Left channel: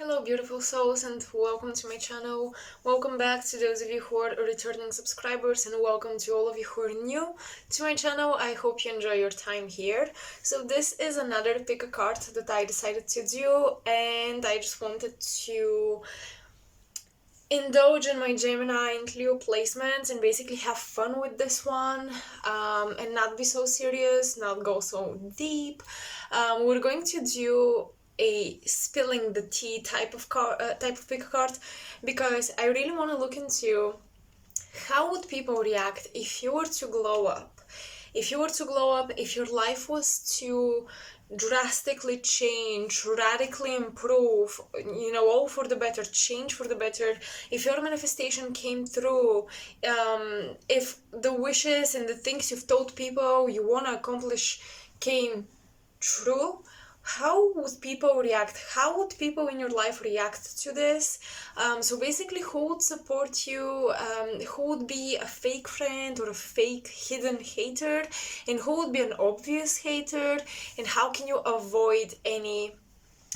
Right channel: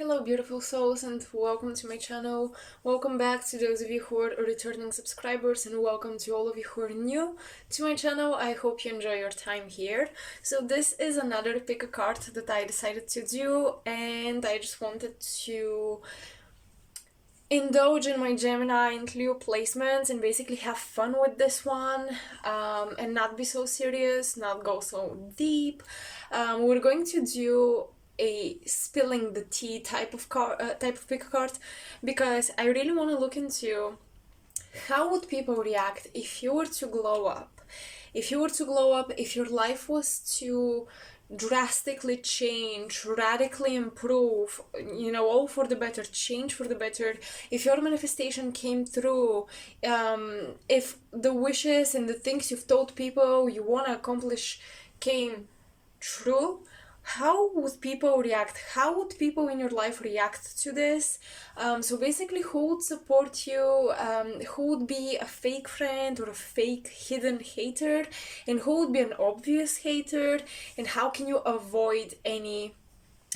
Hello beautiful souls and welcome to my channel. Welcome back to those of you who are returning subscribers and welcome to all of you who are new to my channel. I hope you enjoy your time here. So this is another pick a card that I decided to do, and I just wanted to indulge in my Gemini and Leo placements and basically have fun with this one, and not be so serious, not go so deep. We're going to do a spilling the tea type of pick a card, because I really want to look into how would people react if you were to glow up. If your life was to drastically change, radically improve, all for the better, change for the better, if your manifestation came through, if the wishes and the things you've told people you want to accomplish came true, how would people react? How would people in your life react to this? So basically, who would support you? Who would be a fake friend or a fake hidden hater? And who would be an obvious hater? And how can you avoid any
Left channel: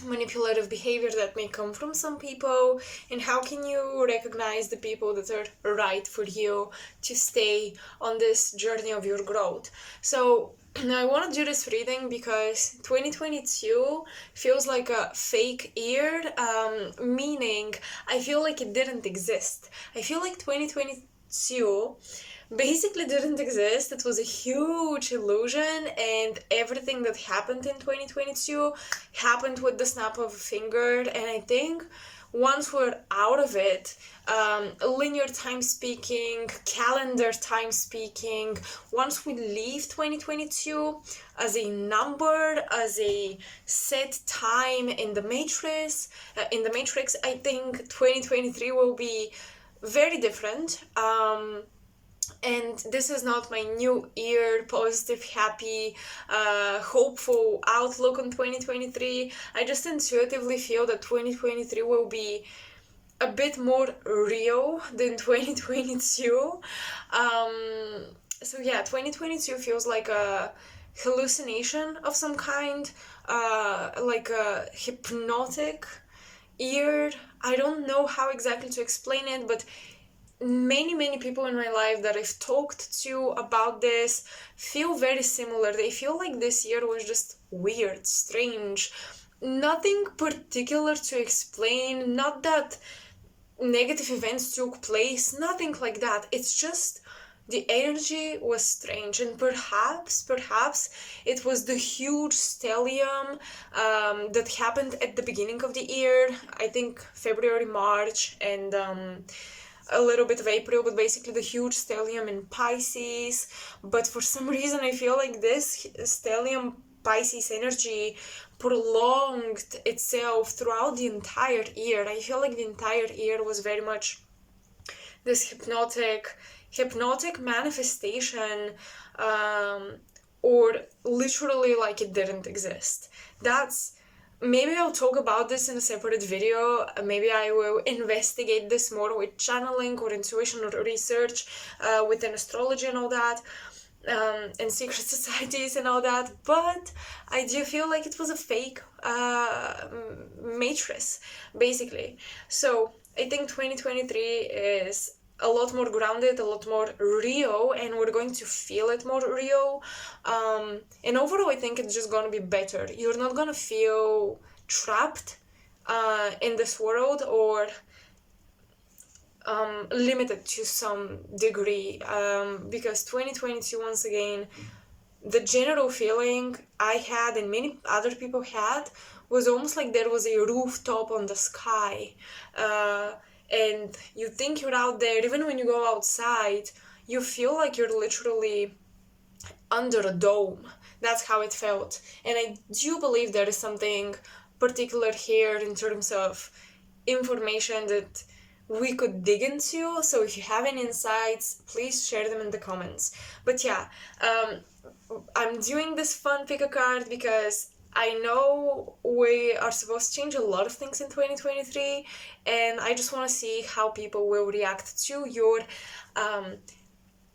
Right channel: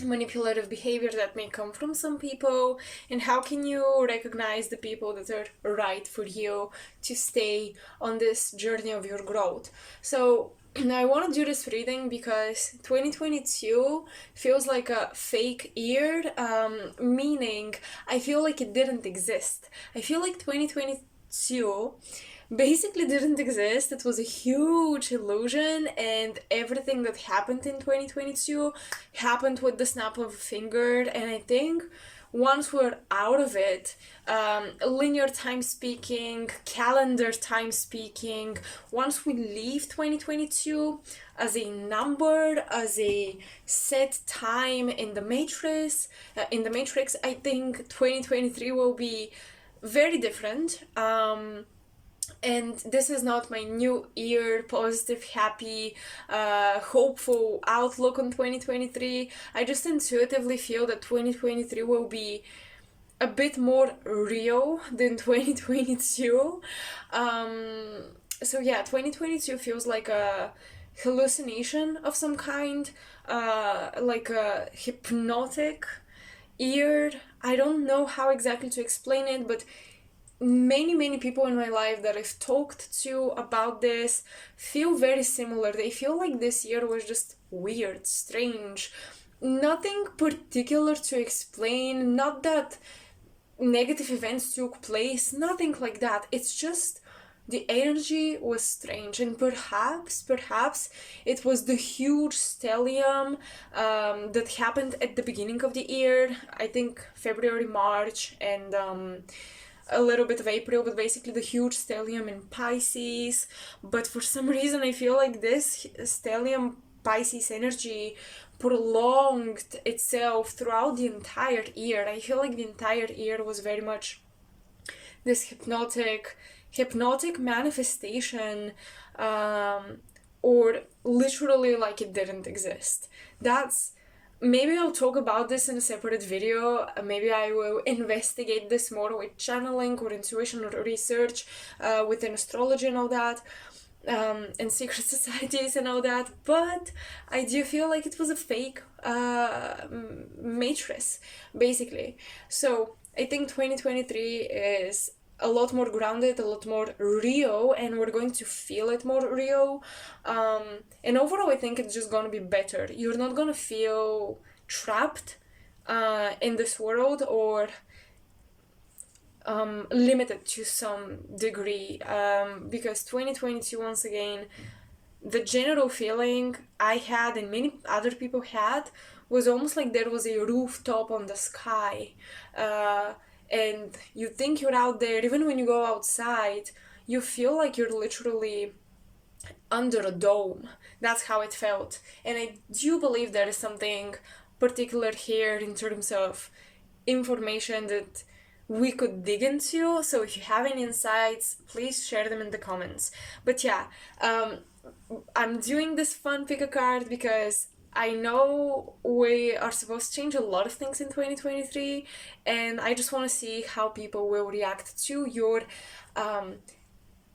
manipulative behavior that may come from some people? And how can you recognize the people that are right for you to stay on this journey of your growth? So I want to do this reading because 2022 feels like a fake year, meaning I feel like it didn't exist. I feel like 2022 basically didn't exist. It was a huge illusion, and everything that happened in 2022 happened with the snap of a finger. And I think once we're out of it, linear time speaking, calendar time speaking, once we leave 2022 as a number, as a set time in the matrix, I think 2023 will be very different. And this is not my new year, positive, happy, hopeful outlook on 2023. I just intuitively feel that 2023 will be a bit more real than 2022. So yeah, 2022 feels like a hallucination of some kind, like a hypnotic year. I don't know how exactly to explain it, but many people in my life that I've talked to about this feel very similar. They feel like this year was just weird, strange, nothing particular to explain, not that negative events took place, nothing like that. It's just the energy was strange, and perhaps it was the huge stellium that happened at the beginning of the year. I think February, March, and a little bit of April, but basically the huge stellium in Pisces. But for some reason I feel like this stellium Pisces energy prolonged itself throughout the entire year. I feel like the entire year was very much this hypnotic manifestation, or literally like it didn't exist. Maybe I'll talk about this in a separate video. Maybe I will investigate this more with channeling or intuition or research within astrology and all that, and secret societies and all that. But I do feel like it was a fake matrix, basically. So I think 2023 is a lot more grounded, a lot more real, and we're going to feel it more real. And overall, I think it's just gonna be better. You're not gonna feel trapped in this world, or limited to some degree, because 2022, once again, the general feeling I had and many other people had was almost like there was a rooftop on the sky. And you think you're out there. Even when you go outside, you feel like you're literally under a dome. That's how it felt. And I do believe there is something particular here in terms of information that we could dig into. So if you have any insights, please share them in the comments. But yeah, I'm doing this fun pick a card because I know we are supposed to change a lot of things in 2023, and I just want to see how people will react to your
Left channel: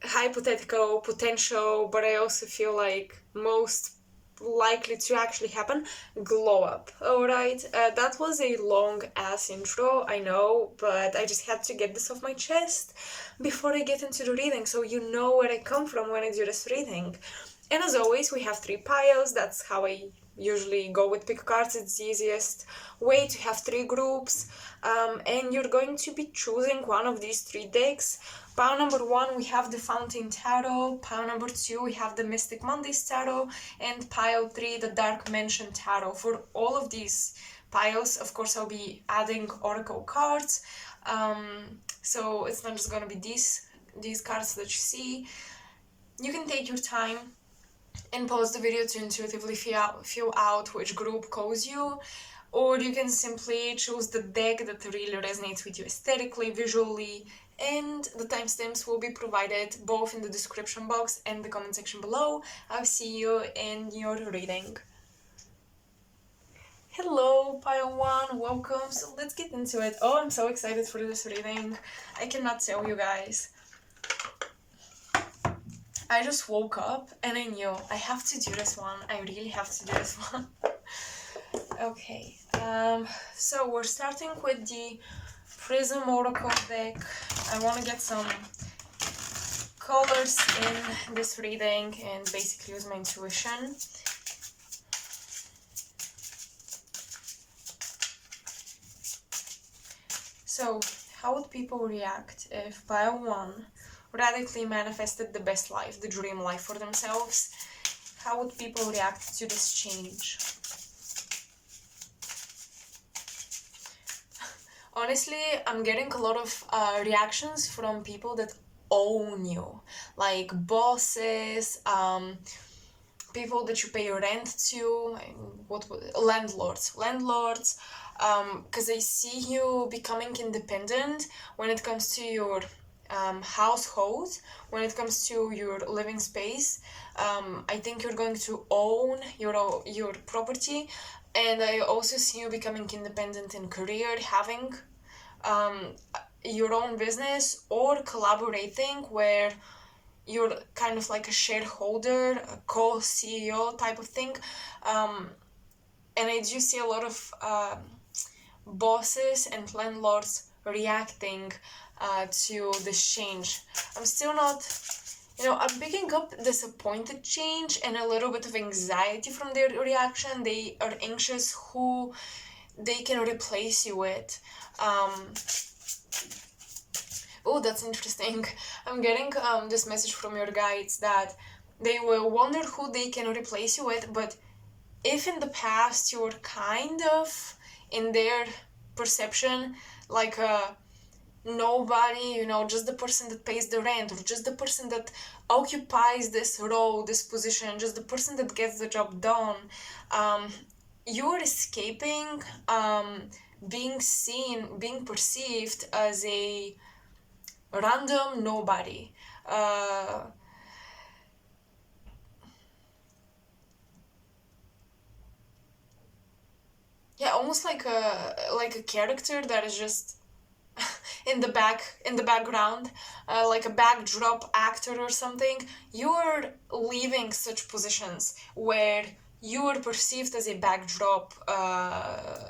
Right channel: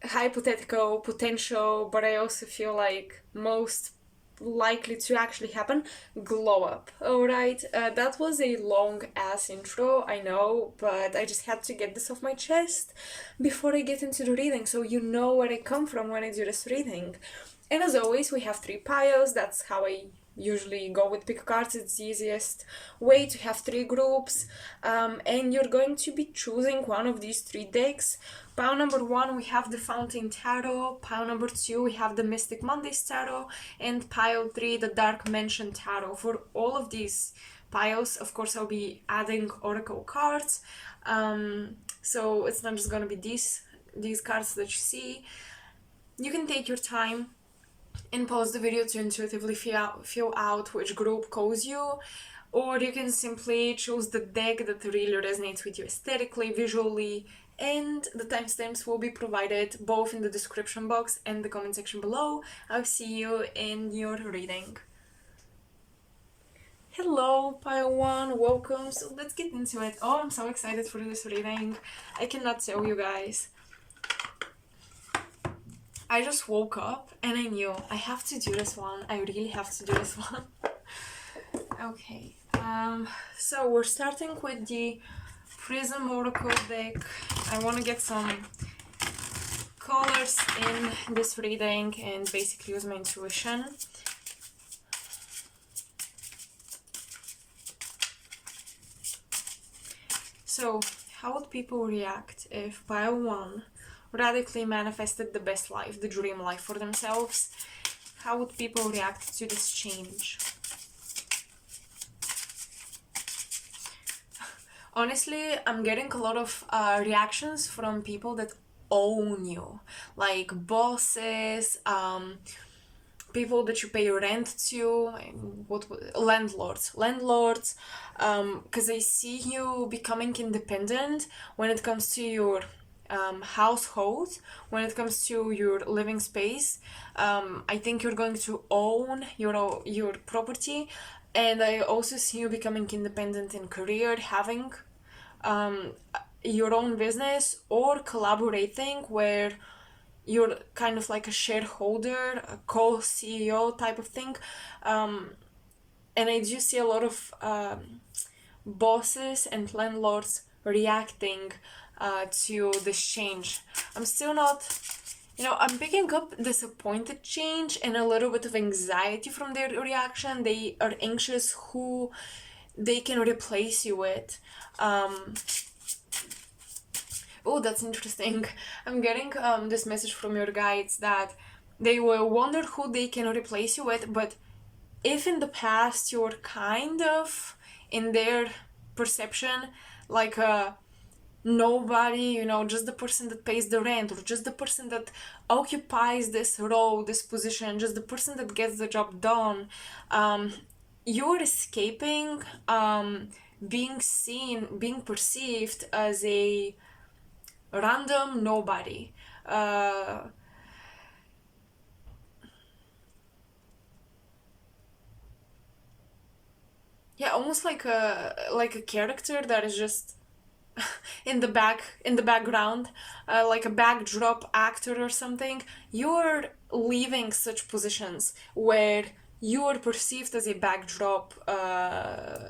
hypothetical potential, but I also feel like most likely to actually happen, glow up. Alright, that was a long ass intro, I know, but I just had to get this off my chest before I get into the reading, so you know where I come from when I do this reading. And as always, we have 3 piles. That's how I usually go with pick cards. It's the easiest way to have 3 groups. And you're going to be choosing one of these 3 decks. Pile number 1, we have the Fountain Tarot. Pile number 2, we have the Mystic Mondays Tarot. And pile 3, the Dark Mansion Tarot. For all of these piles, of course, I'll be adding oracle cards. So it's not just going to be these cards that you see. You can take your time and pause the video to intuitively feel out which group calls you, or you can simply choose the deck that really resonates with you aesthetically, visually, and the timestamps will be provided both in the description box and the comment section below. I'll see you in your reading. Hello, pile 1, welcome. So let's get into it. Oh, I'm so excited for this reading. I cannot tell you guys. I just woke up and I knew I have to do this one. I really have to do this one. Okay, so we're starting with the Prism Oracle deck. I want to get some colors in this reading and basically use my intuition. So, how would people react if pile 1 radically manifested the best life, the dream life for themselves? How would people react to this change? Honestly, I'm getting a lot of reactions from people that own you, like bosses, people that you pay rent to, landlords, because they see you becoming independent when it comes to your household, when it comes to your living space. I think you're going to own your property, and I also see you becoming independent in career, having your own business, or collaborating where you're kind of like a shareholder, a co-CEO type of thing. And I do see a lot of bosses and landlords reacting to this change. I'm still not, I'm picking up disappointed change and a little bit of anxiety from their reaction. They are anxious who they can replace you with. Oh, that's interesting. I'm getting this message from your guides that they will wonder who they can replace you with, but if in the past you're kind of, in their perception, like a nobody, just the person that pays the rent, or just the person that occupies this role, this position, just the person that gets the job done, you're escaping being seen, being perceived as a random nobody. Yeah, almost like a character that is just in the background, like a backdrop actor or something. You're leaving such positions where you are perceived as a backdrop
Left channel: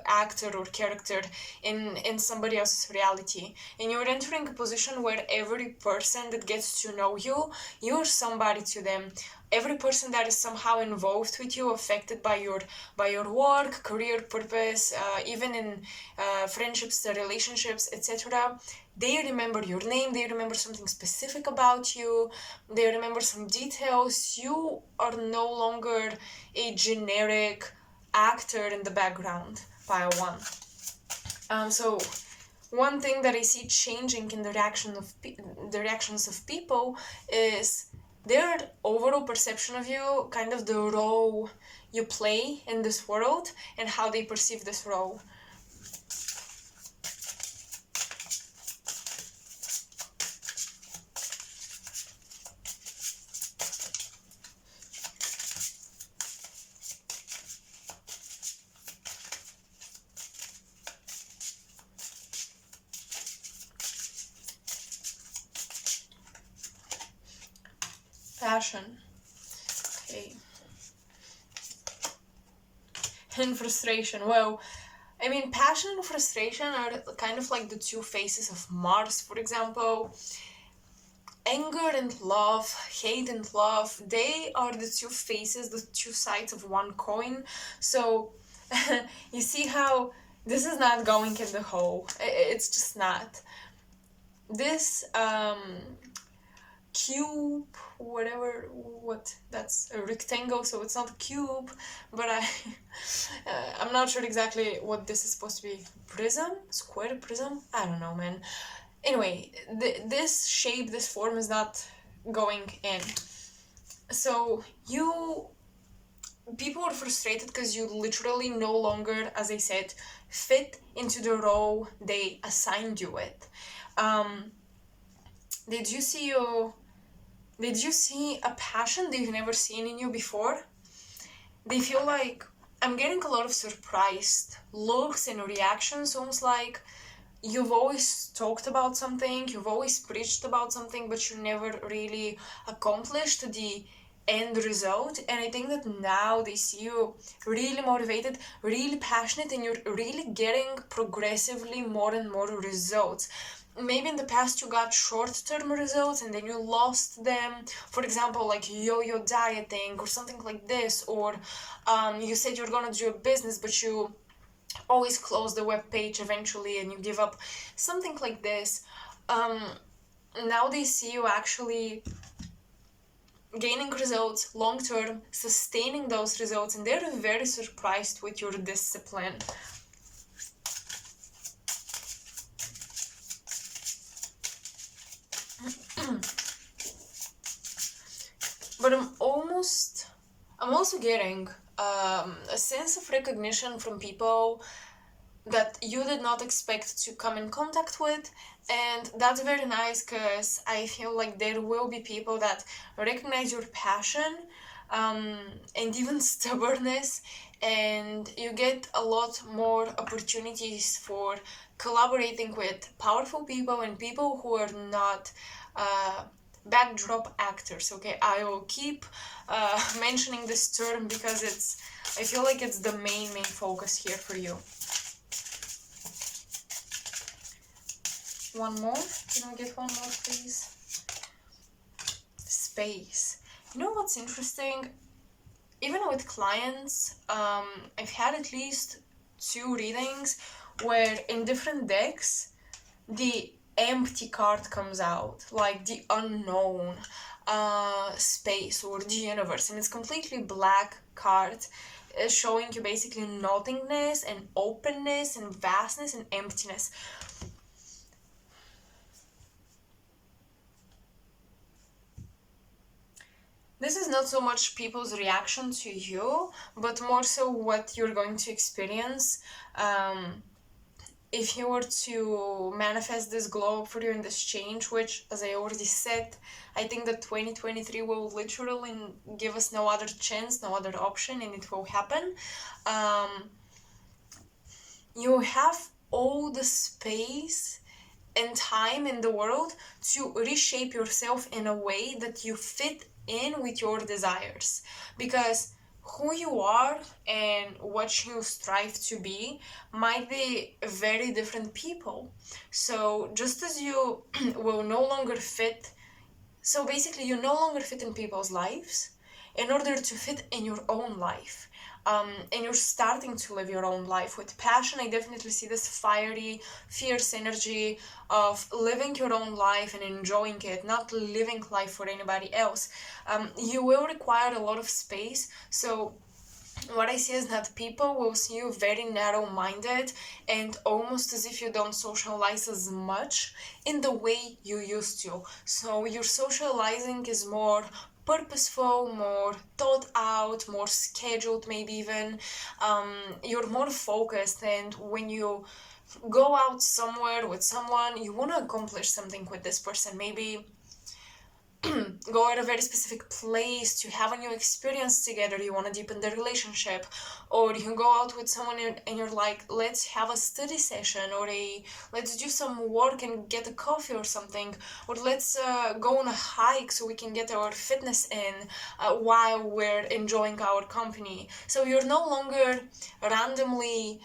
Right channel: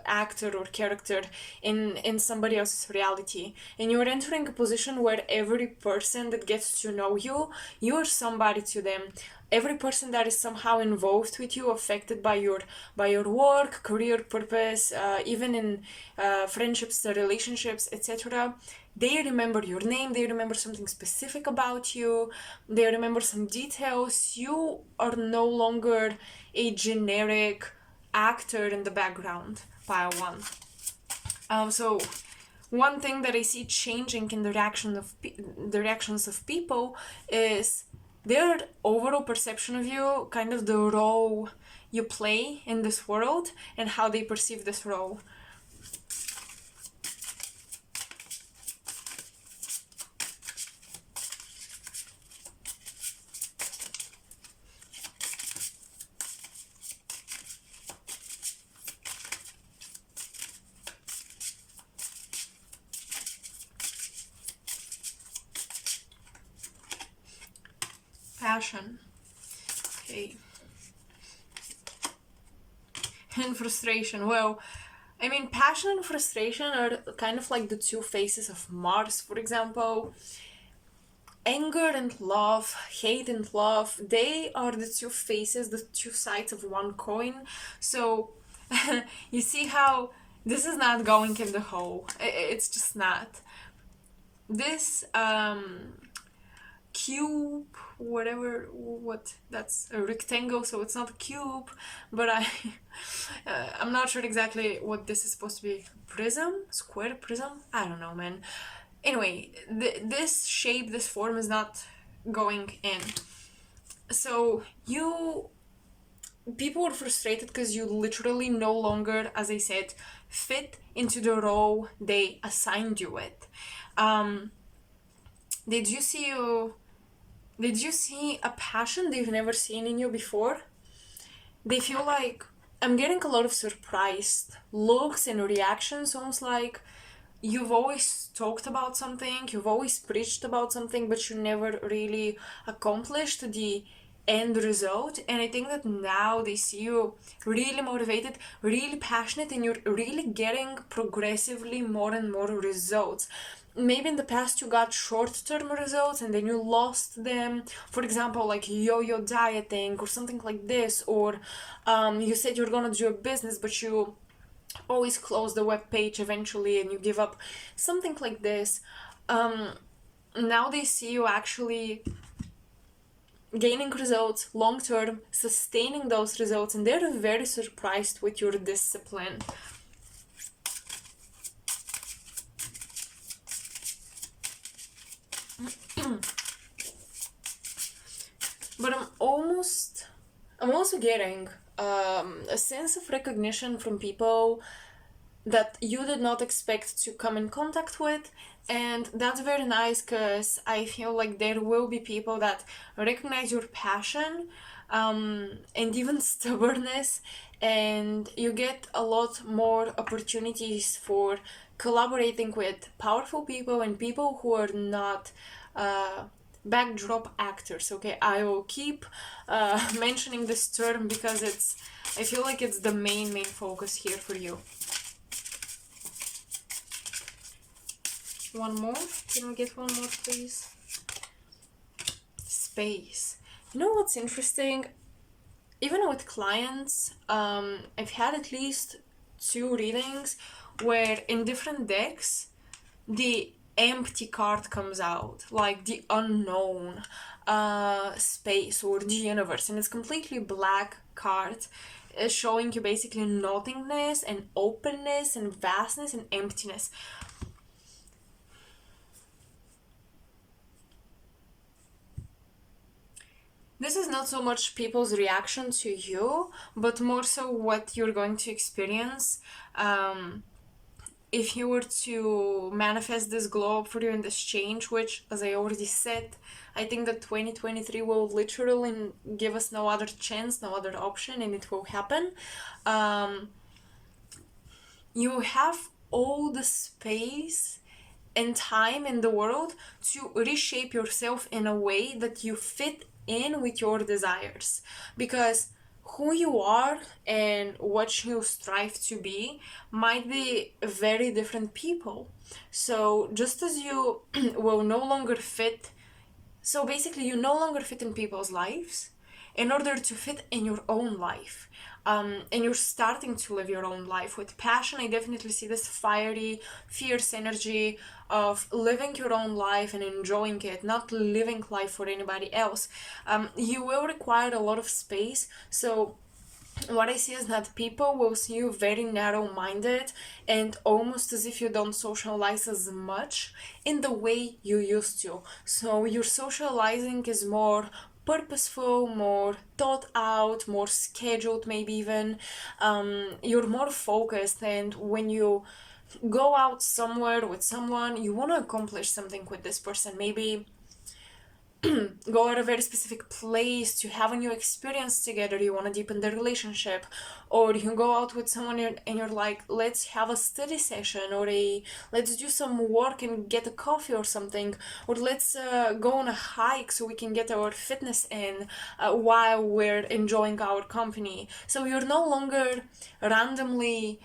actor or character in somebody else's reality, and you're entering a position where every person that gets to know you, you're somebody to them. Every person that is somehow involved with you, affected by your work, career, purpose, even in friendships, relationships, etc., they remember your name, they remember something specific about you, they remember some details. You are no longer a generic actor in the background, pile 1. So one thing that I see changing in the reactions of people is their overall perception of you, kind of the role you play in this world and how they perceive this role. Passion. Okay. and frustration. Well, I mean, passion and frustration are kind of like the two faces of Mars, for example. Anger and love, hate and love, they are the two faces, the two sides of one coin. So, you see how this is not going in the hole. It's just not. This cube, whatever, what, that's a rectangle, so it's not a cube, but I'm not sure exactly what this is supposed to be. Prism? Square prism? I don't know, man. Anyway, this shape, this form is not going in. So people are frustrated because you literally no longer, as I said, fit into the role they assigned you with. Did you see a passion they've never seen in you before? They feel like, I'm getting a lot of surprised looks and reactions, almost like you've always talked about something, you've always preached about something, but you never really accomplished the end result. And I think that now they see you really motivated, really passionate, and you're really getting progressively more and more results. Maybe in the past you got short-term results and then you lost them, for example, like yo-yo dieting or something like this, or you said you're gonna do a business but you always close the web page eventually and you give up, something like this. Now they see you actually gaining results long term, sustaining those results, and they're very surprised with your discipline. But I'm also getting a sense of recognition from people that you did not expect to come in contact with, and that's very nice because I feel like there will be people that recognize your passion and even stubbornness, and you get a lot more opportunities for collaborating with powerful people and people who are not backdrop actors. Okay, I will keep mentioning this term because I feel like it's the main focus here for you. One more. Can we get one more, please? Space. You know what's interesting? Even with clients, I've had at least 2 readings where in different decks, the empty card comes out, like the unknown, space, or the universe, and it's completely black card, showing you basically nothingness and openness and vastness and emptiness. This is not so much people's reaction to you, but more so what you're going to experience. If you were to manifest this glow up for you in this change, which, as I already said, I think that 2023 will literally give us no other chance, no other option, and it will happen. You have all the space and time in the world to reshape yourself in a way that you fit in with your desires, because who you are and what you strive to be might be very different people. So just as you will no longer fit, so basically you no longer fit in people's lives in order to fit in your own life. And you're starting to live your own life with passion. I definitely see this fiery, fierce energy of living your own life and enjoying it, not living life for anybody else. You will require a lot of space. So what I see is that people will see you very narrow-minded and almost as if you don't socialize as much in the way you used to. So your socializing is more purposeful, more thought out, more scheduled, maybe even. You're more focused, and when you go out somewhere with someone, you want to accomplish something with this person. Maybe go at a very specific place to have a new experience together, you want to deepen the relationship, or you can go out with someone and you're like, let's have a study session, or let's do some work and get a coffee or something, or let's go on a hike so we can get our fitness in while we're enjoying our company. So you're no longer randomly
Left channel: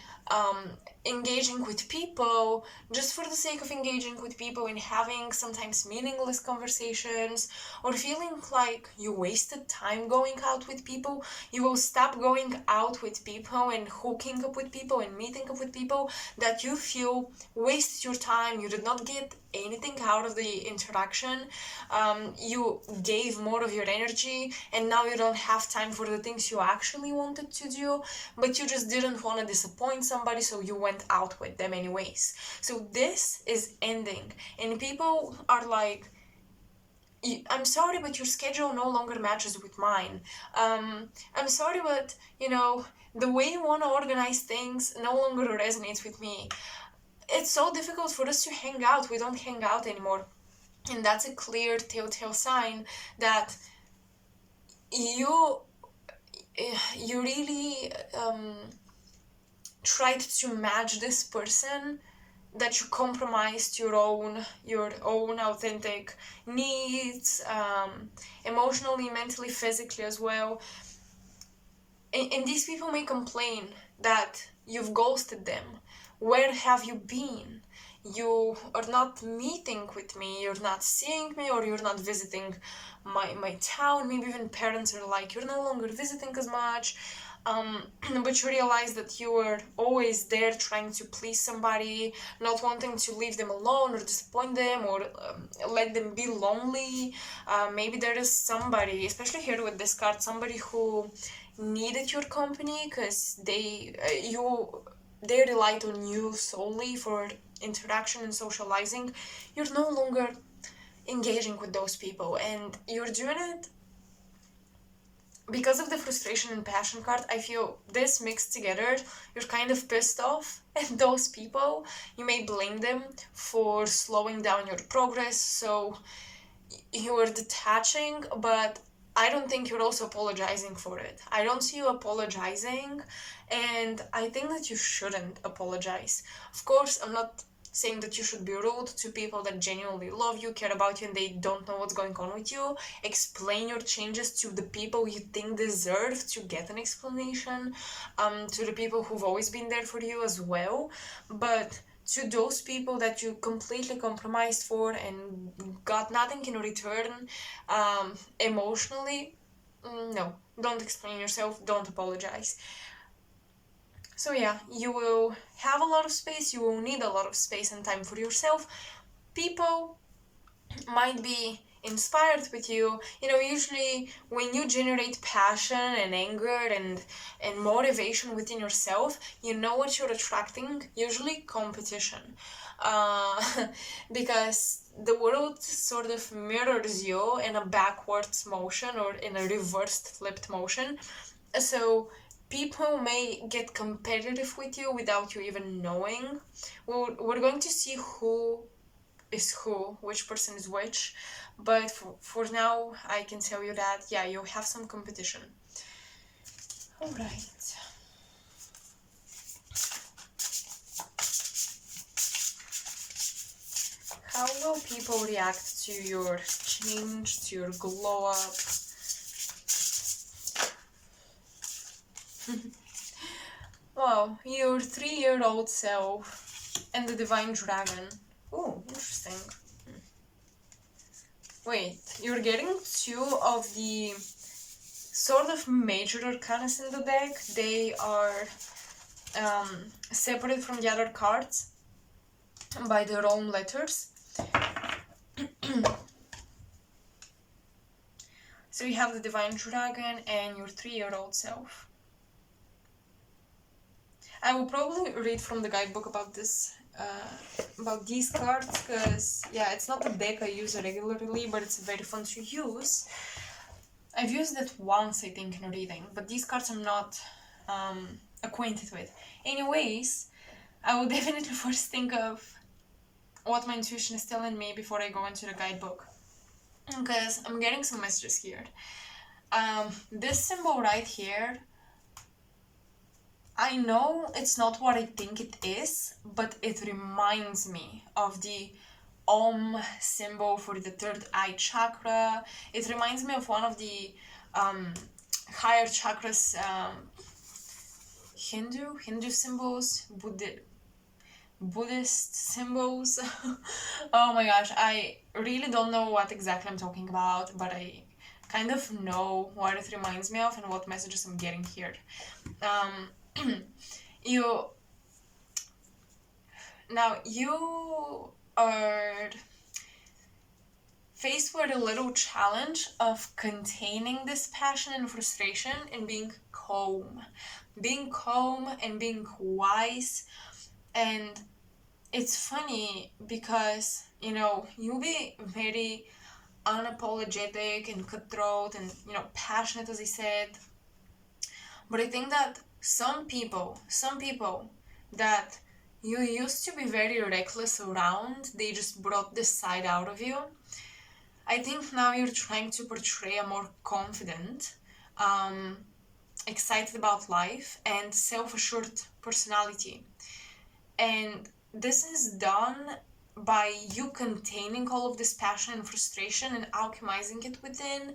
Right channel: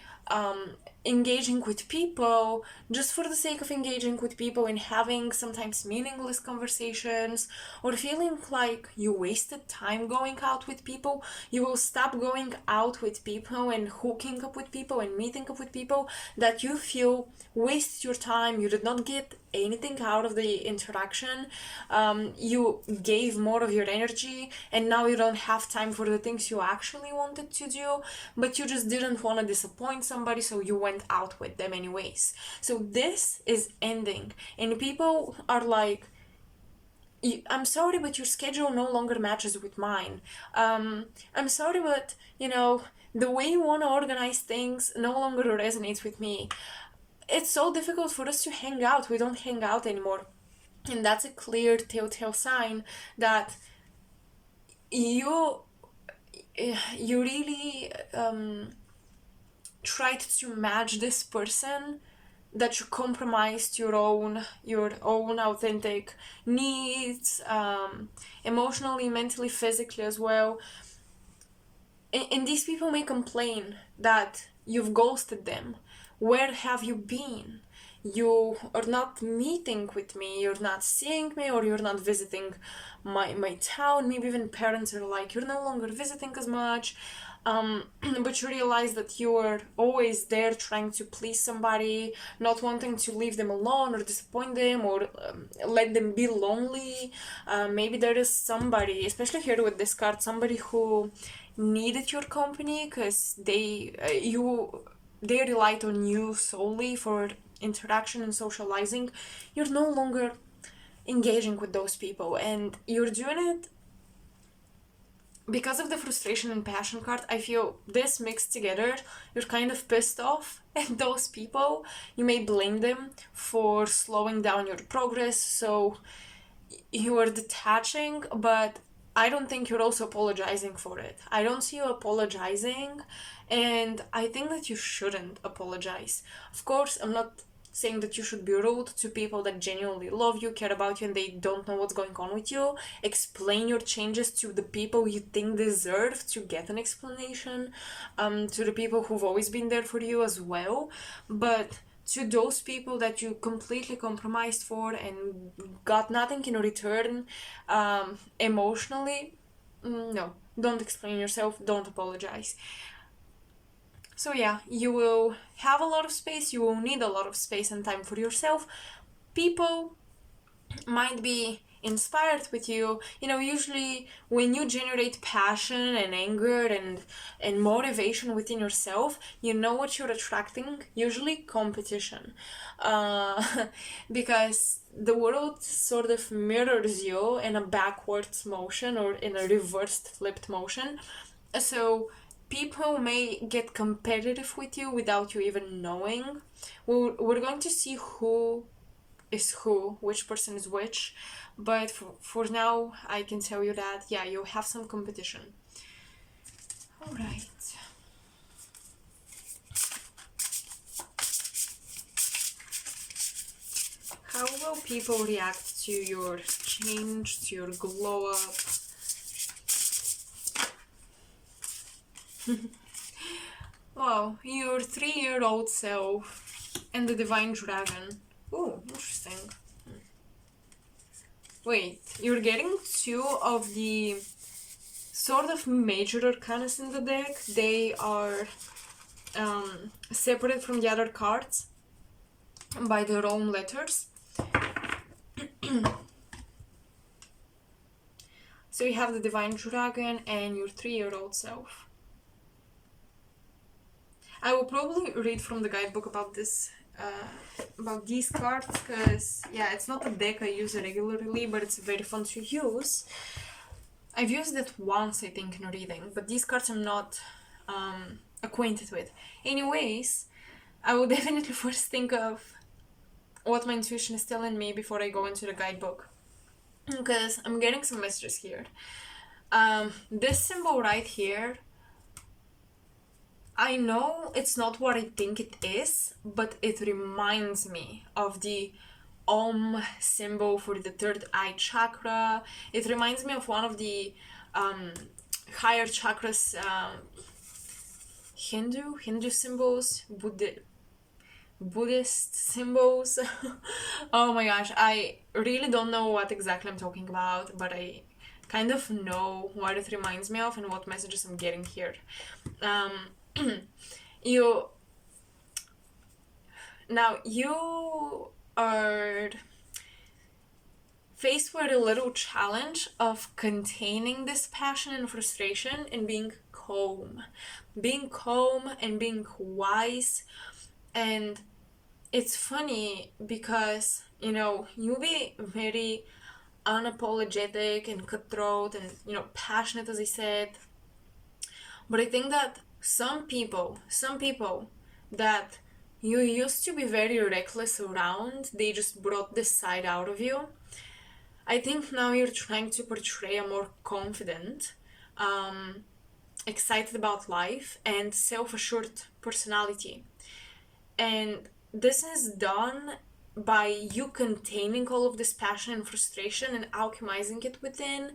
engaging with people just for the sake of engaging with people and having sometimes meaningless conversations, or feeling like you wasted time going out with people. You will stop going out with people and hooking up with people and meeting up with people that you feel wasted your time. You did not get anything out of the interaction. You gave more of your energy, and now you don't have time for the things you actually wanted to do, but you just didn't want to disappoint somebody, so you went out with them anyways. So this is ending, and people are like, I'm sorry, but your schedule no longer matches with mine. I'm sorry, but the way you want to organize things no longer resonates with me. It's so difficult for us to hang out. We don't hang out anymore. And that's a clear telltale sign that you really tried to match this person, that you compromised your own authentic needs, emotionally, mentally, physically as well. And these people may complain that you've ghosted them. Where have you been? You are not meeting with me, you're not seeing me, or you're not visiting my town. Maybe even parents are like, you're no longer visiting as much. But you realize that you were always there trying to please somebody, not wanting to leave them alone or disappoint them, or let them be lonely. Maybe there is somebody, especially here with this card, somebody who needed your company because they relied on you solely for interaction and socializing. You're no longer engaging with those people, and you're doing it because of the frustration and passion card. I feel this mixed together. You're kind of pissed off at those people. You may blame them for slowing down your progress, so you are detaching, but I don't think you're also apologizing for it. I don't see you apologizing, and I think that you shouldn't apologize. Of course, I'm not saying that you should be rude to people that genuinely love you, care about you, and they don't know what's going on with you. Explain your changes to the people you think deserve to get an explanation, to the people who've always been there for you as well. But to those people that you completely compromised for and got nothing in return, emotionally, no, don't explain yourself, don't apologize. So yeah, you will have a lot of space, you will need a lot of space and time for yourself. People might be inspired with you. Usually when you generate passion and anger and motivation within yourself, you know what you're attracting, usually competition. Because the world sort of mirrors you in a backwards motion or in a reversed flipped motion. So people may get competitive with you without you even knowing. We're going to see who is who, which person is which, but for now I can tell you that, yeah, you have some competition. Alright. How will people react to your change, to your glow up? Wow, your 3-year-old self and the divine dragon. Oh, interesting. Wait, you're getting 2 of the sort of major arcanas in the deck. They are separated from the other cards by their own letters. So you have the divine dragon and your 3-year-old self. I will probably read from the guidebook about this, about these cards, because yeah, it's not a deck I use regularly, but it's very fun to use. I've used it once, I think, in a reading, but these cards I'm not acquainted with. Anyways, I will definitely first think of what my intuition is telling me before I go into the guidebook. because I'm getting some messages here. This symbol right here, I know it's not what I think it is, but it reminds me of the Om symbol for the third eye chakra. It reminds me of one of the um, higher chakras, Hindu symbols, Buddhist symbols. Oh my gosh, I really don't know what exactly I'm talking about, but I kind of know what it reminds me of and what messages I'm getting here. You now you are faced with a little challenge of containing this passion and frustration and being calm and being wise. And it's funny because you'll be very unapologetic and cutthroat and passionate, as I said, but I think that some people that you used to be very reckless around, they just brought this side out of you. I think now you're trying to portray a more confident, excited about life, and self-assured personality. And this is done by you containing all of this passion and frustration and alchemizing it within,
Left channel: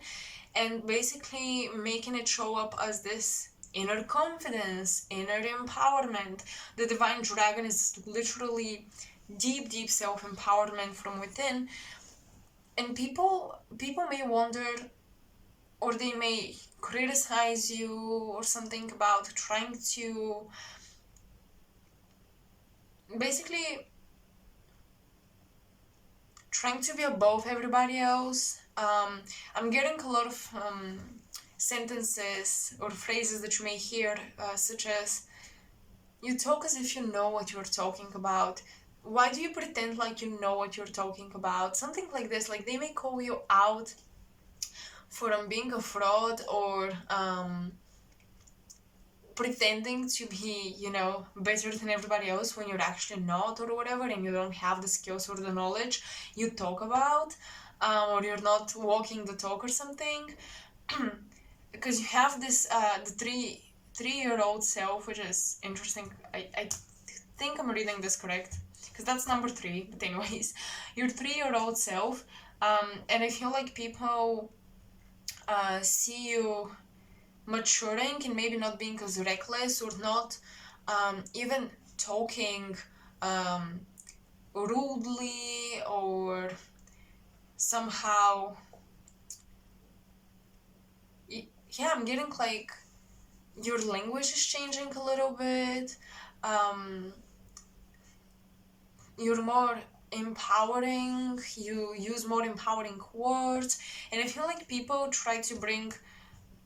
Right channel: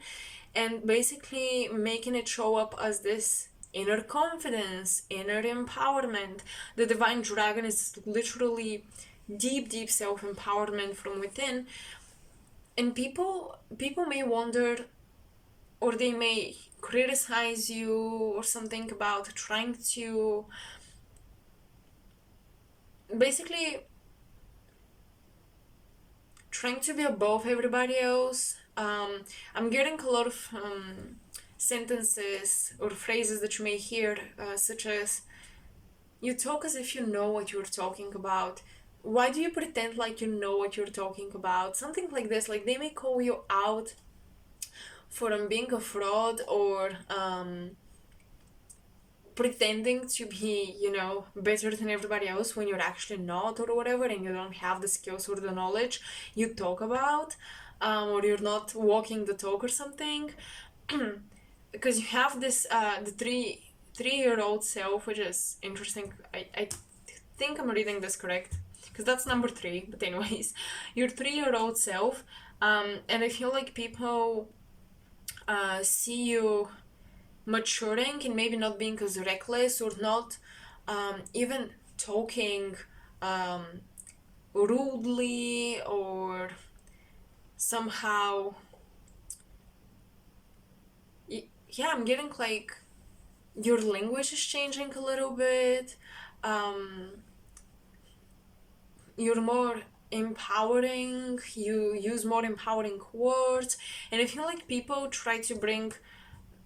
and basically making it show up as this inner confidence, inner empowerment. The divine dragon is literally deep self-empowerment from within. And people may wonder, or they may criticize you or something about trying to basically trying to be above everybody else. I'm getting a lot of sentences or phrases that you may hear, such as, you talk as if you know what you're talking about. Why do you pretend like you know what you're talking about? Something like this. Like, they may call you out for being a fraud or pretending to be, better than everybody else when you're actually not, or whatever, and you don't have the skills or the knowledge you talk about, or you're not walking the talk or something. Because you have this, the three-year-old self, which is interesting. I think I'm reading this correct, because that's number 3, but anyways, your 3-year-old self, and I feel like people see you maturing and maybe not being as reckless, or not even talking rudely, or somehow, yeah, I'm getting like your language is changing a little bit. You're more empowering, you use more empowering words, and I feel like people try to bring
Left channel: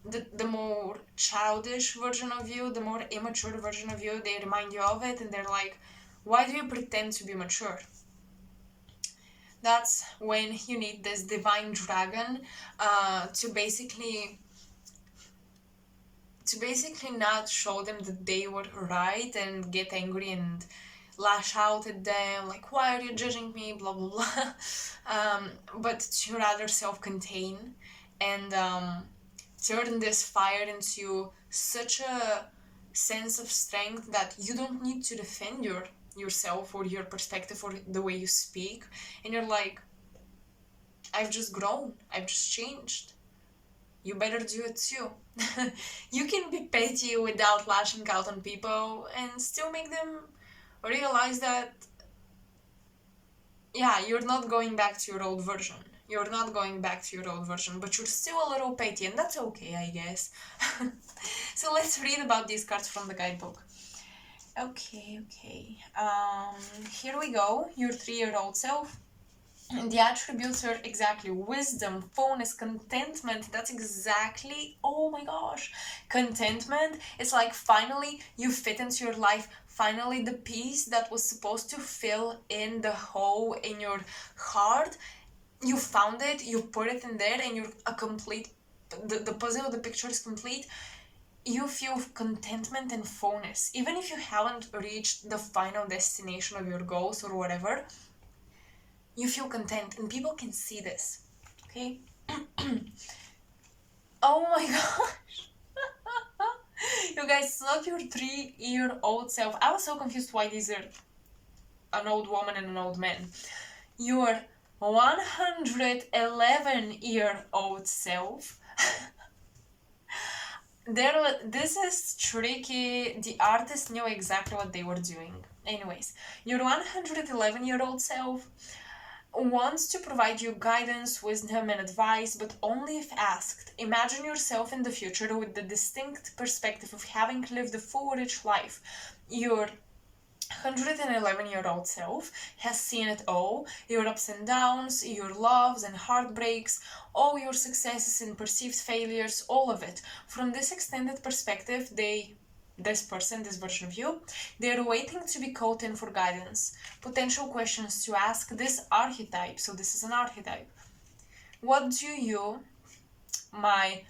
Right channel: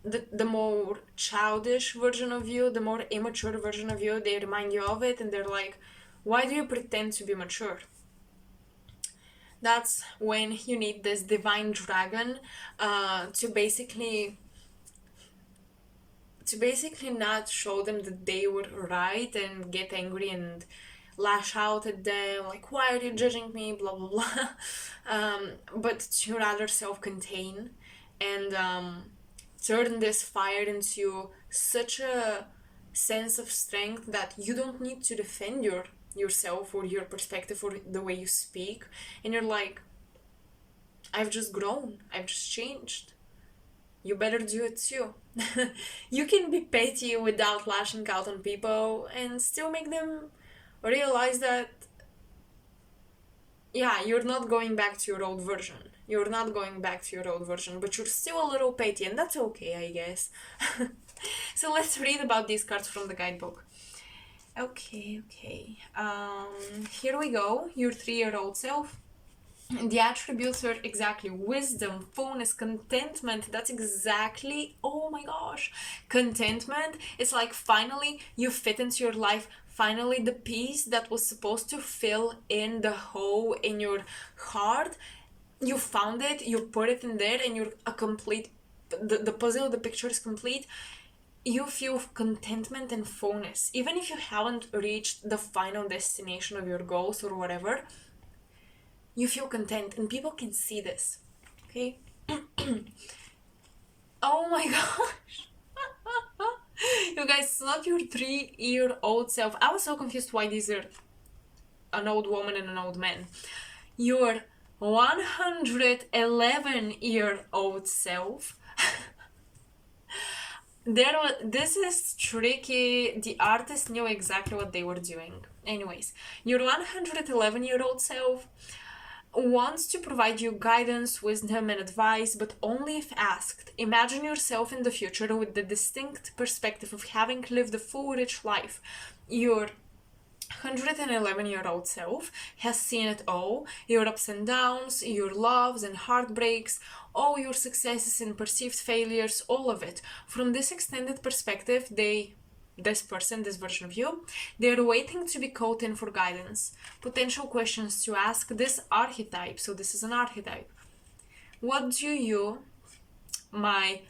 the more childish version of you, the more immature version of you, they remind you of it, and they're like, why do you pretend to be mature? That's when you need this divine dragon to basically not show them that they were right and get angry and lash out at them, like, why are you judging me, blah blah blah. But to rather self-contain and turn this fire into such a sense of strength that you don't need to defend yourself or your perspective or the way you speak, and you're like, I've just grown, I've just changed, you better do it too. You can be petty without lashing out on people and still make them realize that, yeah, you're not going back to your old version. You're not going back to your old version, but you're still a little petty, and that's okay, I guess. So let's read about these cards from the guidebook. Okay. Here we go. Your 3-year-old self. The attributes are exactly wisdom, fullness, contentment. That's exactly, oh my gosh, contentment. It's like finally you fit into your life. Finally, the piece that was supposed to fill in the hole in your heart, you found it, you put it in there, and you're a complete, the puzzle, the picture is complete. You feel contentment and fullness. Even if you haven't reached the final destination of your goals or whatever, you feel content, and people can see this. okay? Oh my gosh. You guys, it's not your 3-year-old self. I was so confused why these are an old woman and an old man. Your 111-year-old self. This is tricky. The artist knew exactly what they were doing. Anyways, your 111-year-old self wants to provide you guidance, wisdom, and advice, but only if asked. Imagine yourself in the future with the distinct perspective of having lived a full, rich life. Your 111-year-old self has seen it all, your ups and downs, your loves and heartbreaks, all your successes and perceived failures, all of it. From this extended perspective, this version of you, they're waiting to be called in for guidance. Potential questions to ask this archetype. So this is an archetype. What do you, my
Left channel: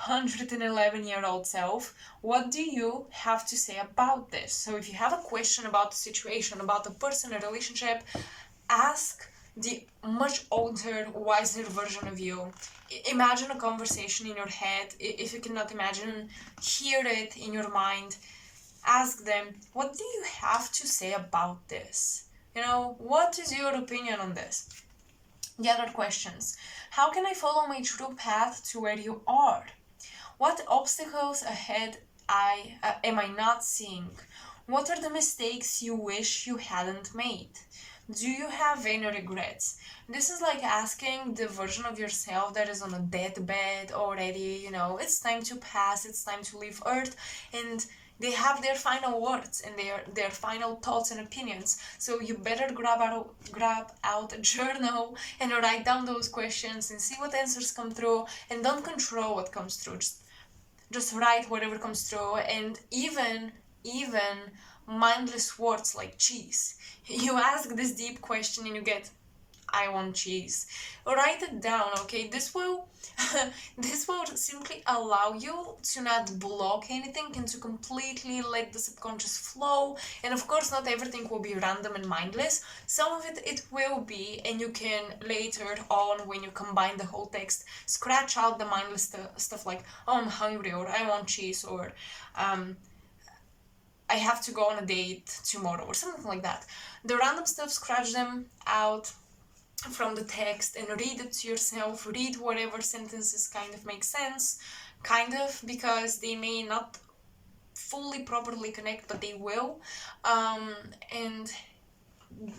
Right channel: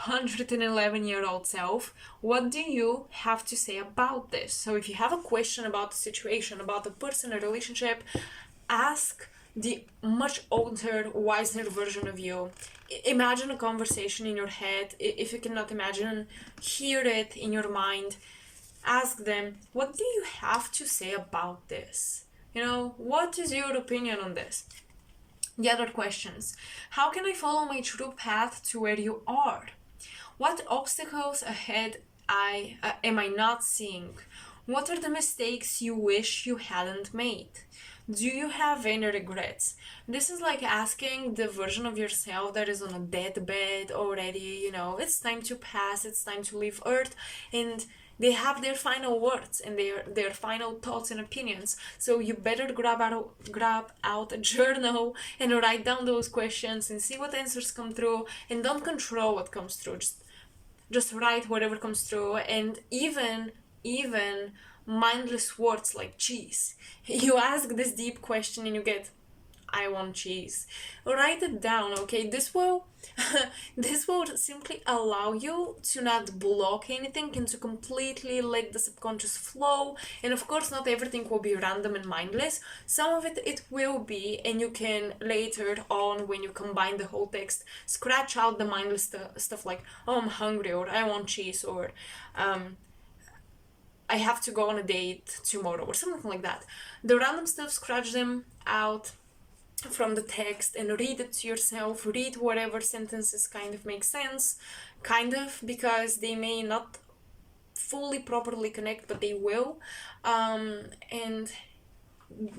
111-year-old self, what do you have to say about this? So if you have a question about the situation, about the person, a relationship, ask the much older, wiser version of you. Imagine a conversation in your head. If you cannot imagine, hear it in your mind. Ask them, what do you have to say about this? You know, what is your opinion on this? The other questions. How can I follow my true path to where you are? What obstacles ahead am I not seeing? What are the mistakes you wish you hadn't made? Do you have any regrets? This is like asking the version of yourself that is on a deathbed already, you know, it's time to pass, it's time to leave Earth, and they have their final words and their final thoughts and opinions. So you better grab out a journal and write down those questions and see what answers come through, and don't control what comes through. Just write whatever comes through, and even mindless words like cheese. You ask this deep question and you get, I want cheese. Write it down, okay? This will simply allow you to not block anything and to completely let the subconscious flow. And of course, not everything will be random and mindless. Some of it will be, and you can later on, when you combine the whole text, scratch out the mindless stuff like, oh, I'm hungry, or I want cheese, or I have to go on a date tomorrow, or something like that. The random stuff, scratch them out from the text and read it to yourself. Read whatever sentences kind of make sense, because they may not fully properly connect, but they will, and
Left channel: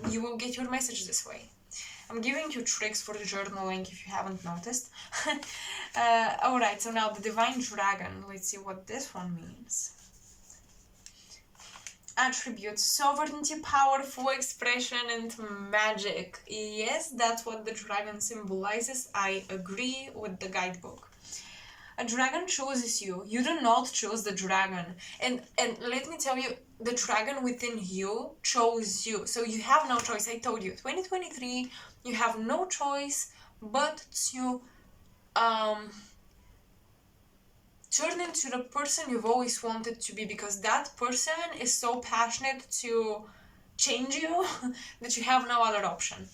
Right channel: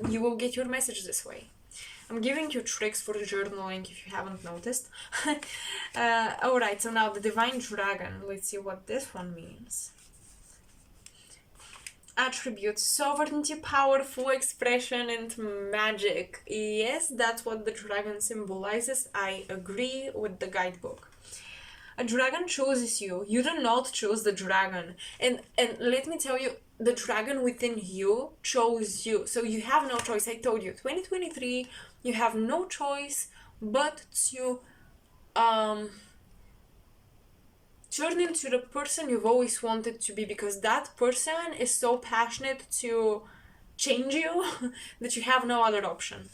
you will get your message this way. I'm giving you tricks for journaling if you haven't noticed. Alright, so now the Divine Dragon. Let's see what this one means. Attributes: sovereignty, powerful expression, and magic. Yes, that's what the dragon symbolizes. I agree with the guidebook. A dragon chooses you. You do not choose the dragon. And let me tell you, the dragon within you chose you. So you have no choice. I told you, 2023, you have no choice but to turn into the person you've always wanted to be, because that person is so passionate to change you that you have no other option.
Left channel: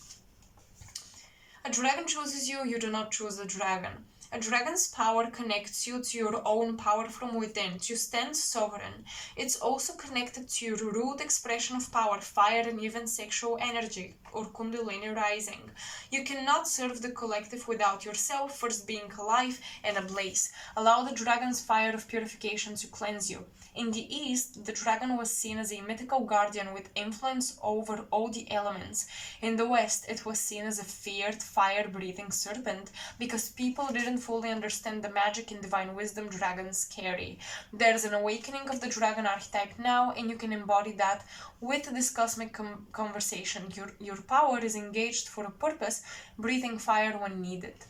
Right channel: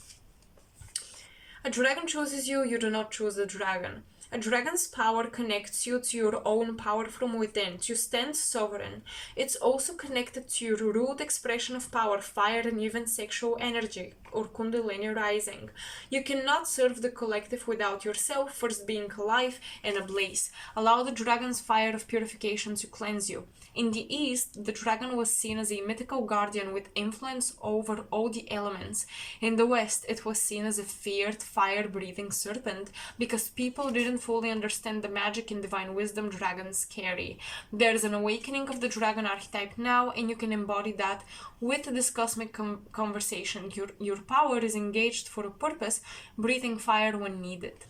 A dragon chooses you, you do not choose the dragon. A dragon's power connects you to your own power from within, to stand sovereign. It's also connected to your root expression of power, fire, and even sexual energy, or kundalini rising. You cannot serve the collective without yourself first being alive and ablaze. Allow the dragon's fire of purification to cleanse you. In the East, the dragon was seen as a mythical guardian with influence over all the elements. In the West, it was seen as a feared, fire-breathing serpent because people didn't fully understand the magic and divine wisdom dragons carry. There's an awakening of the dragon archetype now, and you can embody that with this cosmic conversation. Your power is engaged for a purpose, breathing fire when needed.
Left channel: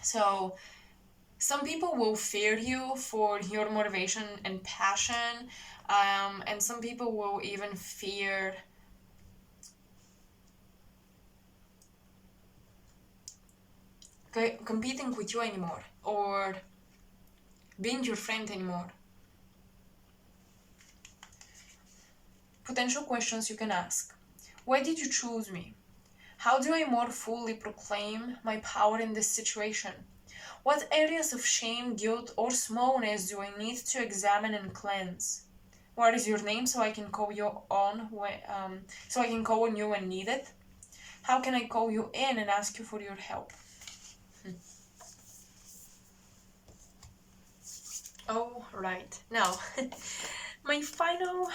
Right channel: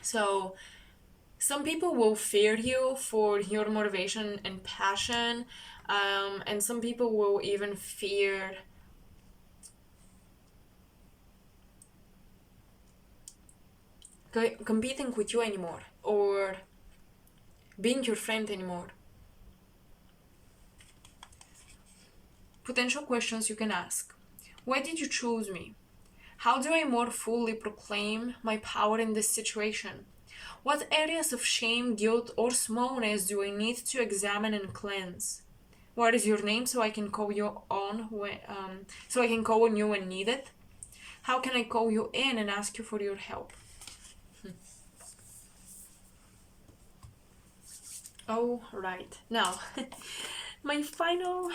So some people will fear you for your motivation and passion, and some people will even fear competing with you anymore, or being your friend anymore. Potential questions you can ask. Why did you choose me? How do I more fully proclaim my power in this situation? What areas of shame, guilt, or smallness do I need to examine and cleanse? What is your name so I can call you on so I can call on you when needed? How can I call you in and ask you for your help? Oh, right. Now, my final,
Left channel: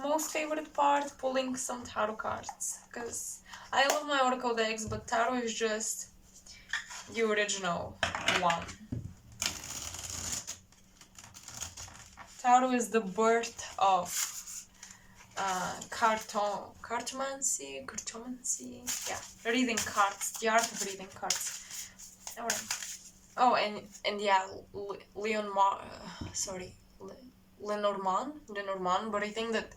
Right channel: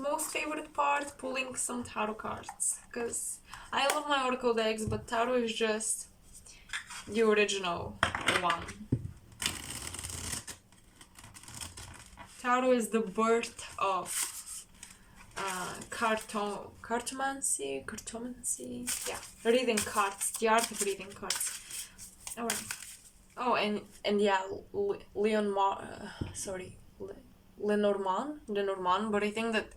most favorite part, pulling some tarot cards. Because I love my oracle decks, but tarot is just the original one. Tarot is the birth of cartomancy, yeah, reading cards, the art of reading cards. Alright. Oh, and yeah, Lenormand, but I think that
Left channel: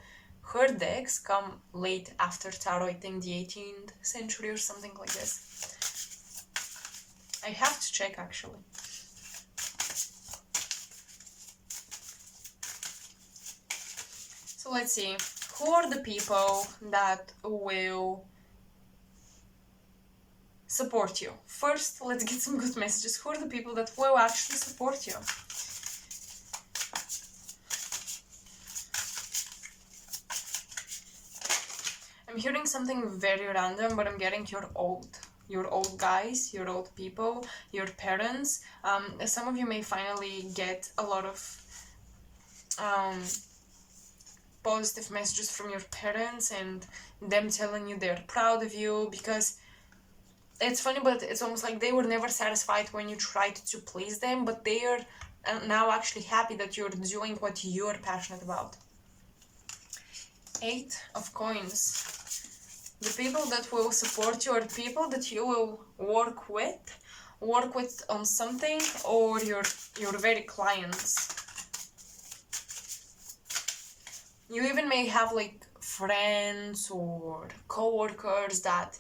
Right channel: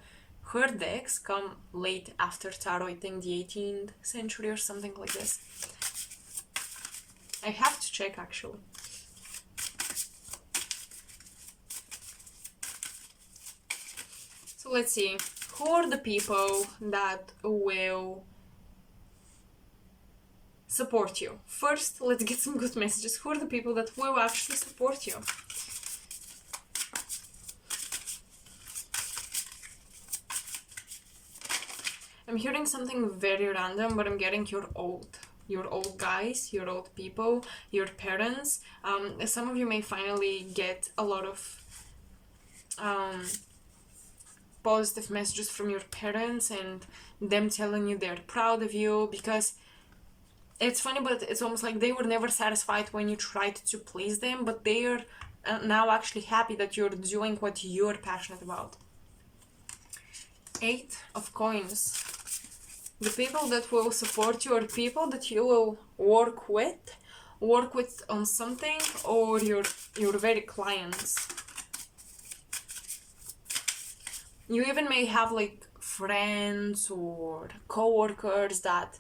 her decks come late after tarot, I think the 18th century or something like this. I have to check actually. So let's see, who are the people that will support you? First, let's get some good messages. Who are the people that will actually support you? I'm hearing something very random, but I'm getting your old guys, your old people, your parents. Some of you may finally get a lot of positive messages from your parents and them telling you they're proud of you, because it's funny, but it's almost like they were never satisfied when you tried to please them, but they are now actually happy that you're doing what you're passionate about. 8 of coins. The people that will support you are people that you will work with on something, or your very clients. You even may have like friends or co-workers that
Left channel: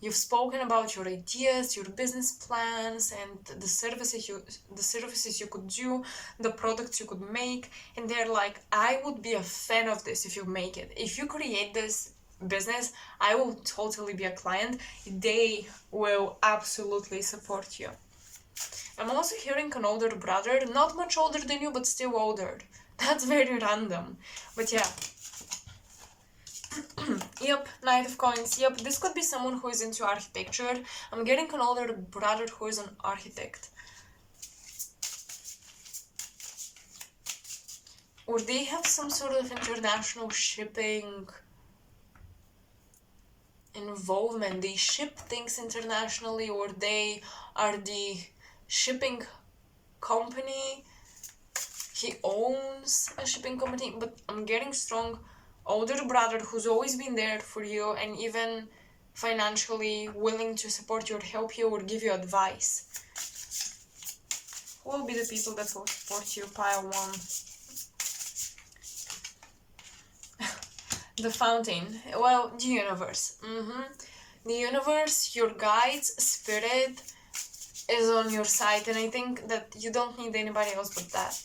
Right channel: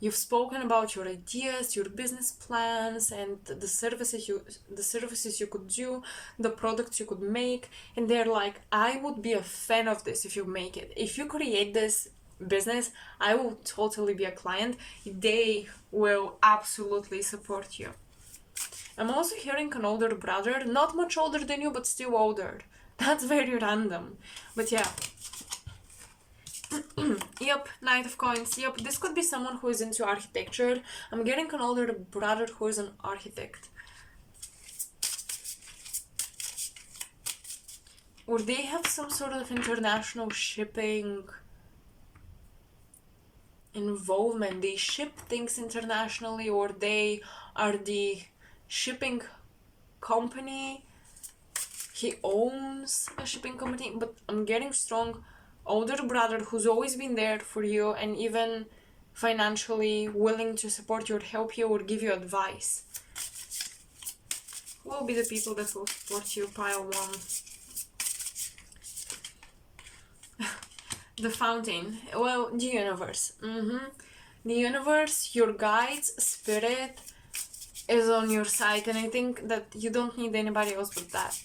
you've spoken about your ideas, your business plans, and the services you could do, the products you could make, and they're like, I would be a fan of this if you make it. If you create this business, I will totally be a client. They will absolutely support you. I'm also hearing an older brother, not much older than you, but still older. That's very random. But yeah. Yep, Knight of Coins. Yep, this could be someone who is into architecture. I'm getting an older brother who is an architect. Or they have some sort of international shipping involvement. They ship things internationally, or they are the shipping company. He owns a shipping company, but I'm getting strong older brother who's always been there for you and even financially willing to support you or help you or give you advice. Who will be the people that will support you? Pile 1. The Fountain. Well, the universe. The universe, your guides, spirit is on your side, and I think that you don't need anybody else but that.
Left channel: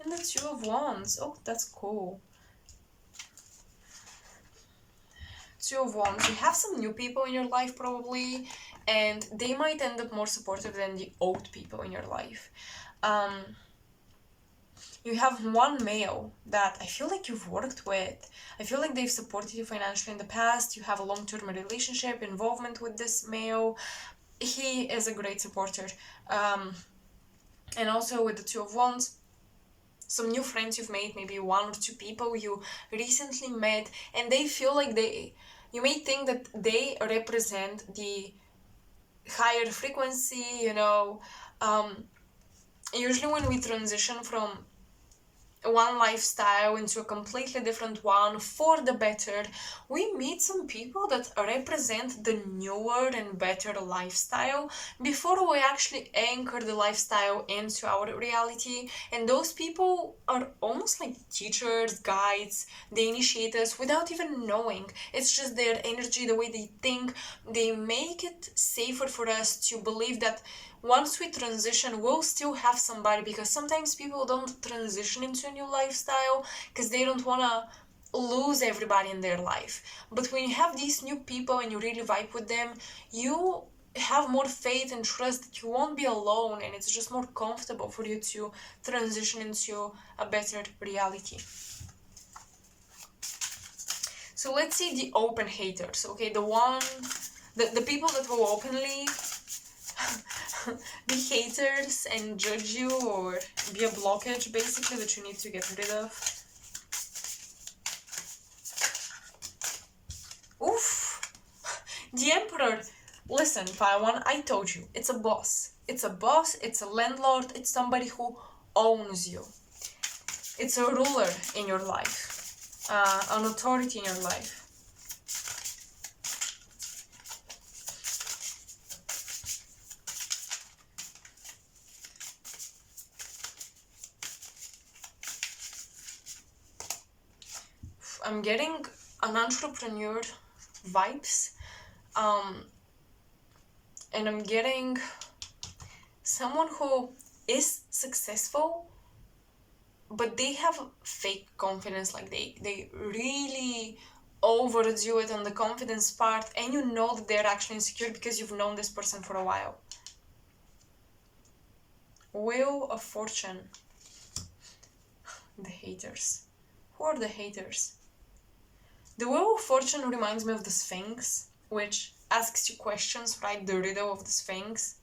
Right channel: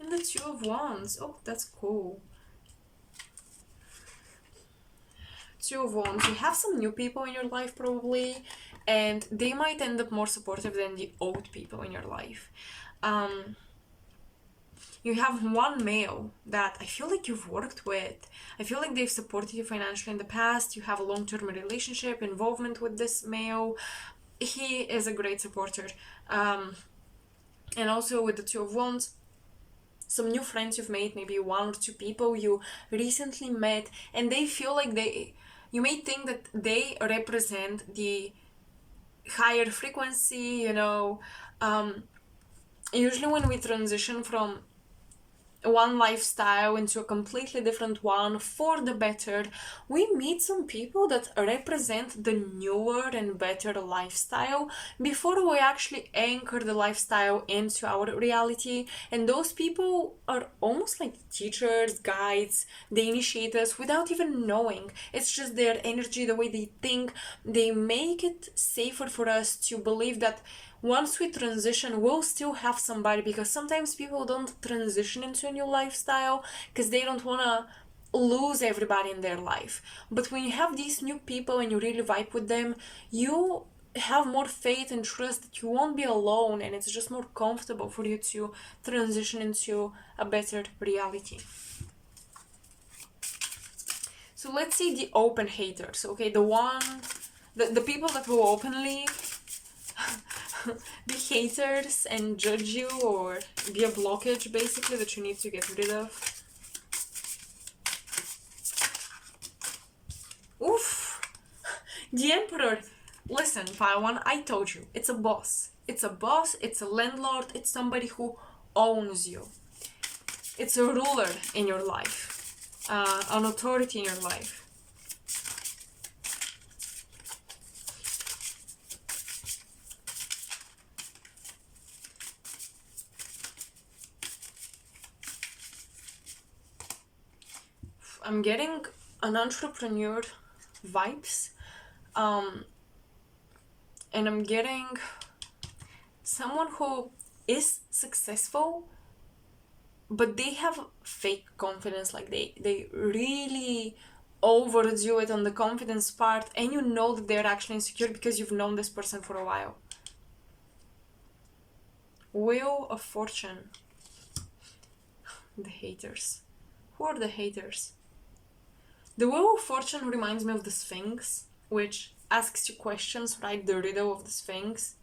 And the Two of Wands. Oh, that's cool. Two of Wands. You have some new people in your life probably, and they might end up more supportive than the old people in your life. You have one male that I feel like you've worked with. I feel like they've supported you financially in the past. You have a long-term relationship, involvement with this male. He is a great supporter. And also with the Two of Wands, some new friends you've made, maybe 1 or 2 people you recently met, and they feel like you may think that they represent the higher frequency, usually when we transition from one lifestyle into a completely different one for the better, we meet some people that represent the newer and better lifestyle before we actually anchor the lifestyle into our reality. And those people are almost like teachers, guides. They initiate us without even knowing. It's just their energy, the way they think. They make it safer for us to believe that once we transition, we'll still have somebody, because sometimes people don't transition into a new lifestyle because they don't want to lose everybody in their life. But when you have these new people and you really vibe with them, you have more faith and trust that you won't be alone, and it's just more comfortable for you to transition into a better reality. So let's see the open haters, okay? The people that will openly be haters and judge you, or be a blockage basically that you need to get rid of. Oof! The Emperor. Listen, Paiwan, I told you, it's a boss. It's a boss, it's a landlord, it's somebody who owns you. It's a ruler in your life, an authority in your life. I'm getting an entrepreneur vibes, and I'm getting someone who is successful, but they have fake confidence, like they really overdo it on the confidence part, and you know that they're actually insecure because you've known this person for a while. Wheel of Fortune. The haters. Who are the haters? The Wheel of Fortune reminds me of the Sphinx, which asks you questions, right? The riddle of the Sphinx.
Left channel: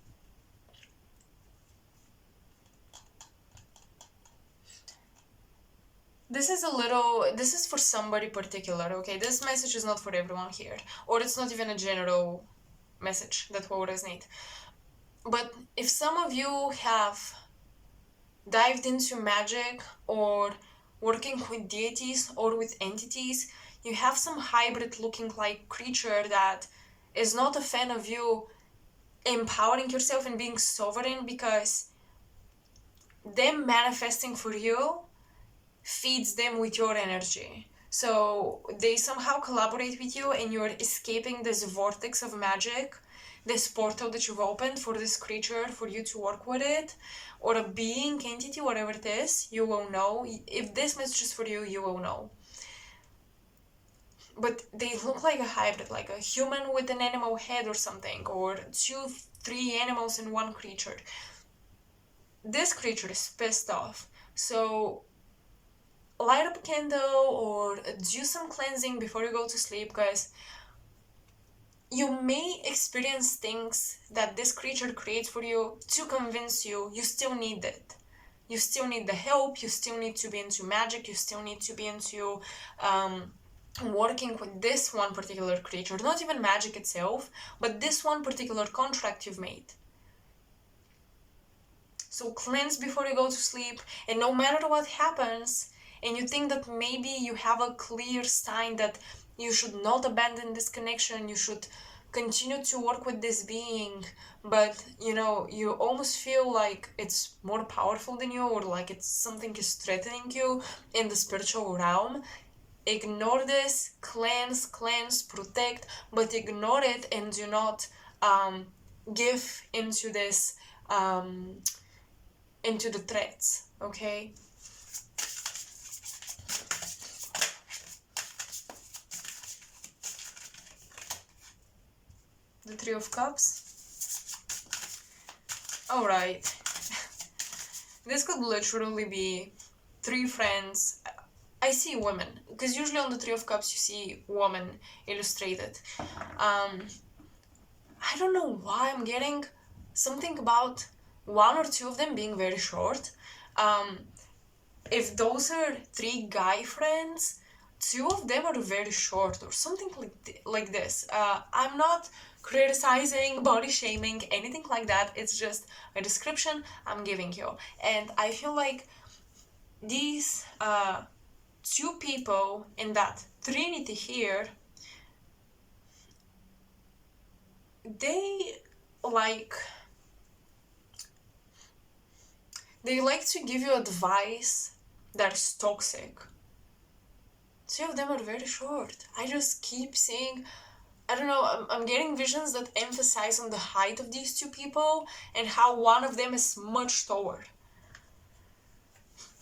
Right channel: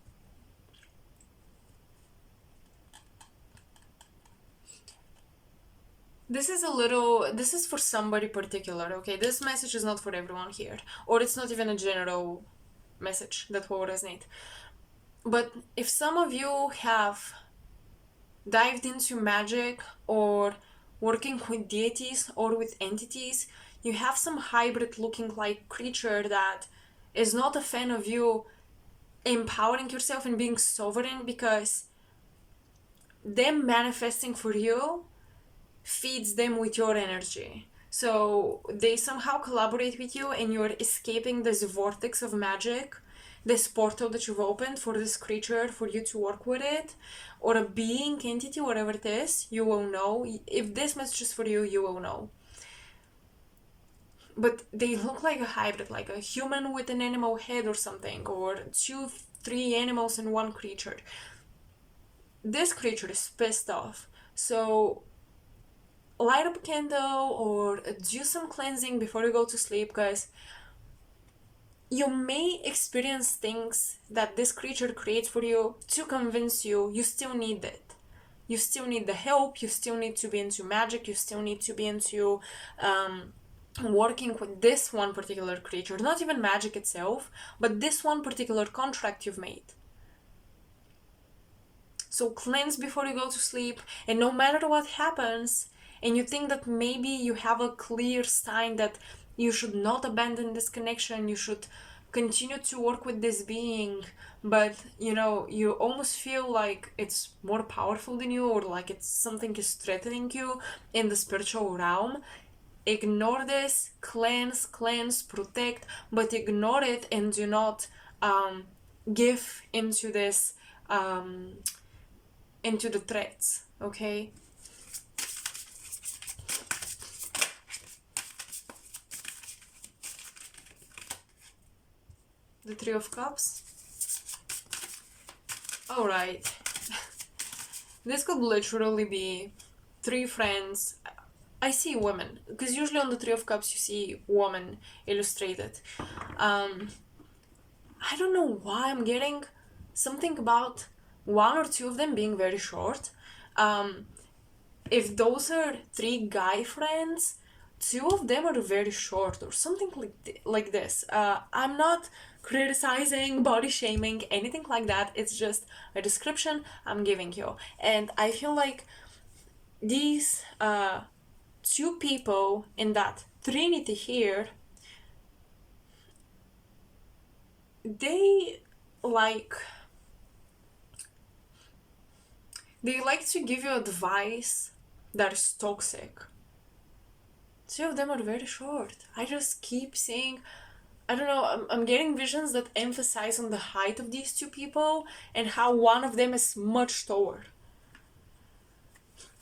This is for somebody particular, okay? This message is not for everyone here, or it's not even a general message that will resonate. But if some of you have dived into magic, or working with deities or with entities, you have some hybrid looking like creature that is not a fan of you empowering yourself and being sovereign, because them manifesting for you feeds them with your energy. So they somehow collaborate with you, and you're escaping this vortex of magic, this portal that you've opened for this creature, for you to work with it, or a being, entity, whatever it is. You will know. If this message is for you, you will know. But they look like a hybrid, like a human with an animal head or something, or 2-3 animals in one creature. This creature is pissed off. So light up a candle or do some cleansing before you go to sleep, because you may experience things that this creature creates for you to convince you still need it. You still need the help, you still need to be into magic, you still need to be into working with this one particular creature. Not even magic itself, but this one particular contract you've made. So cleanse before you go to sleep, and no matter what happens, and you think that maybe you have a clear sign that you should not abandon this connection, you should continue to work with this being, but you almost feel like it's more powerful than you, or like it's something is threatening you in the spiritual realm. Ignore this, cleanse, protect, but ignore it, and do not give into this into the threats, okay? The Three of Cups. Alright. This could literally be 3 friends. I see women, because usually on the Three of Cups you see woman illustrated. I don't know why I'm getting something about 1 or 2 of them being very short. If those are 3 guy friends, 2 of them are very short, or something like this. I'm not criticizing, body shaming, anything like that. It's just a description I'm giving you. And I feel like these 2 people in that trinity here, they like to give you advice that is toxic. 2 of them are very short. I just keep seeing, I don't know, I'm getting visions that emphasize on the height of these 2 people and how one of them is much taller.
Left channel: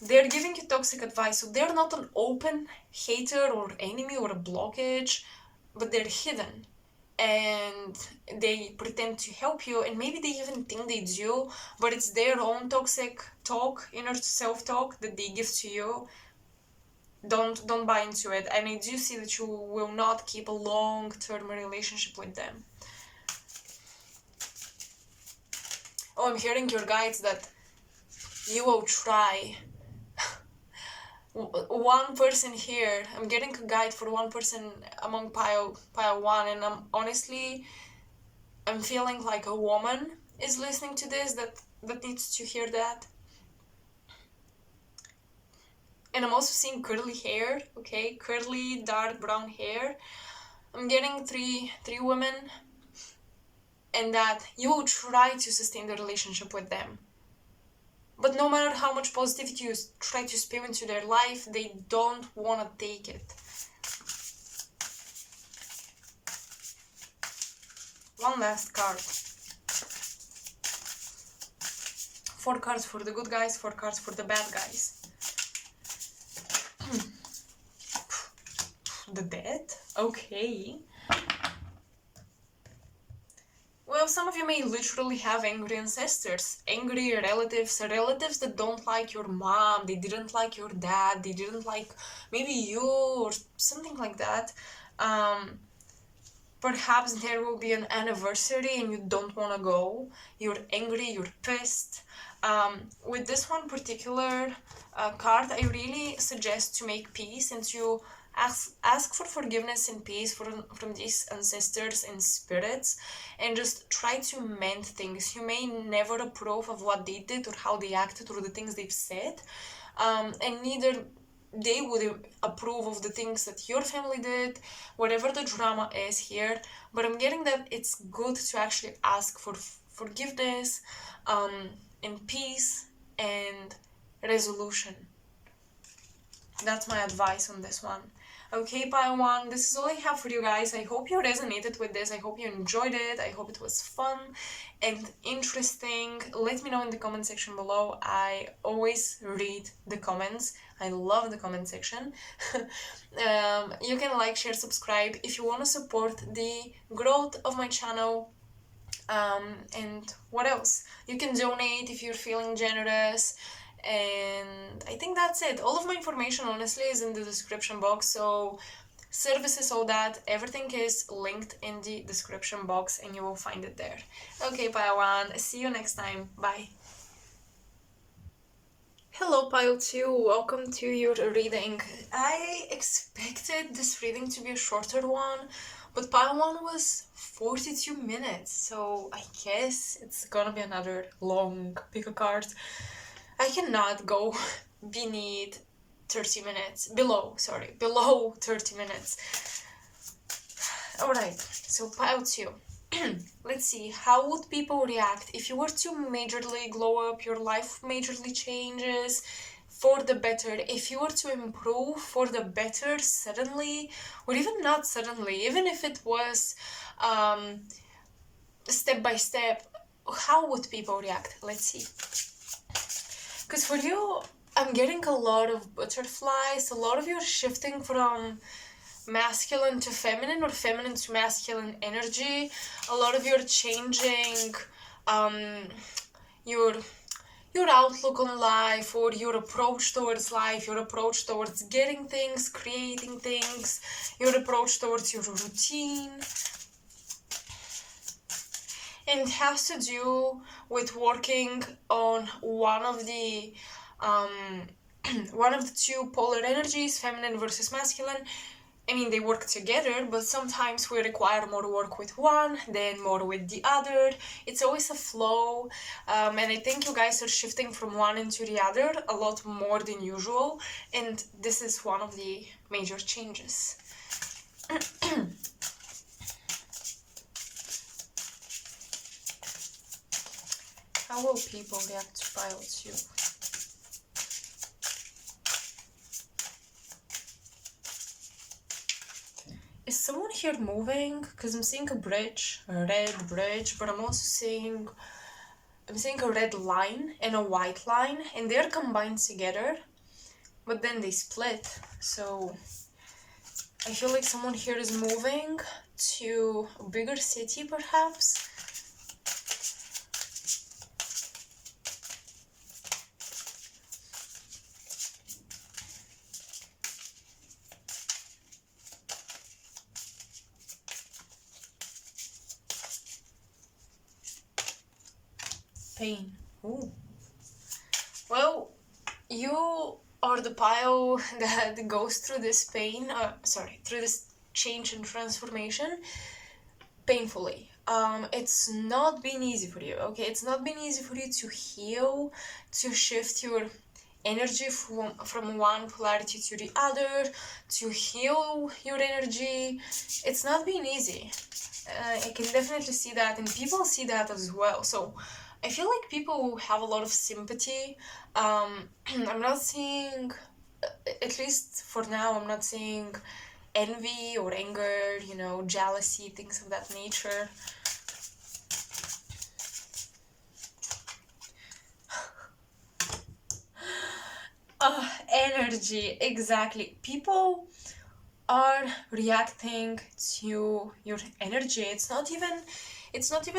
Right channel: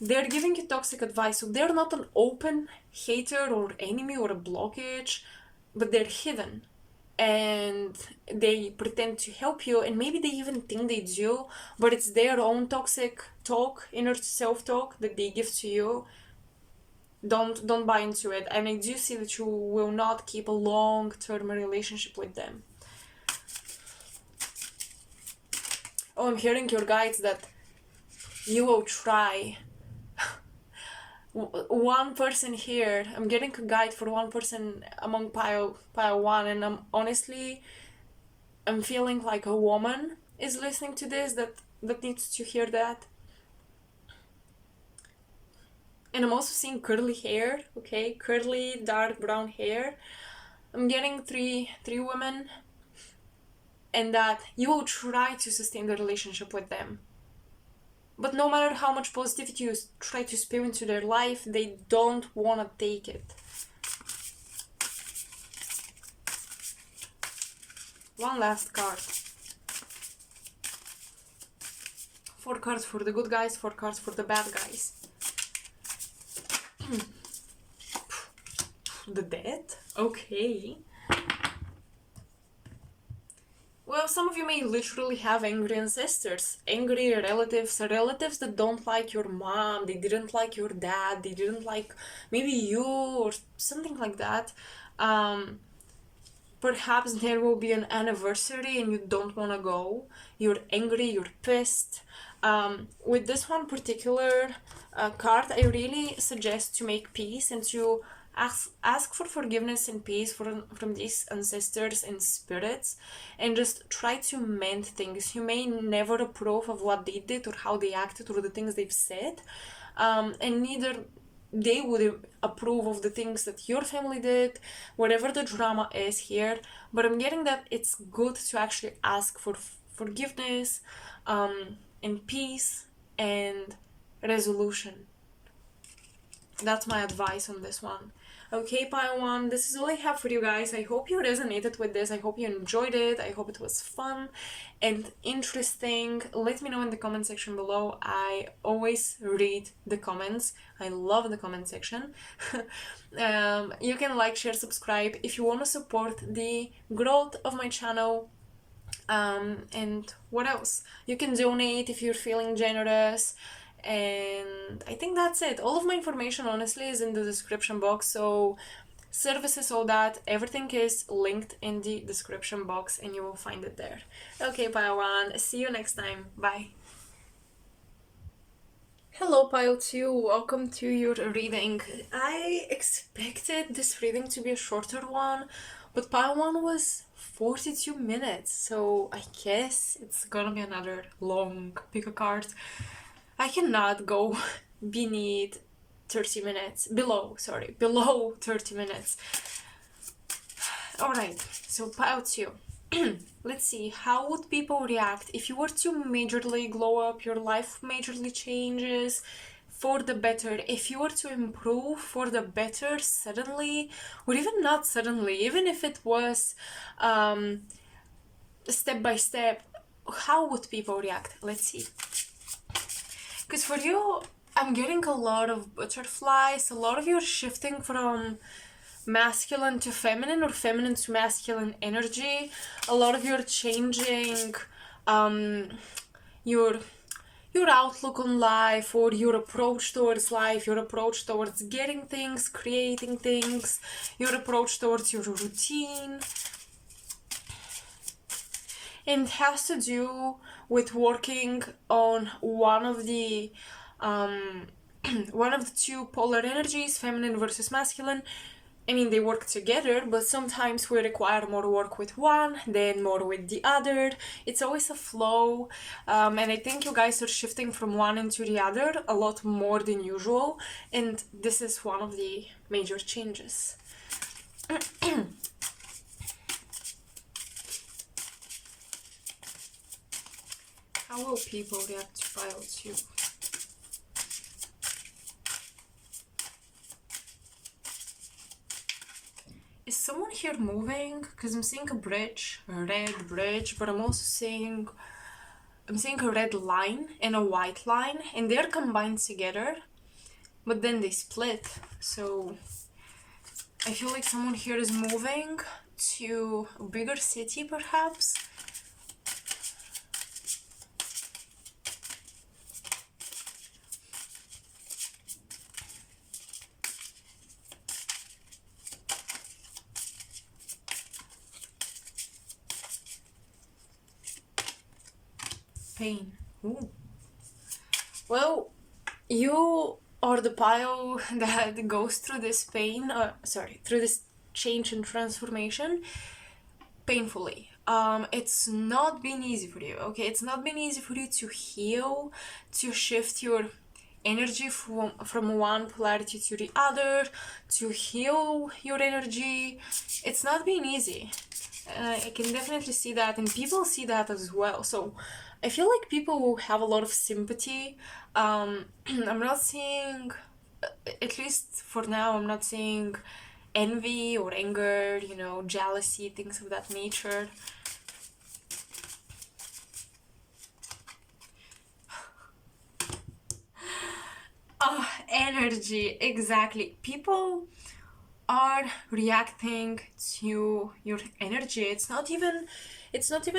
they're giving you toxic advice. So they're not an open hater or enemy or a blockage, but they're hidden. And they pretend to help you, and maybe they even think they do, but it's their own toxic talk, inner self-talk that they give to you. Don't buy into it. And I do see that you will not keep a long-term relationship with them. Oh, I'm hearing your guides that you will try. One person here, I'm getting a guide for one person among pile 1, and I'm feeling like a woman is listening to this that needs to hear that. And I'm also seeing curly hair, okay? Curly, dark brown hair. I'm getting three women, and that you will try to sustain the relationship with them. But no matter how much positivity you try to spew into their life, they don't want to take it. One last card. 4 cards for the good guys, 4 cards for the bad guys. The dead? Okay. Well, some of you may literally have angry ancestors, angry relatives that don't like your mom, they didn't like your dad, they didn't like maybe you or something like that. Perhaps there will be an anniversary and you don't want to go. You're angry, you're pissed. With this one particular card, I really suggest to make peace and to ask for forgiveness and peace from these ancestors and spirits, and just try to mend things. You may never approve of what they did or how they acted or the things they've said, and neither they would approve of the things that your family did, whatever the drama is here. But I'm getting that it's good to actually ask for forgiveness, and peace and resolution. That's my advice on this one. Okay, pile 1, this is all I have for you guys. I hope you resonated with this. I hope you enjoyed it. I hope it was fun and interesting. Let me know in the comment section below. I always read the comments. I love the comment section. You can like, share, subscribe if you want to support the growth of my channel. And what else? You can donate if you're feeling generous. And I think that's it. All of my information honestly is in the description box, so services, all that, everything is linked in the description box and you will find it there. Okay, pile 1, see you next time. Bye. Hello, pile 2, welcome to your reading. I expected this reading to be a shorter one, but pile 1 was 42 minutes, so I guess it's gonna be another long pick a card. I cannot go beneath 30 minutes, below 30 minutes. Alright, so pile 2. Let's see, how would people react if you were to majorly glow up, your life majorly changes for the better, if you were to improve for the better suddenly, or even not suddenly, even if it was step by step, how would people react? Let's see. Because for you, I'm getting a lot of butterflies. A lot of you are shifting from masculine to feminine or feminine to masculine energy. A lot of you are changing your outlook on life, or your approach towards life, your approach towards getting things, creating things, your approach towards your routine. And it has to do with working on one of the two polar energies, feminine versus masculine. I mean, they work together, but sometimes we require more work with one, then more with the other. It's always a flow, and I think you guys are shifting from one into the other a lot more than usual, and this is one of the major changes. How will people react to pile 2? Is someone here moving? Because I'm seeing a bridge, a red bridge, but I'm also seeing a red line and a white line, and they're combined together. but then they split. So I feel like someone here is moving to a bigger city, perhaps. Pain. Ooh. Well, you are the pile that goes through this pain, through this change and transformation painfully. It's not been easy for you, okay? It's not been easy for you to heal, to shift your energy from one polarity to the other, to heal your energy. It's not been easy. I can definitely see that, and people see that as well. So I feel like people will have a lot of sympathy. I'm not seeing, at least for now, I'm not seeing envy or anger, jealousy, things of that nature. Oh, energy, exactly. People are reacting to your energy. It's not even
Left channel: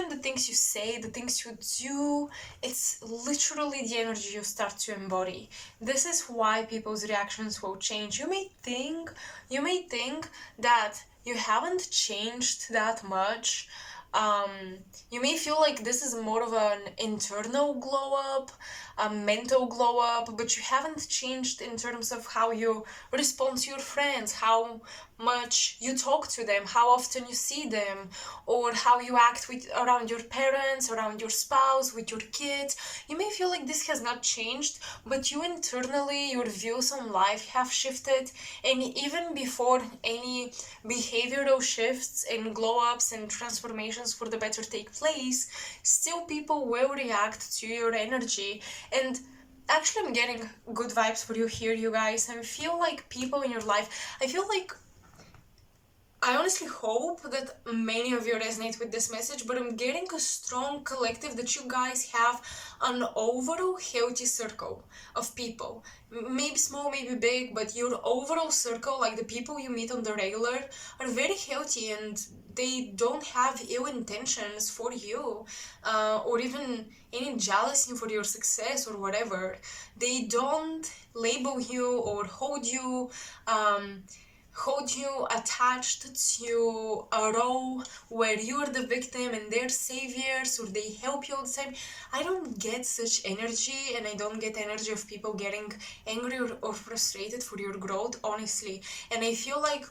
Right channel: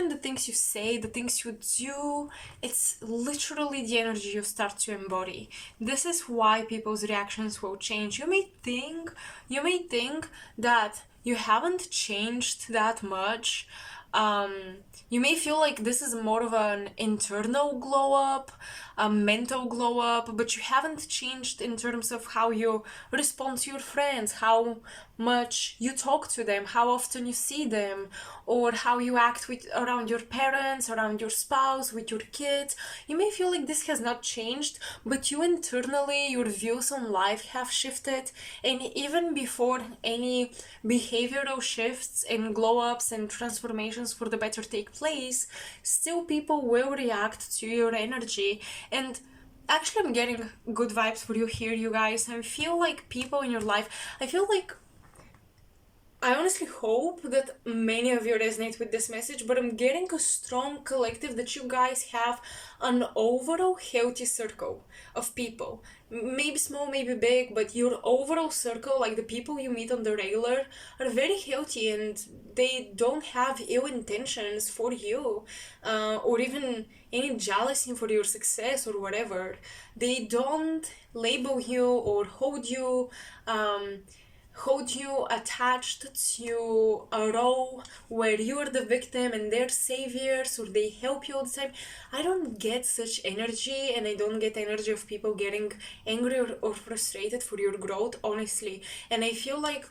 the things you say, the things you do. It's literally the energy you start to embody. This is why people's reactions will change. You may think that you haven't changed that much. You may feel like this is more of an internal glow up, a mental glow up, but you haven't changed in terms of how you respond to your friends, how much you talk to them, how often you see them, or how you act around your parents, around your spouse, with your kids. You may feel like this has not changed, but you internally, your views on life have shifted, and even before any behavioral shifts and glow ups and transformations for the better take place, still people will react to your energy. And actually, I'm getting good vibes for you here, you guys. I feel like people in your life, I honestly hope that many of you resonate with this message, but I'm getting a strong collective that you guys have an overall healthy circle of people. Maybe small, maybe big, but your overall circle, like the people you meet on the regular, are very healthy and they don't have ill intentions for you, or even any jealousy for your success or whatever. They don't label you or hold you attached to a role where you are the victim and they're saviors, or they help you all the time. I don't get such energy, and I don't get energy of people getting angry or frustrated for your growth, honestly. And I feel like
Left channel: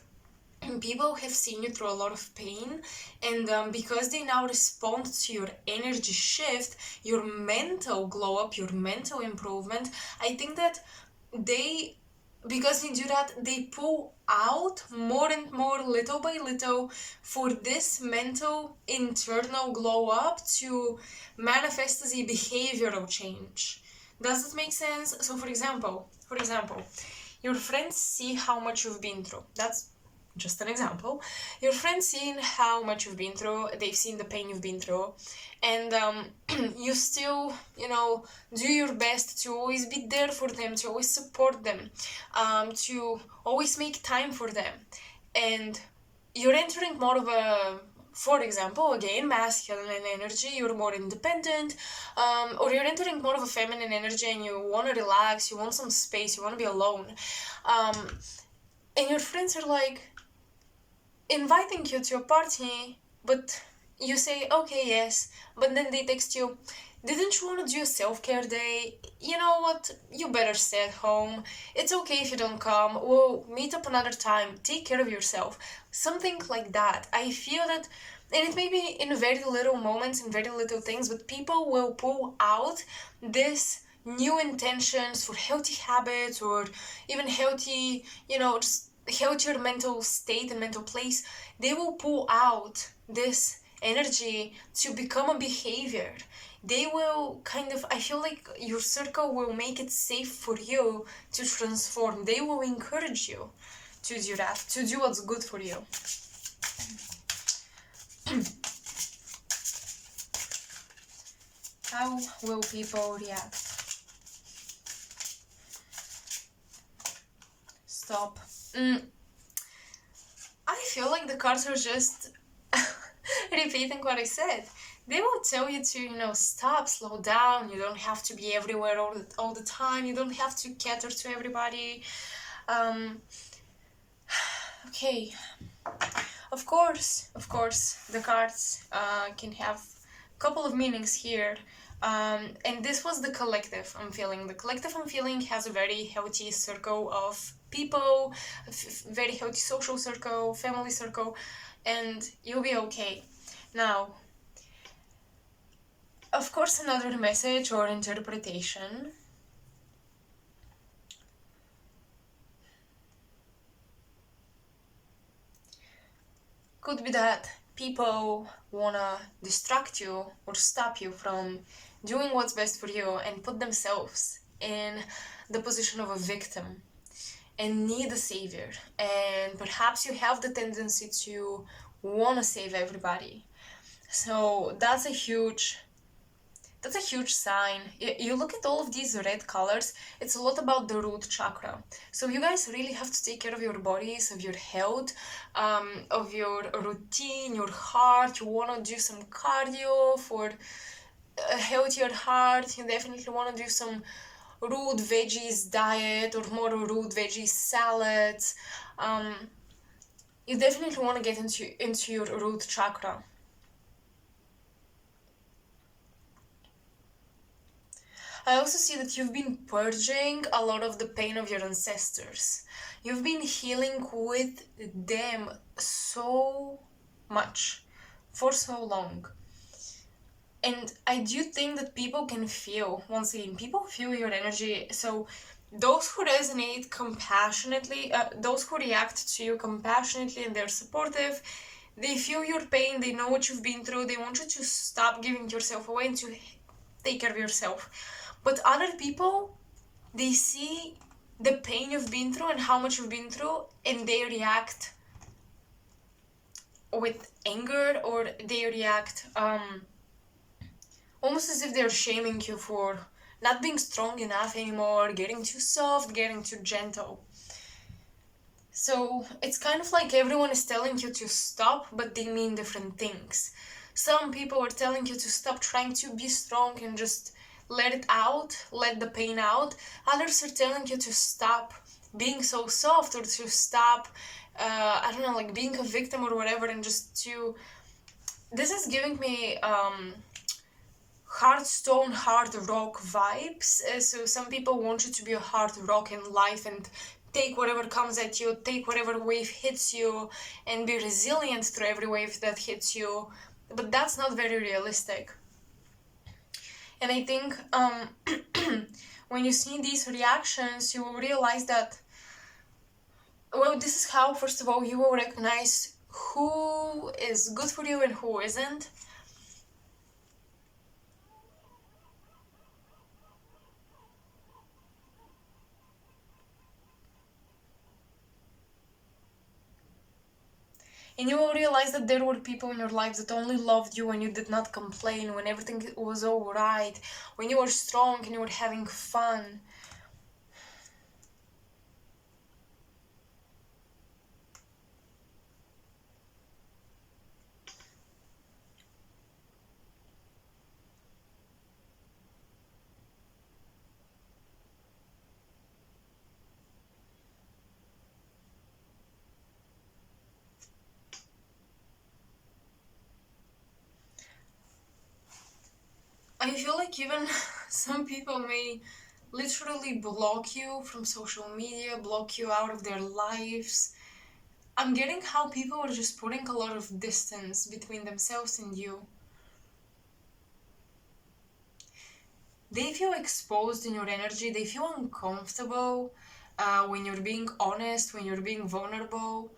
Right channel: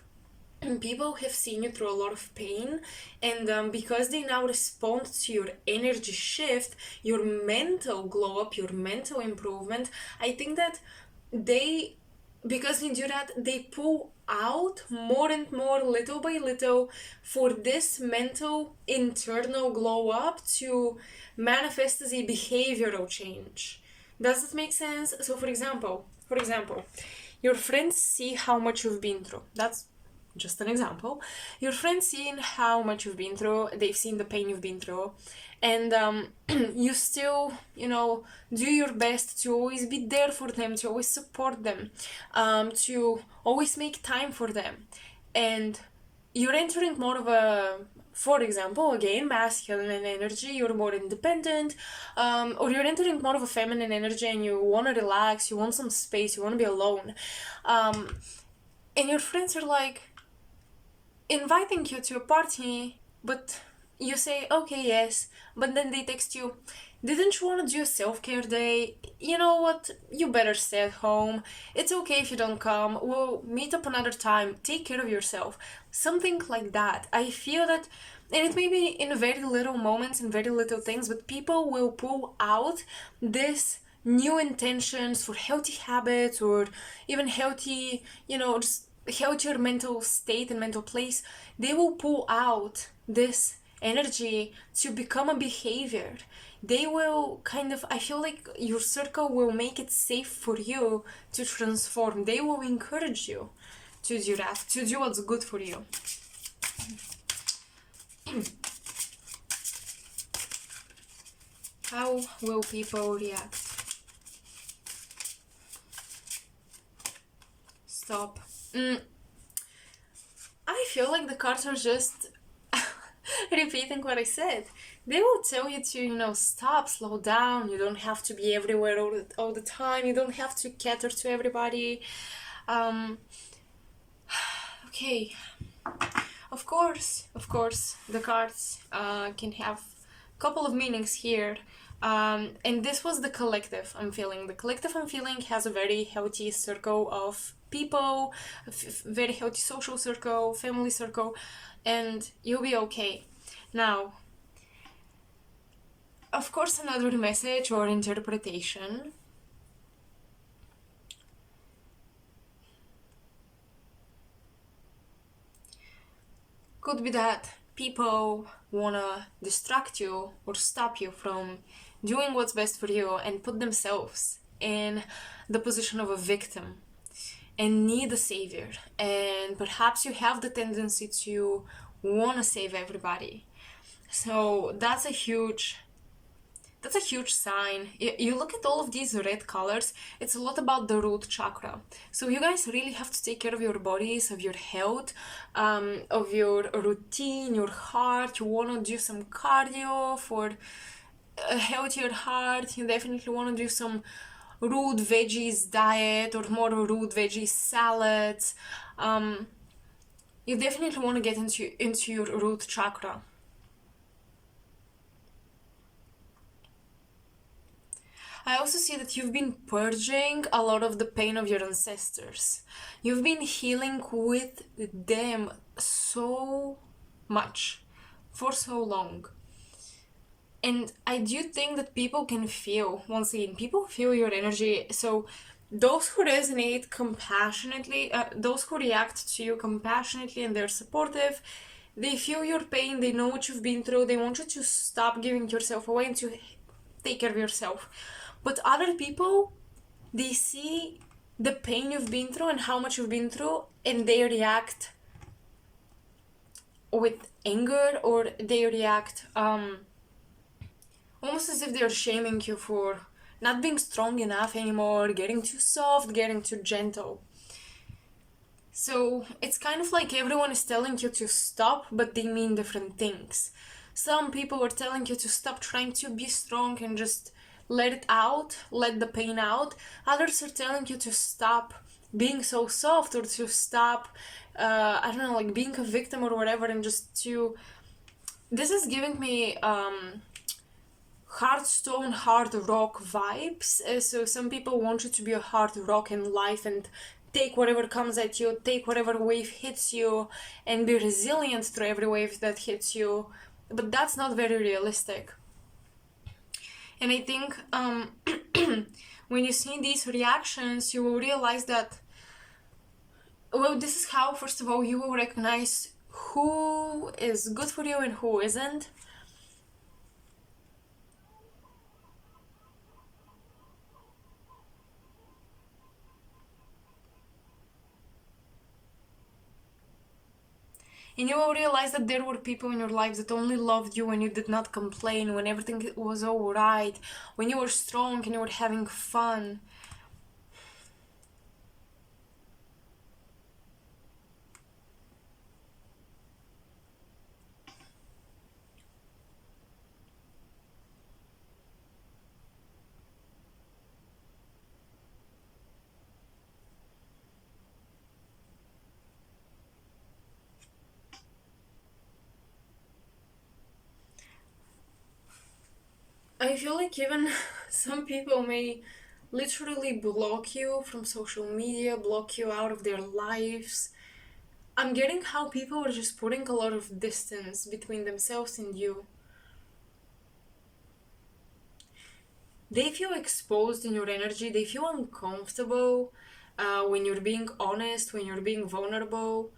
people have seen you through a lot of pain, and because they now respond to your energy shift, your mental glow up, your mental improvement, I think that they because they do that, they pull out more and more, little by little, for this mental internal glow up to manifest as a behavioral change. Does it make sense? So for example, your friends see how much you've been through. That's just an example. Your friends seen how much you've been through, they've seen the pain you've been through, and you still, do your best to always be there for them, to always support them, to always make time for them. And you're entering more of a, for example, again, masculine energy, you're more independent, or you're entering more of a feminine energy and you want to relax, you want some space, you want to be alone. And your friends are like, inviting you to a party, but you say, okay, yes, but then they text you, didn't you want to do a self-care day? You know what? You better stay at home. It's okay if you don't come. We'll meet up another time. Take care of yourself. Something like that. I feel that, and it may be in very little moments, in very little things, but people will pull out this new intentions for healthy habits, or even healthy, just healthier mental state and mental place. They will pull out this energy to become a behavior. They will I feel like your circle will make it safe for you to transform. They will encourage you to do that, to do what's good for you. How will people react? stop. I feel like the cards are just repeating what I said. They will tell you to, stop, slow down. You don't have to be everywhere all the time. You don't have to cater to everybody. Okay. Of course, the cards can have a couple of meanings here. And this was the collective I'm feeling. The collective I'm feeling has a very healthy circle of people, very healthy social circle, family circle, and you'll be okay. Now, of course, another message or interpretation could be that people wanna distract you or stop you from doing what's best for you and put themselves in the position of a victim and need a savior. And perhaps you have the tendency to wanna save everybody. So that's a huge sign. You look at all of these red colors, it's a lot about the root chakra. So you guys really have to take care of your bodies, of your health, of your routine, your heart. You want to do some cardio for a healthier heart. You definitely want to do some root veggies diet or more root veggie salads. You definitely want to get into your root chakra. I also see that you've been purging a lot of the pain of your ancestors. You've been healing with them so much for so long. And I do think that people can feel, once again, people feel your energy. So those who resonate compassionately, those who react to you compassionately and they're supportive, they feel your pain, they know what you've been through, they want you to stop giving yourself away and to take care of yourself. But other people, they see the pain you've been through and how much you've been through, and they react with anger, or they react almost as if they're shaming you for not being strong enough anymore, getting too soft, getting too gentle. So it's kind of like everyone is telling you to stop, but they mean different things. Some people are telling you to stop trying to be strong and just let it out, let the pain out. Others are telling you to stop being so soft, or to stop, like being a victim or whatever, and just to... This is giving me hard rock vibes. So some people want you to be a hard rock in life and take whatever comes at you, take whatever wave hits you, and be resilient through every wave that hits you. But that's not very realistic. And I think when you see these reactions, you will realize that, well, this is how, first of all, you will recognize who is good for you and who isn't. And you will realize that there were people in your lives that only loved you when you did not complain, when everything was alright, when you were strong and you were having fun. I feel like even some people may literally block you from social media, block you out of their lives. I'm getting how people are just putting a lot of distance between themselves and you. They feel exposed in your energy, they feel uncomfortable when you're being honest, when you're being vulnerable.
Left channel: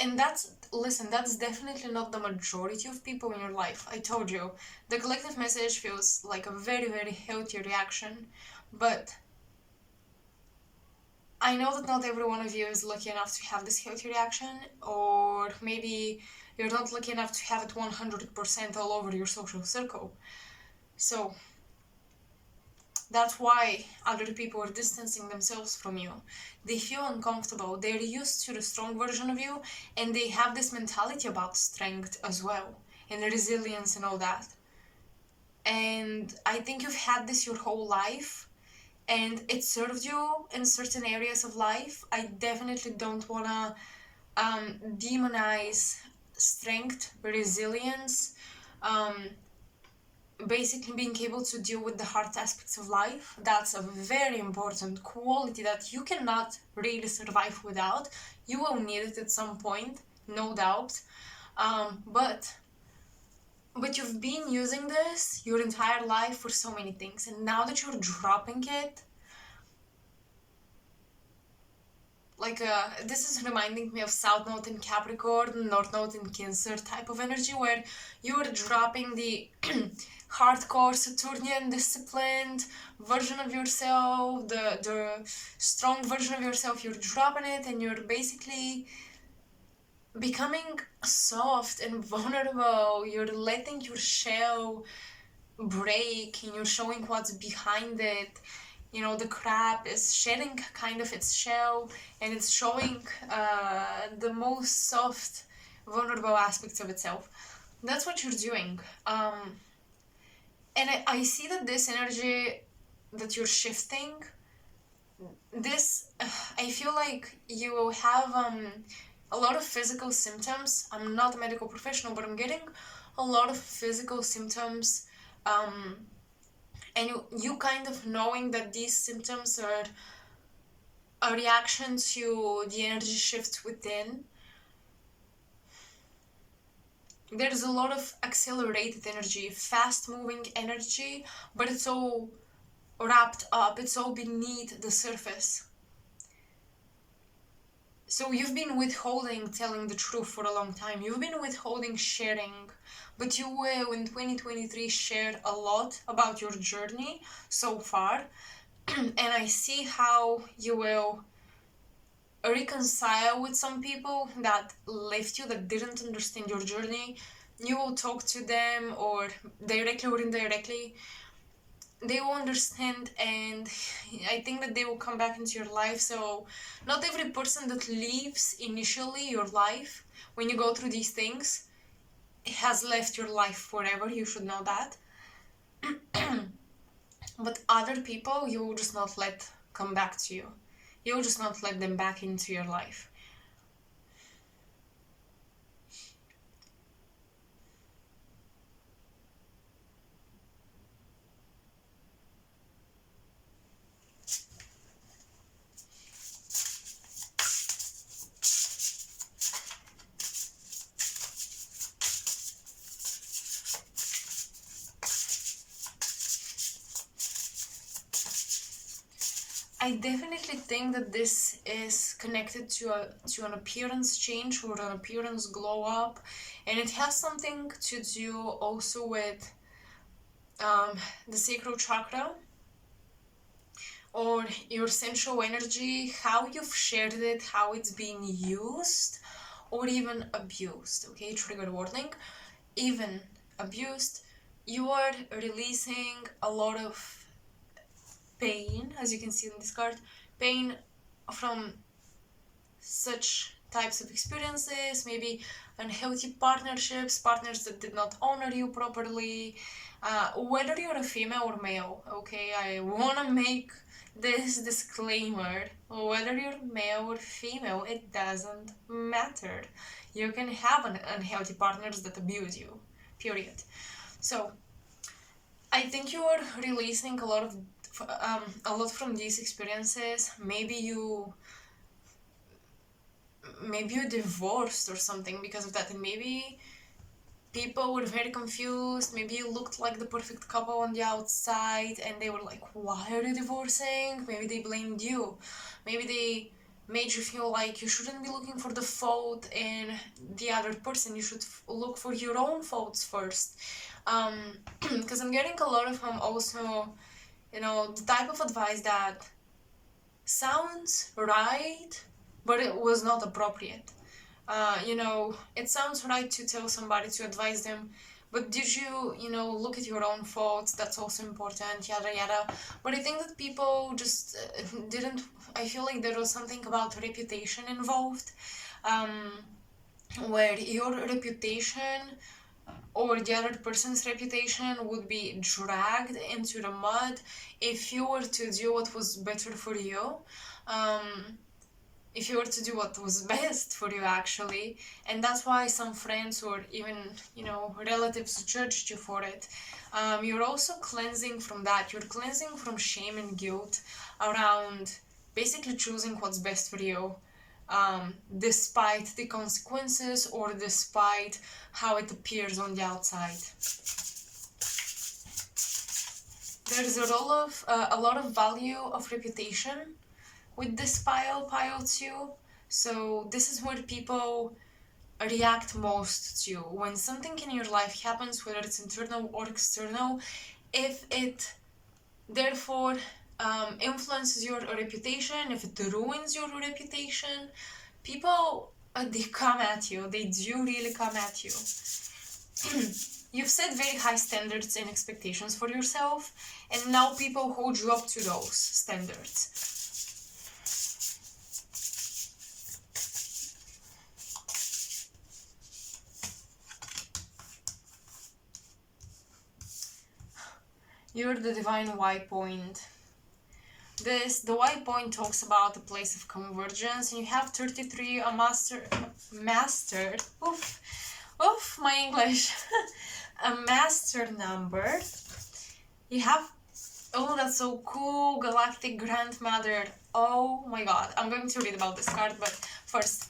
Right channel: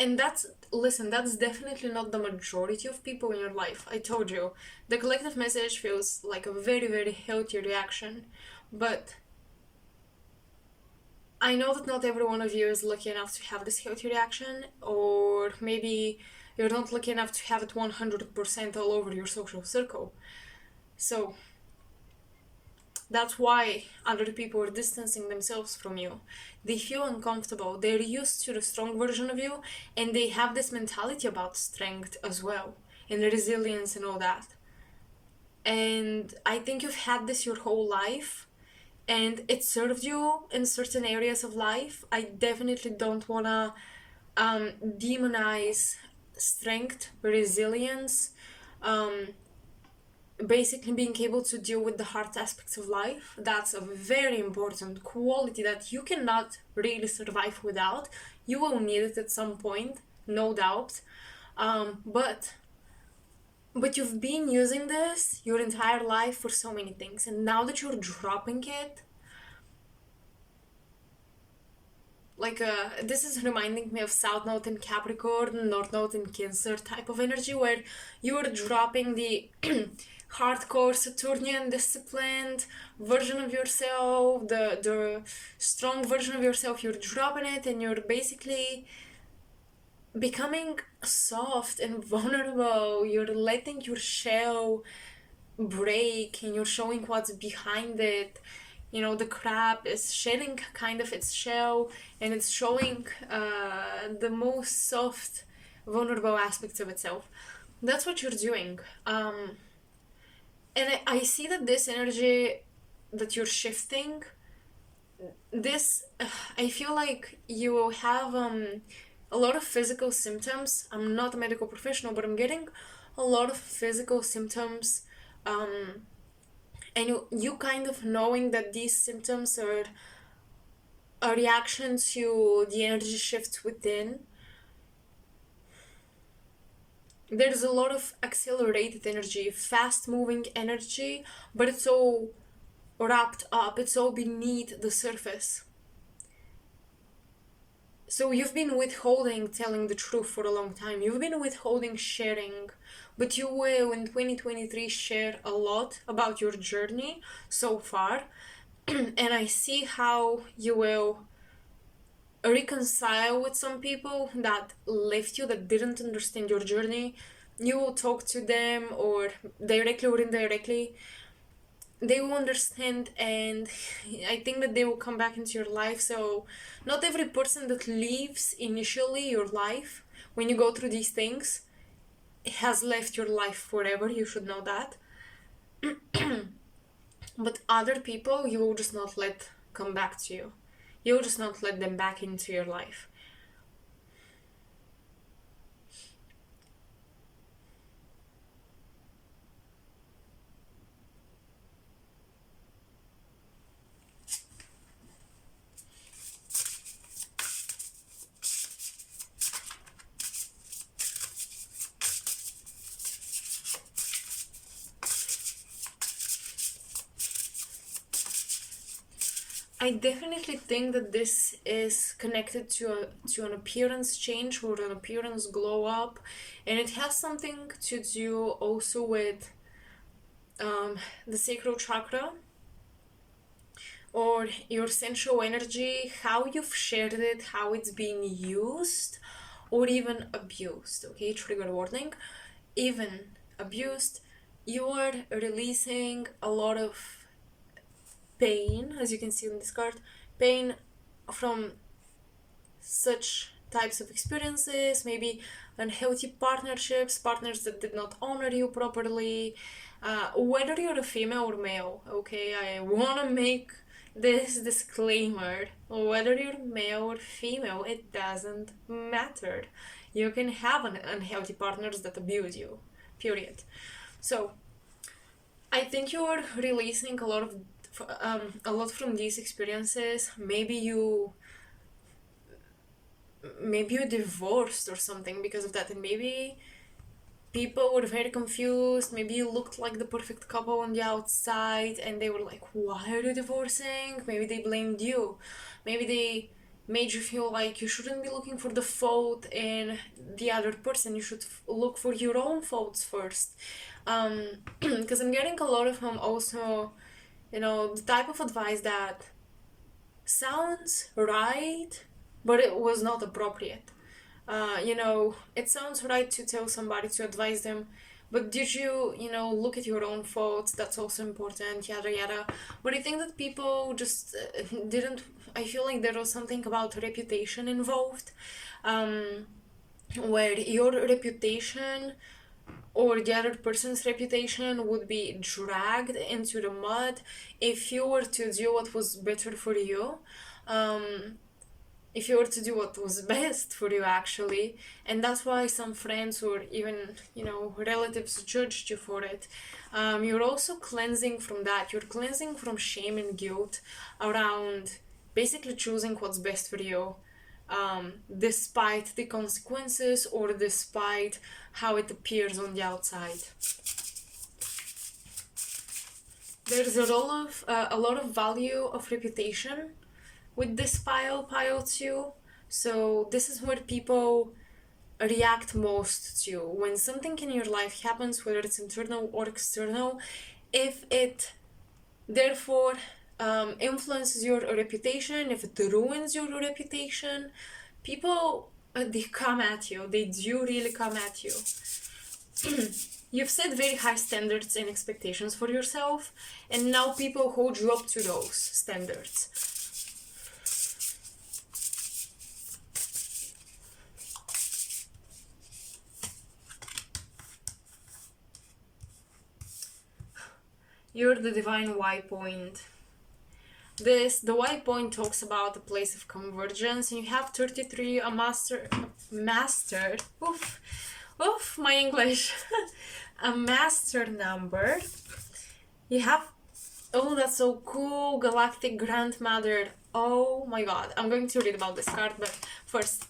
And that's definitely not the majority of people in your life. I told you, the collective message feels like a very, very healthy reaction, but I know that not every one of you is lucky enough to have this healthy reaction, or maybe You're not lucky enough to have it 100% all over your social circle. So that's why other people are distancing themselves from you. They feel uncomfortable. They're used to the strong version of you, and they have this mentality about strength as well, and resilience and all that. And I think you've had this your whole life, and it served you in certain areas of life. I definitely don't want to demonize strength, resilience, basically being able to deal with the hard aspects of life. That's a very important quality that you cannot really survive without. You will need it at some point, no doubt. But you've been using this your entire life for so many things, and now that you're dropping it, like this is reminding me of South Node in Capricorn, North Node in Cancer type of energy, where you're dropping the hardcore Saturnian disciplined version of yourself, the strong version of yourself. You're dropping it, and you're basically becoming soft and vulnerable. You're letting your shell break, and you're showing what's behind it. You know, the crab is shedding kind of its shell, and it's showing the most soft, vulnerable aspects of itself. That's what you're doing. And I see that this energy that you're shifting, this, I feel like you will have a lot of physical symptoms. I'm not a medical professional, but I'm getting a lot of physical symptoms. And you kind of knowing that these symptoms are a reaction to the energy shift within. There's a lot of accelerated energy, fast moving energy, but it's all wrapped up, it's all beneath the surface. So you've been withholding telling the truth for a long time. You've been withholding sharing, but you will in 2023 share a lot about your journey so far. And I see how you will reconcile with some people that left you, that didn't understand your journey. You will talk to them, or directly or indirectly. They will understand, and I think that they will come back into your life. So not every person that leaves initially your life when you go through these things has left your life forever. You should know that. But other people you will just not let come back to you. You'll just not let them back into your life. I definitely think that this is connected to an appearance change or an appearance glow up, and it has something to do also with the sacral chakra or your sensual energy, how you've shared it, how it's being used or even abused. Okay, trigger warning. Even abused, you are releasing a lot of pain, as you can see on this card, pain from such types of experiences, maybe unhealthy partnerships, partners that did not honor you properly, whether you're a female or male. Okay, I want to make this disclaimer: whether you're male or female, it doesn't matter. You can have unhealthy partners that abuse you, period. So I think you're releasing a lot from these experiences. Maybe you divorced or something because of that, and maybe people were very confused. Maybe you looked like the perfect couple on the outside, and they were like, why are you divorcing? Maybe they blamed you. Maybe they made you feel like you shouldn't be looking for the fault in the other person. You should look for your own faults first. Because I'm getting a lot of also, the type of advice that sounds right, but it was not appropriate. It sounds right to tell somebody, to advise them, but did you, look at your own thoughts? That's also important, yada yada. But I think that people just didn't. I feel like there was something about reputation involved, where your reputation or the other person's reputation would be dragged into the mud if you were to do what was better for you. Um, if you were to do what was best for you, actually. And that's why some friends or even relatives judged you for it. You're also cleansing from that. You're cleansing from shame and guilt around basically choosing what's best for you, despite the consequences or despite how it appears on the outside. There's a lot of value of reputation with this pile 2. So this is where people react most to when something in your life happens, whether it's internal or external. If it therefore influences your reputation, if it ruins your reputation, people they come at you. They do really come at you. You've set very high standards and expectations for yourself, and now people hold you up to those standards. You're the divine Y point. The Y point talks about the place of convergence, and you have 33, a master, my English, a master number. You have, oh, that's so cool, Galactic Grandmother. Oh my god, I'm going to read about this card, but first,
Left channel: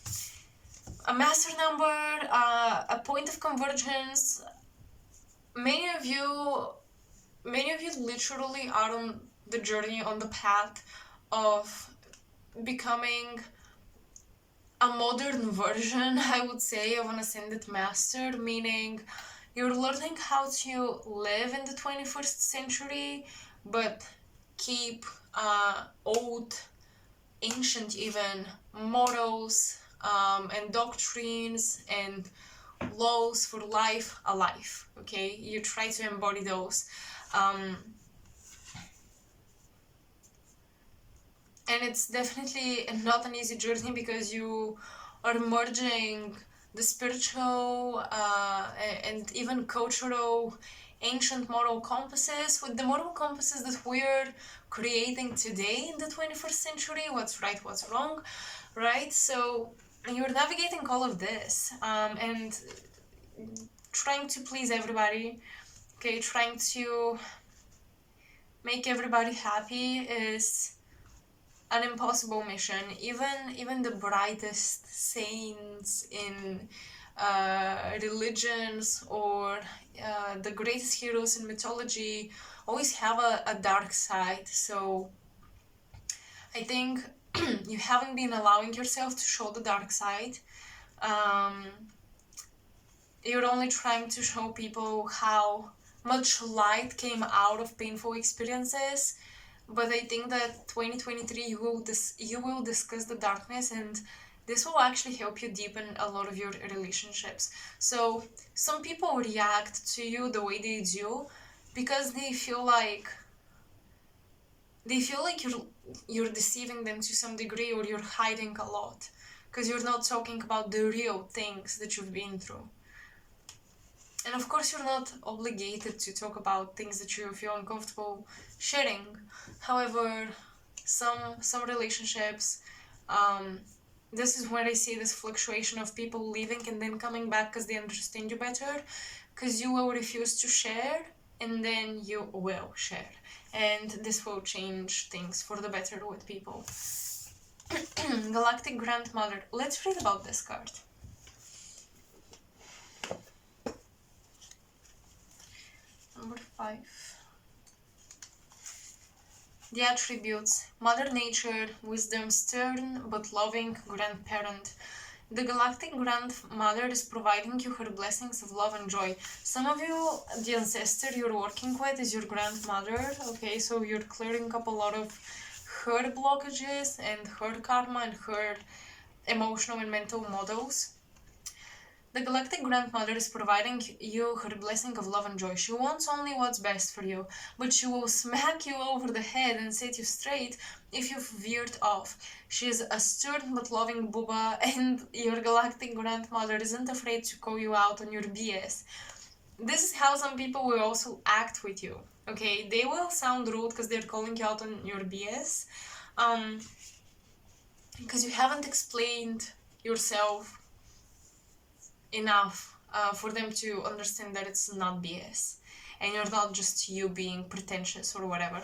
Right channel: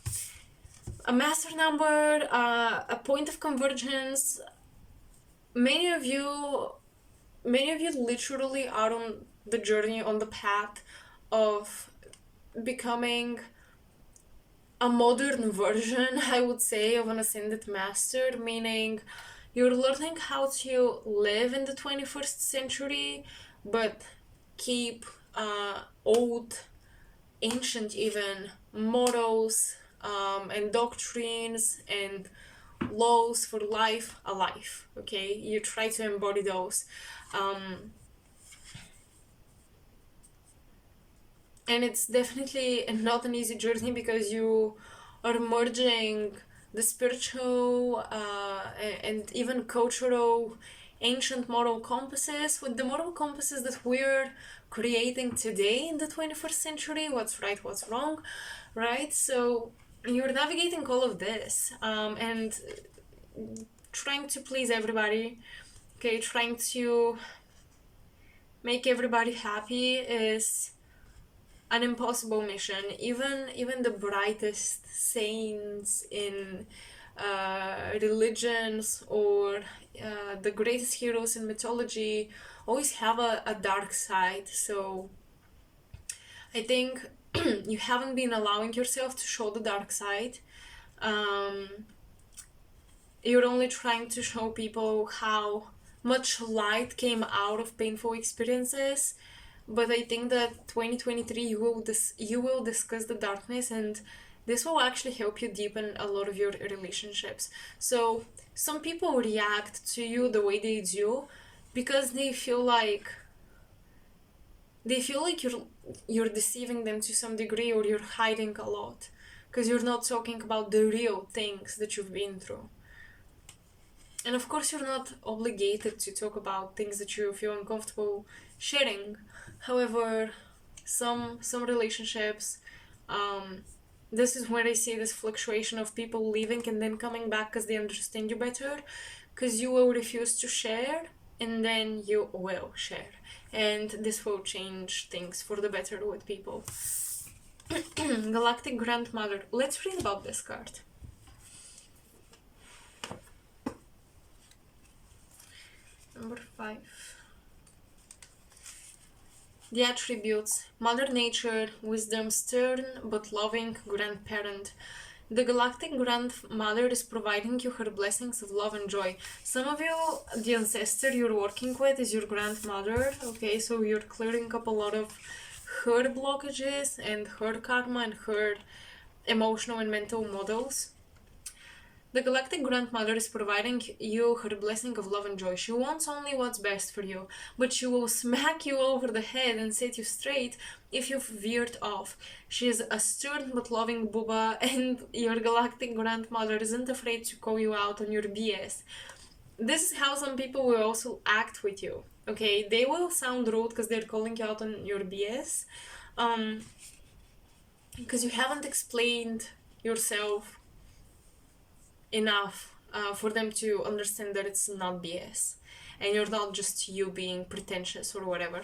a master number, a point of convergence. Many of you literally are on the journey, on the path of becoming a modern version, I would say, of an ascended master, meaning you're learning how to live in the 21st century, but keep old, ancient even, morals and doctrines and laws for life alive, okay? You try to embody those. And it's definitely not an easy journey because you are merging the spiritual and even cultural ancient moral compasses with the moral compasses that we're creating today in the 21st century. What's right, what's wrong, right? So you're navigating all of this and trying to please everybody, okay? Trying to make everybody happy is an impossible mission. Even the brightest saints in religions or the greatest heroes in mythology always have a dark side. So I think you haven't been allowing yourself to show the dark side. You're only trying to show people how much light came out of painful experiences. But I think that 2023 you will discuss the darkness, and this will actually help you deepen a lot of your relationships. So some people react to you the way they do because they feel like you're deceiving them to some degree, or you're hiding a lot because you're not talking about the real things that you've been through. And of course, you're not obligated to talk about things that you feel uncomfortable sharing. However, some relationships, this is where I see this fluctuation of people leaving and then coming back because they understand you better, because you will refuse to share and then you will share, and this will change things for the better with people. Galactic Grandmother. Let's read about this card. Number 5. The attributes: Mother Nature, wisdom, stern but loving grandparent. The Galactic Grandmother is providing you her blessings of love and joy. Some of you, the ancestor you're working with is your grandmother, okay? So you're clearing up a lot of her blockages and her karma and her emotional and mental models. The galactic grandmother is providing you her blessing of love and joy. She wants only what's best for you, but she will smack you over the head and set you straight if you've veered off. She is a stern but loving Booba, and your galactic grandmother isn't afraid to call you out on your BS. This is how some people will also act with you. Okay, they will sound rude because they're calling you out on your BS, because you haven't explained yourself enough for them to understand that it's not BS and you're not just you being pretentious or whatever.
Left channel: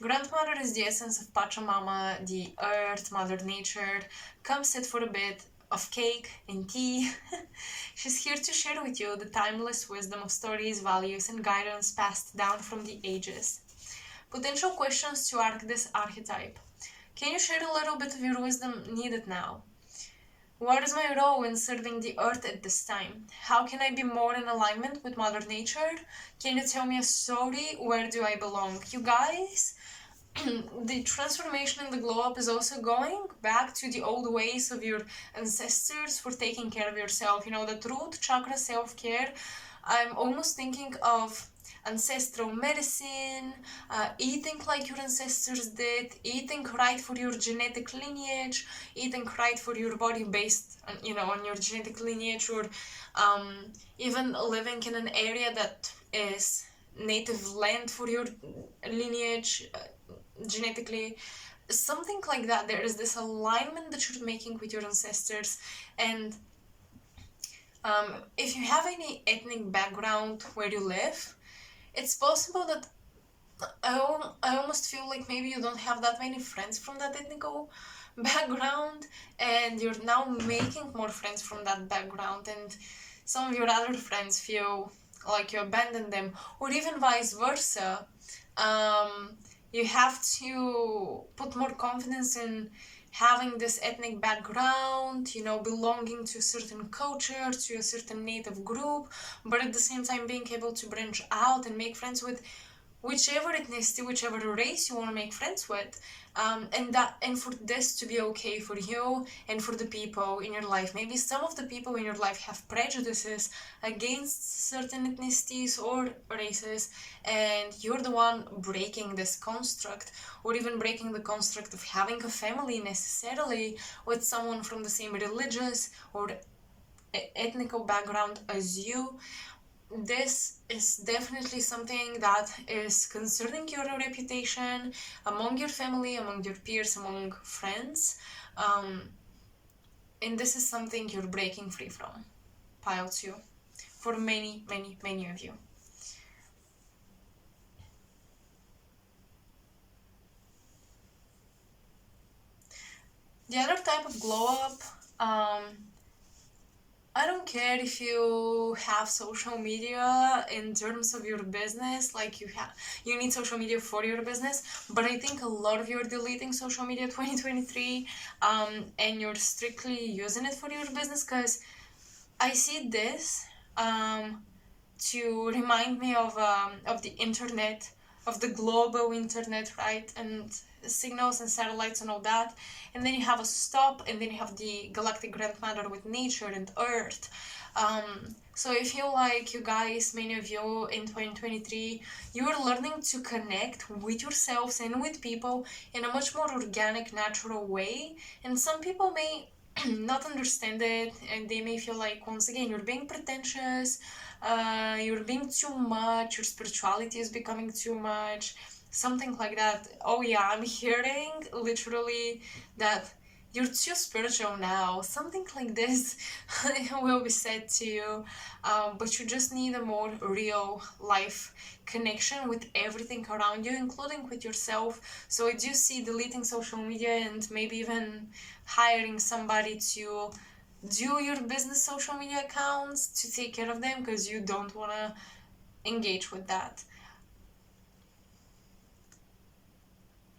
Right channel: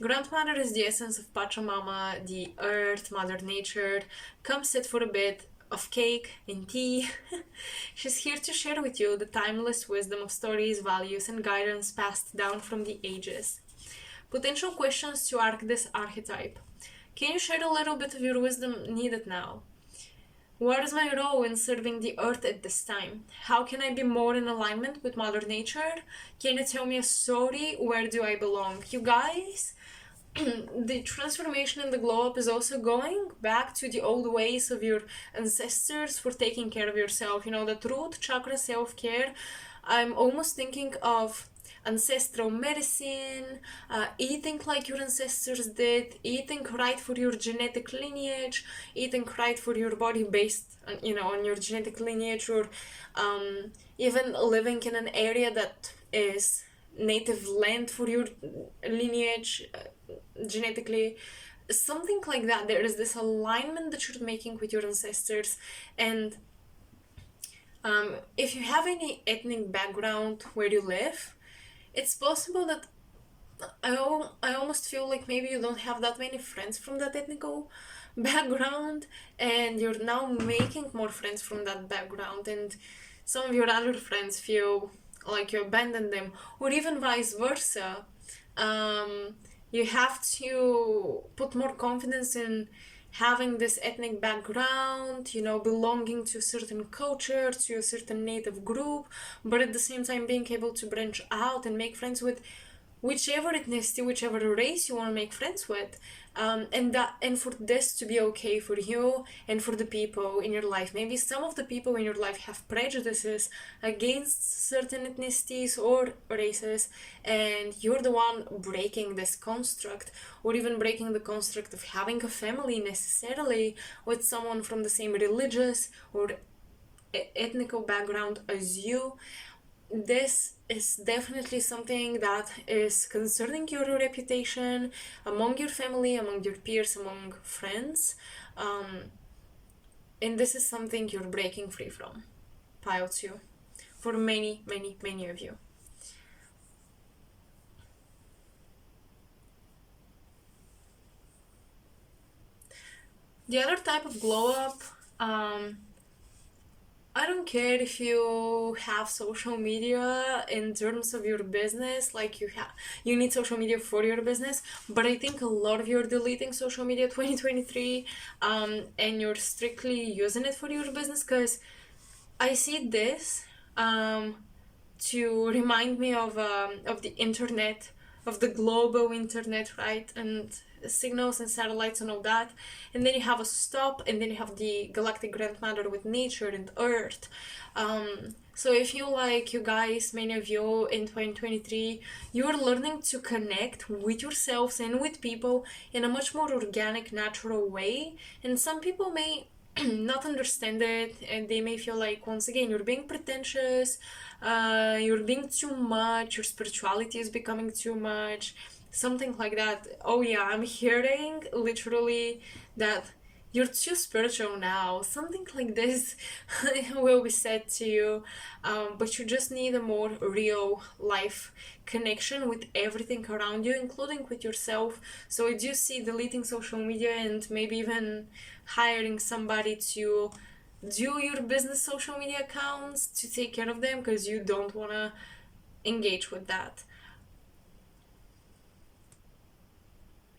Grandmother is the essence of Pachamama, the earth, Mother Nature. Come sit for a bit of cake and tea. She's here to share with you the timeless wisdom of stories, values, and guidance passed down from the ages. Potential questions to arc this archetype. Can you share a little bit of your wisdom needed now? What is my role in serving the earth at this time? How can I be more in alignment with Mother Nature? Can you tell me a story? Where do I belong? You guys, the transformation in the glow up is also going back to the old ways of your ancestors for taking care of yourself. You know, the root chakra self-care. I'm almost thinking of ancestral medicine, eating like your ancestors did, eating right for your genetic lineage, eating right for your body based, on your genetic lineage, or even living in an area that is native land for your lineage, genetically, something like that. There is this alignment that you're making with your ancestors. And if you have any ethnic background where you live, it's possible that I almost feel like maybe you don't have that many friends from that ethnical background, and you're now making more friends from that background, and some of your other friends feel like you abandoned them, or even vice versa. You have to put more confidence in having this ethnic background, belonging to a certain culture, to a certain native group, but at the same time being able to branch out and make friends with whichever ethnicity, whichever race you want to make friends with, and for this to be okay for you and for the people in your life. Maybe some of the people in your life have prejudices against certain ethnicities or races, and you're the one breaking this construct, or even breaking the construct of having a family necessarily with someone from the same religious or ethnical background as you. This is definitely something that is concerning your reputation among your family, among your peers, among friends. And this is something you're breaking free from. Pile 2. For many, many, many of you. The other type of glow up, I don't care if you have social media in terms of your business, like you need social media for your business, but I think a lot of you are deleting social media 2023, and you're strictly using it for your business, because I see this to remind me of the internet, of the global internet, right? And signals and satellites and all that. And then you have a stop, and then you have the galactic grandmother with nature and earth. So if you guys, many of you in 2023, you're learning to connect with yourselves and with people in a much more organic, natural way. And some people may not understand it, and they may feel like, once again, you're being pretentious, you're being too much, your spirituality is becoming too much, something like that. Oh yeah, I'm hearing literally that you're too spiritual now, something like this will be said to you, but you just need a more real life connection with everything around you, including with yourself. So I do see deleting social media, and maybe even hiring somebody to do your business social media accounts, to take care of them, because you don't want to engage with that.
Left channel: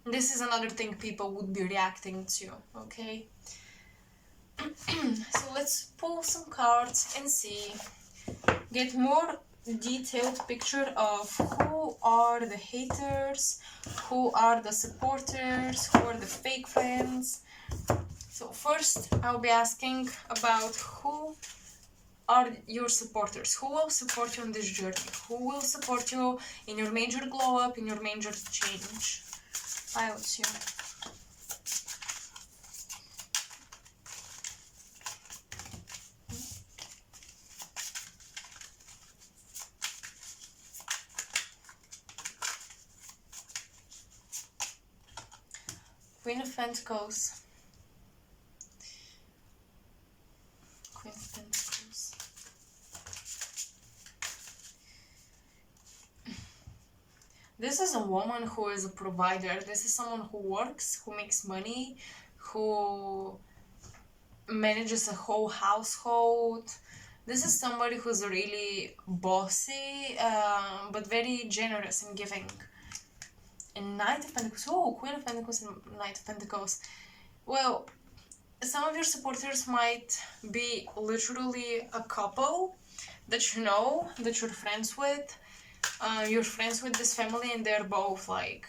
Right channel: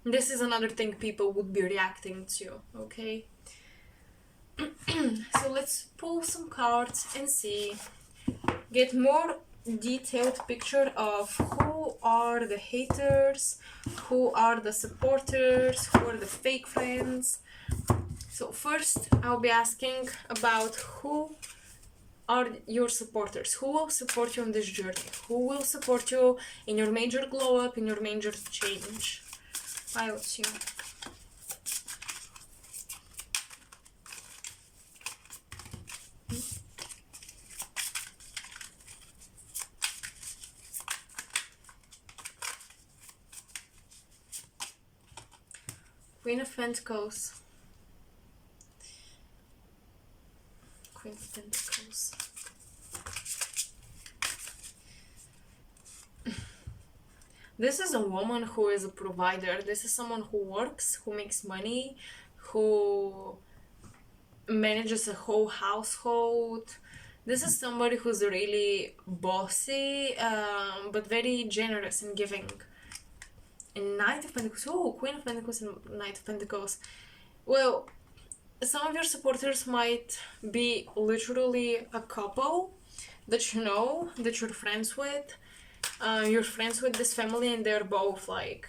This is another thing people would be reacting to, okay? So let's pull some cards and see, get more detailed picture of who are the haters, who are the supporters, who are the fake friends. So first I'll be asking about who are your supporters? Who will support you on this journey? Who will support you in your major glow up, in your major change? I would assume. Queen of Pentacles. Queen of Pentacles. This is a woman who is a provider. This is someone who works, who makes money, who manages a whole household. This is somebody who's really bossy, but very generous and giving. And Knight of Pentacles. Oh, Queen of Pentacles and Knight of Pentacles. Well, some of your supporters might be literally a couple that you know, that you're friends with. You're friends with this family and they're both like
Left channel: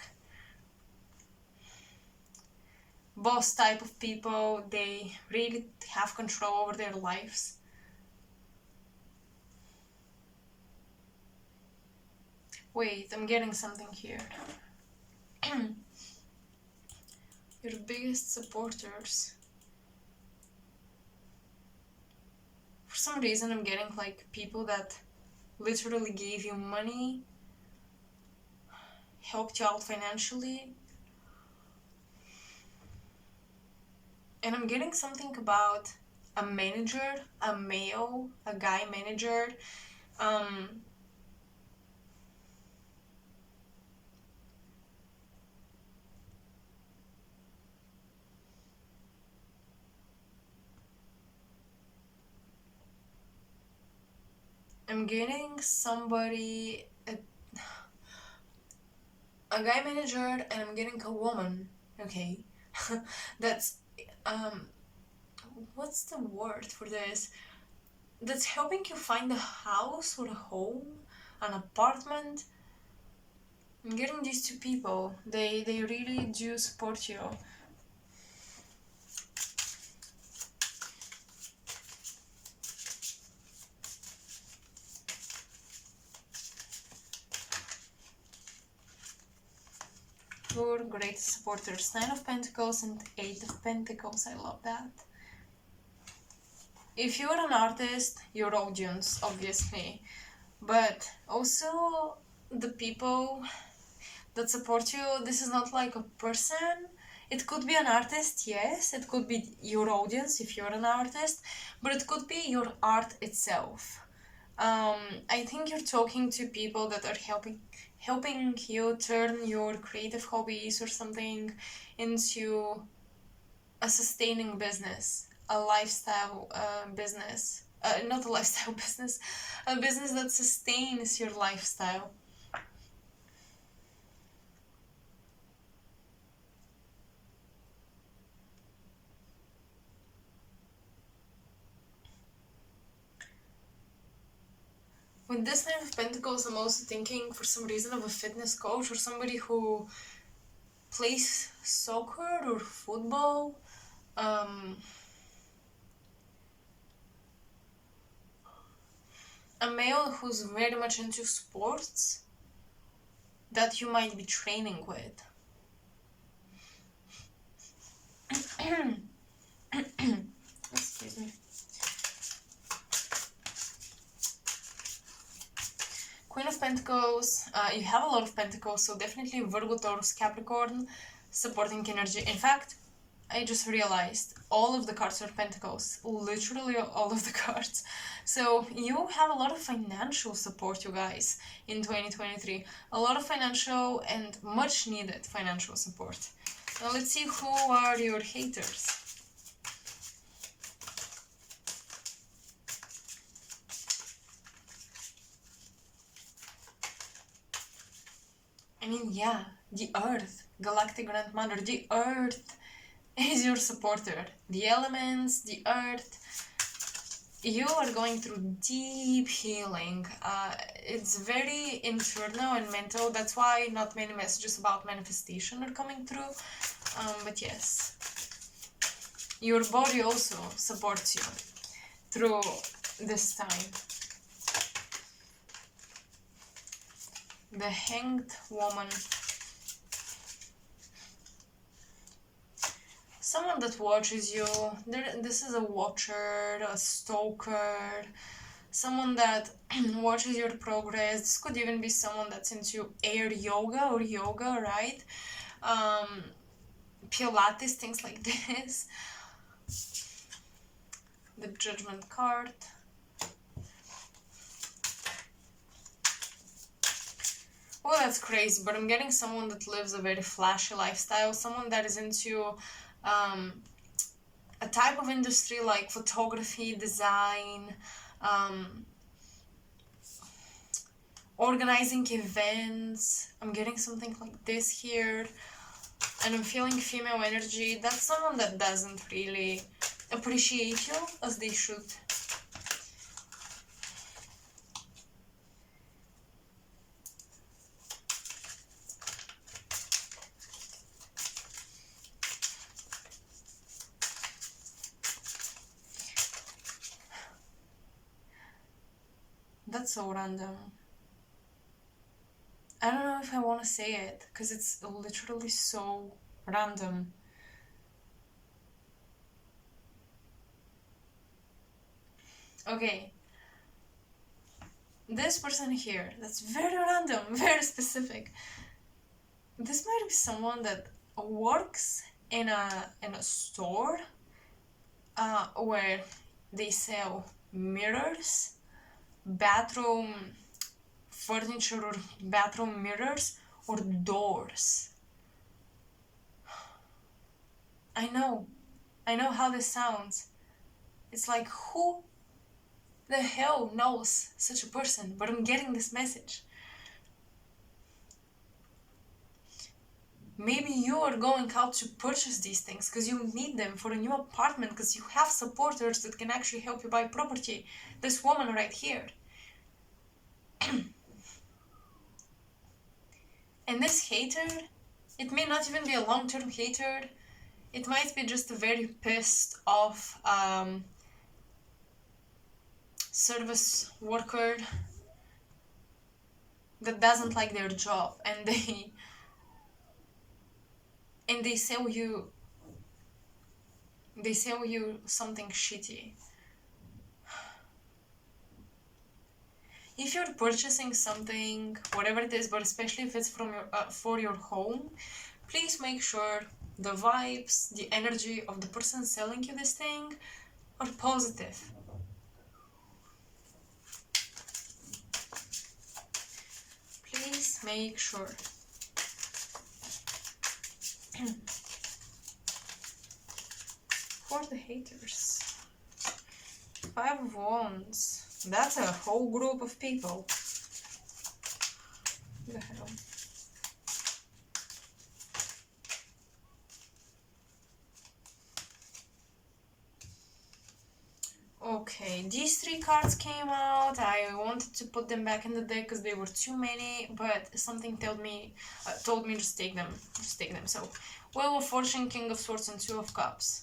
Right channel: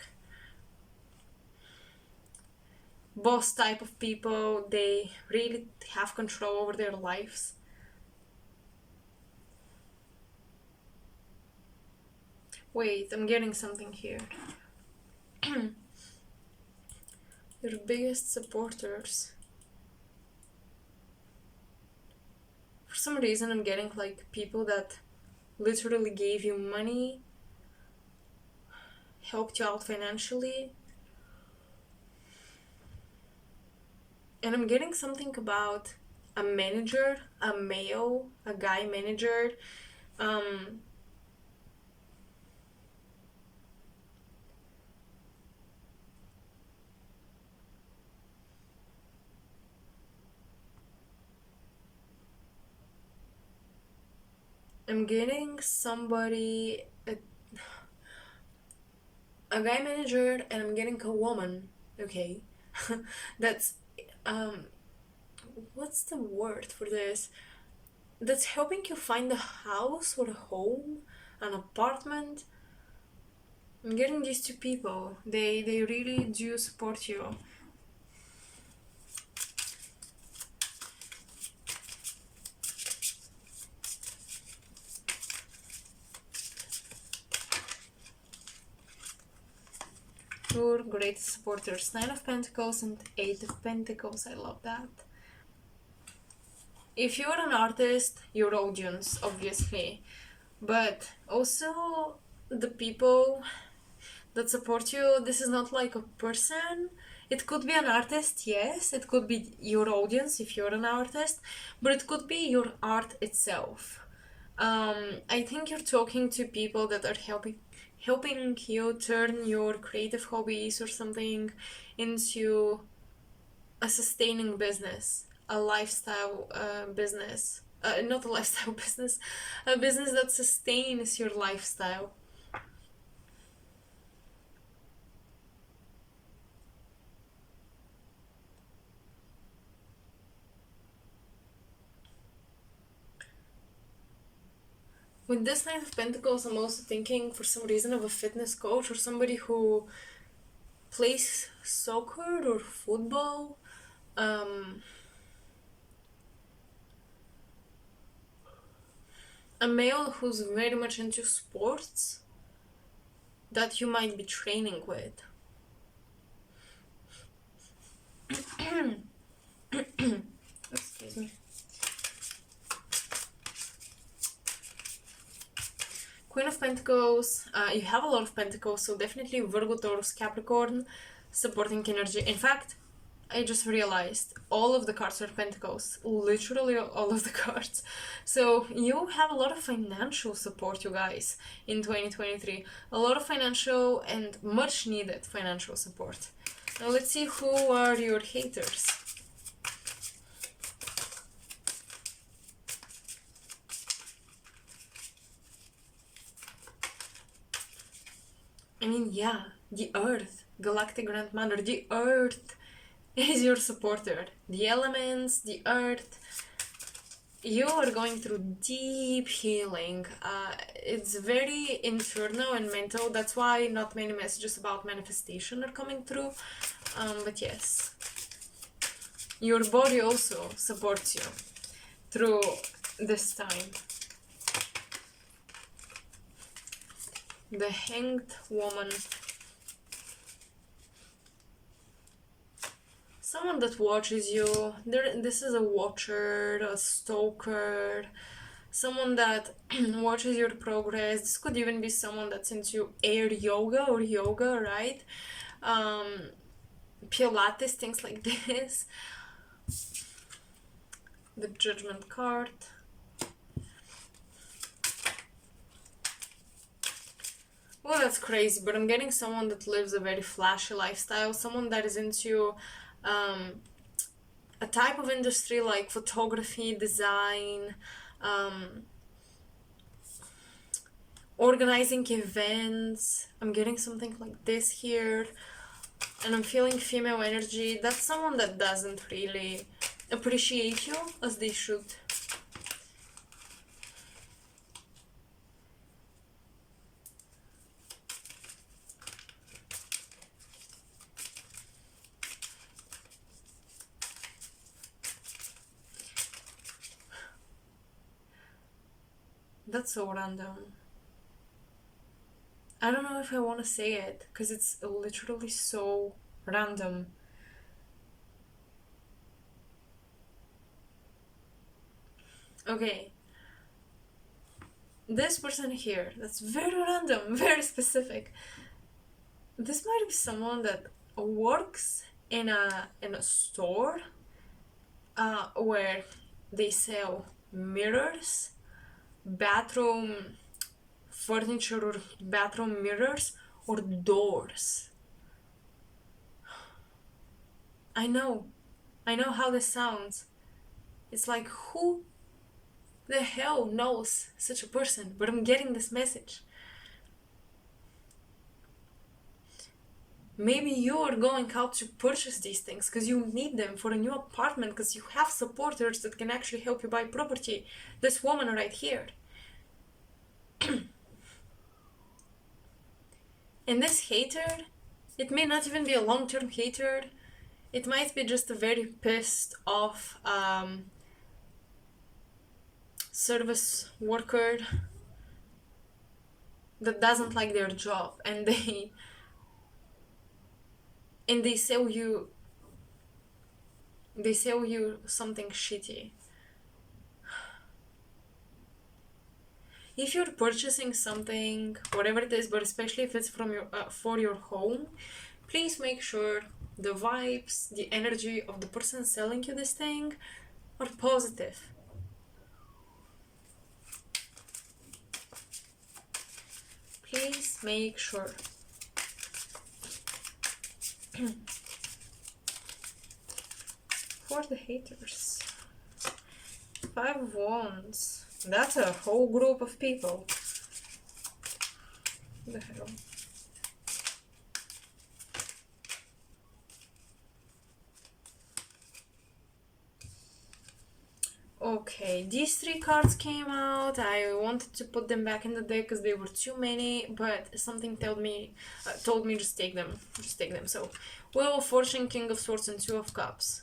boss type of people. They really have control over their lives. Wait, I'm getting something here. Your biggest supporters. For some reason I'm getting like people that literally gave you money, helped you out financially. And I'm getting something about a manager, a male, a guy manager. I'm getting somebody, a guy manager, and I'm getting a woman. Okay. That's, what's the word for this? That's helping you find a house or a home, an apartment. I'm getting these two people. They really do support you. Your greatest supporters. 9 of Pentacles and 8 of Pentacles. I love that. If you're an artist, your audience, obviously. But also the people that support you, this is not like a person. It could be an artist, yes. It could be your audience if you're an artist. But it could be your art itself. I think you're talking to people that are helping you turn your creative hobbies or something into a sustaining business, a lifestyle business. Not a lifestyle business, a business that sustains your lifestyle. With this Nine of Pentacles, I'm also thinking for some reason of a fitness coach or somebody who plays soccer or football. A male who's very much into sports that you might be training with. Excuse me. Queen of Pentacles, you have a lot of Pentacles, so definitely Virgo, Taurus, Capricorn, supporting energy. In fact, I just realized all of the cards are Pentacles, literally all of the cards. So you have a lot of financial support, you guys, in 2023. A lot of financial and much needed financial support. Now let's see who are your haters. I mean, yeah, the Earth, Galactic Grandmother, the Earth is your supporter. The elements, the Earth. You are going through deep healing. It's very internal and mental. That's why not many messages about manifestation are coming through. But yes. Your body also supports you through this time. The Hanged Woman. Someone that watches you. This is a watcher, a stalker, someone that watches your progress. This could even be someone that's into air yoga or yoga, right? Pilates, things like this. The Judgment card. Well, that's crazy, but I'm getting someone that lives a very flashy lifestyle, someone that is into a type of industry like photography, design, organizing events. I'm getting something like this here, and I'm feeling female energy. That's someone that doesn't really appreciate you as they should. That's so random. I don't know if I want to say it because it's literally so random. Okay. This person here, that's very random, very specific. This might be someone that works in a store where they sell mirrors, bathroom furniture or bathroom mirrors, or doors. I know how this sounds. It's like, who the hell knows such a person? But I'm getting this message. Maybe you are going out to purchase these things because you need them for a new apartment, because you have supporters that can actually help you buy property. This woman right here. And this hater, it may not even be a long-term hater. It might be just a very pissed off service worker that doesn't like their job, and they sell you something shitty. If you're purchasing something, whatever it is, but especially if it's from your for your home, please make sure the vibes, the energy of the person selling you this thing are positive. Please make sure. For the haters. 5 of Wands. That's a whole group of people. What the hell? Okay, these 3 cards came out. I wanted to put them back in the deck because they were too many, but something told me just take them. So, Wheel of Fortune, King of Swords, and 2 of Cups.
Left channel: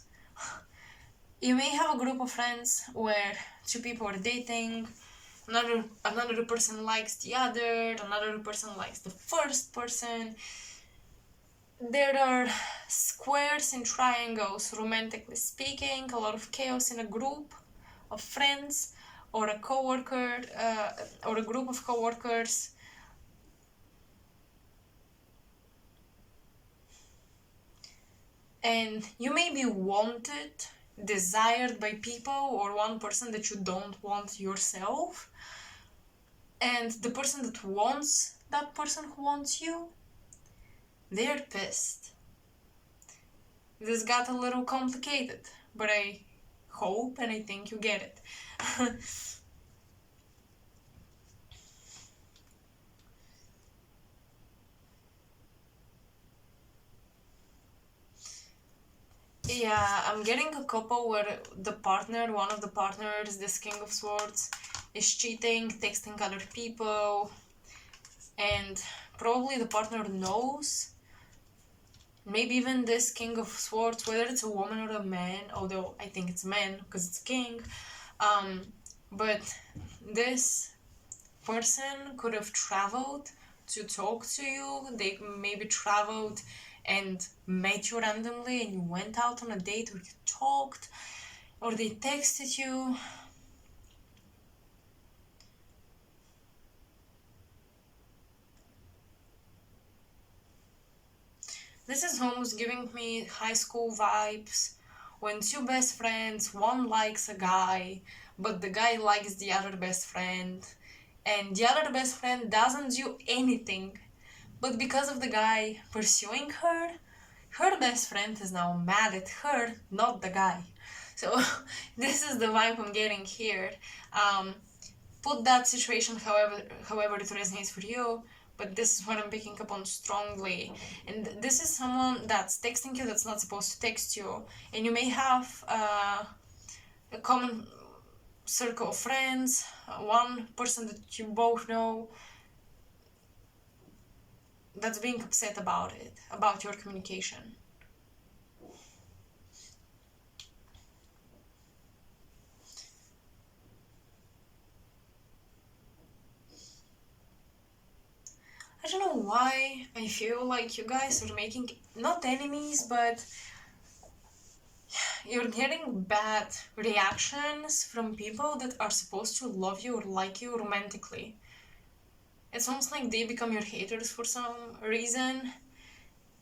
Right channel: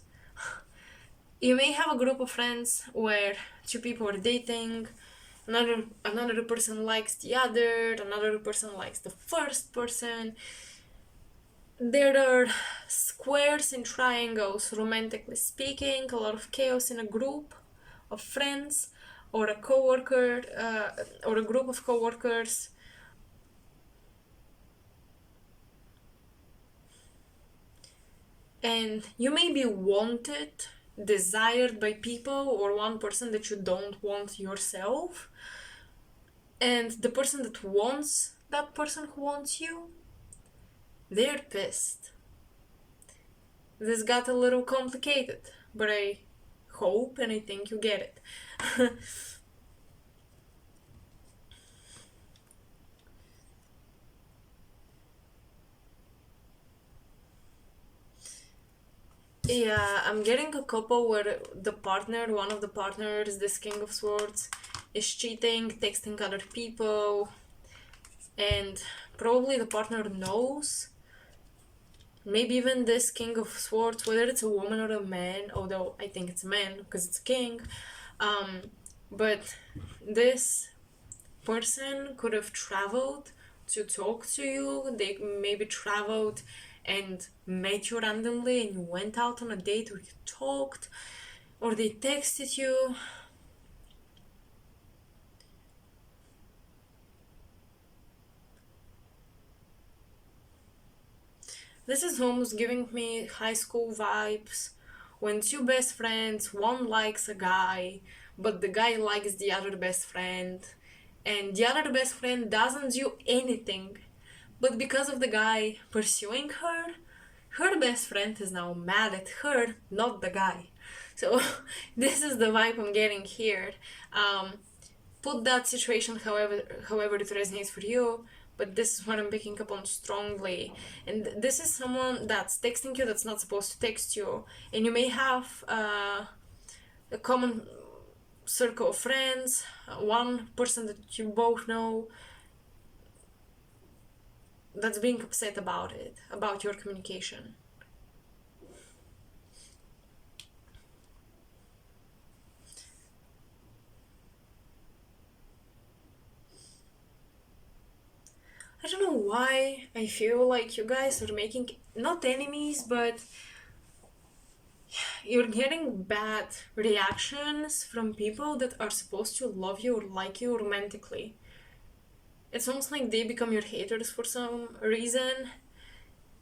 You may have a group of friends where 2 people are dating, another person likes the other, another person likes the first person. There are squares and triangles, romantically speaking, a lot of chaos in a group of friends or a coworker or a group of coworkers. And you may be wanted, desired by people, or one person that you don't want yourself. And the person that wants that person who wants you, they're pissed. This got a little complicated, but I hope and I think you get it. Yeah, I'm getting a couple where one of the partners, this King of Swords, is cheating, texting other people, and probably the partner knows. Maybe even this King of Swords, whether it's a woman or a man, although I think it's a man because it's a king, but this person could have traveled to talk to you. They maybe traveled and met you randomly and you went out on a date, or you talked, or they texted you. This is almost giving me high school vibes, when two best friends, one likes a guy, but the guy likes the other best friend, and the other best friend doesn't do anything. But because of the guy pursuing her, her best friend is now mad at her, not the guy. So this is the vibe I'm getting here. Put that situation however it resonates for you, but this is what I'm picking up on strongly. And this is someone that's texting you that's not supposed to text you, and you may have a common circle of friends, one person that you both know that's being upset about it, about your communication. I don't know why I feel like you guys are making not enemies, but you're getting bad reactions from people that are supposed to love you or like you romantically. It's almost like they become your haters for some reason.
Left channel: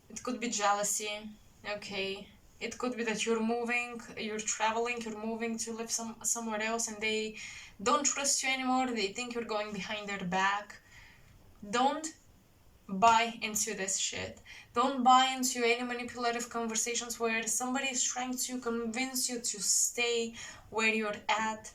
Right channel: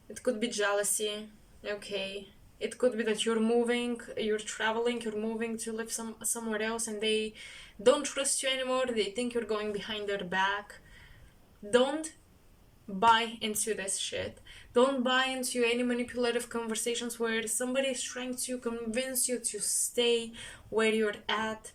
It could be jealousy, okay. It could be that you're traveling, you're moving to live somewhere else, and they don't trust you anymore. They think you're going behind their back. Don't buy into this shit. Don't buy into any manipulative conversations where somebody is trying to convince you to stay where you're at.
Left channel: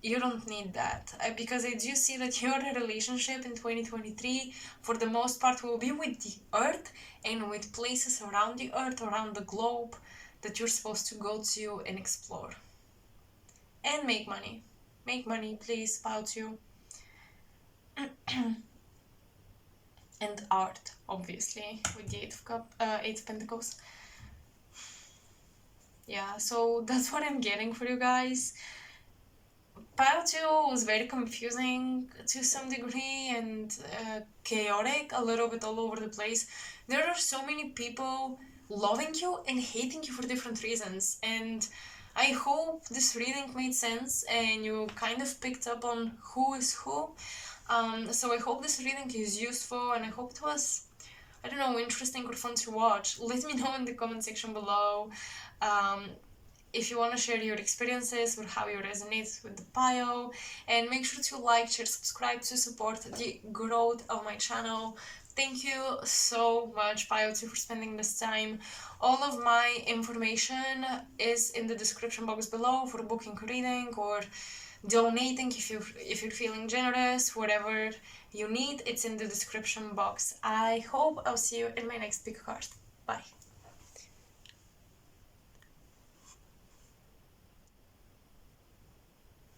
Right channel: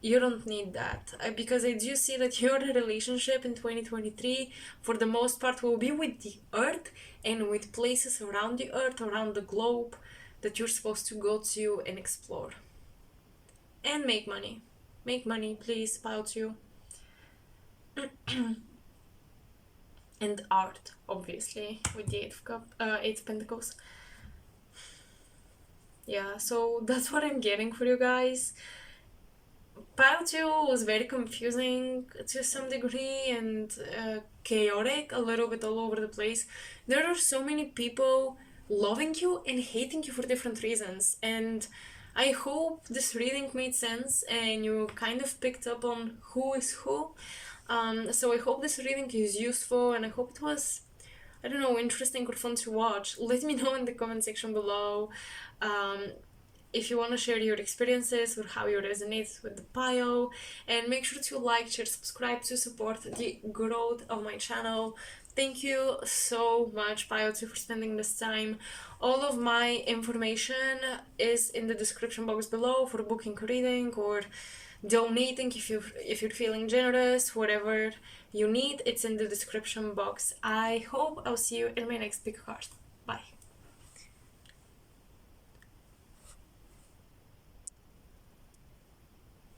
You don't need that, because I do see that your relationship in 2023 for the most part will be with the earth and with places around the earth, around the globe, that you're supposed to go to and explore and make money. Make money, please, pile two. And art, obviously, with the Eight of Pentacles. Yeah, so that's what I'm getting for you guys. Pile 2 was very confusing to some degree, and chaotic, a little bit all over the place. There are so many people loving you and hating you for different reasons, and I hope this reading made sense and you kind of picked up on who is who. So I hope this reading is useful, and I hope it was, I don't know, interesting or fun to watch. Let me know in the comment section below if you want to share your experiences or how you resonate with the pile, and make sure to like, share, subscribe to support the growth of my channel. Thank you so much, Pile 2, for spending this time. All of my information is in the description box below for booking a reading or donating if you're feeling generous. Whatever you need, it's in the description box. I hope I'll see you in my next pick card. Bye.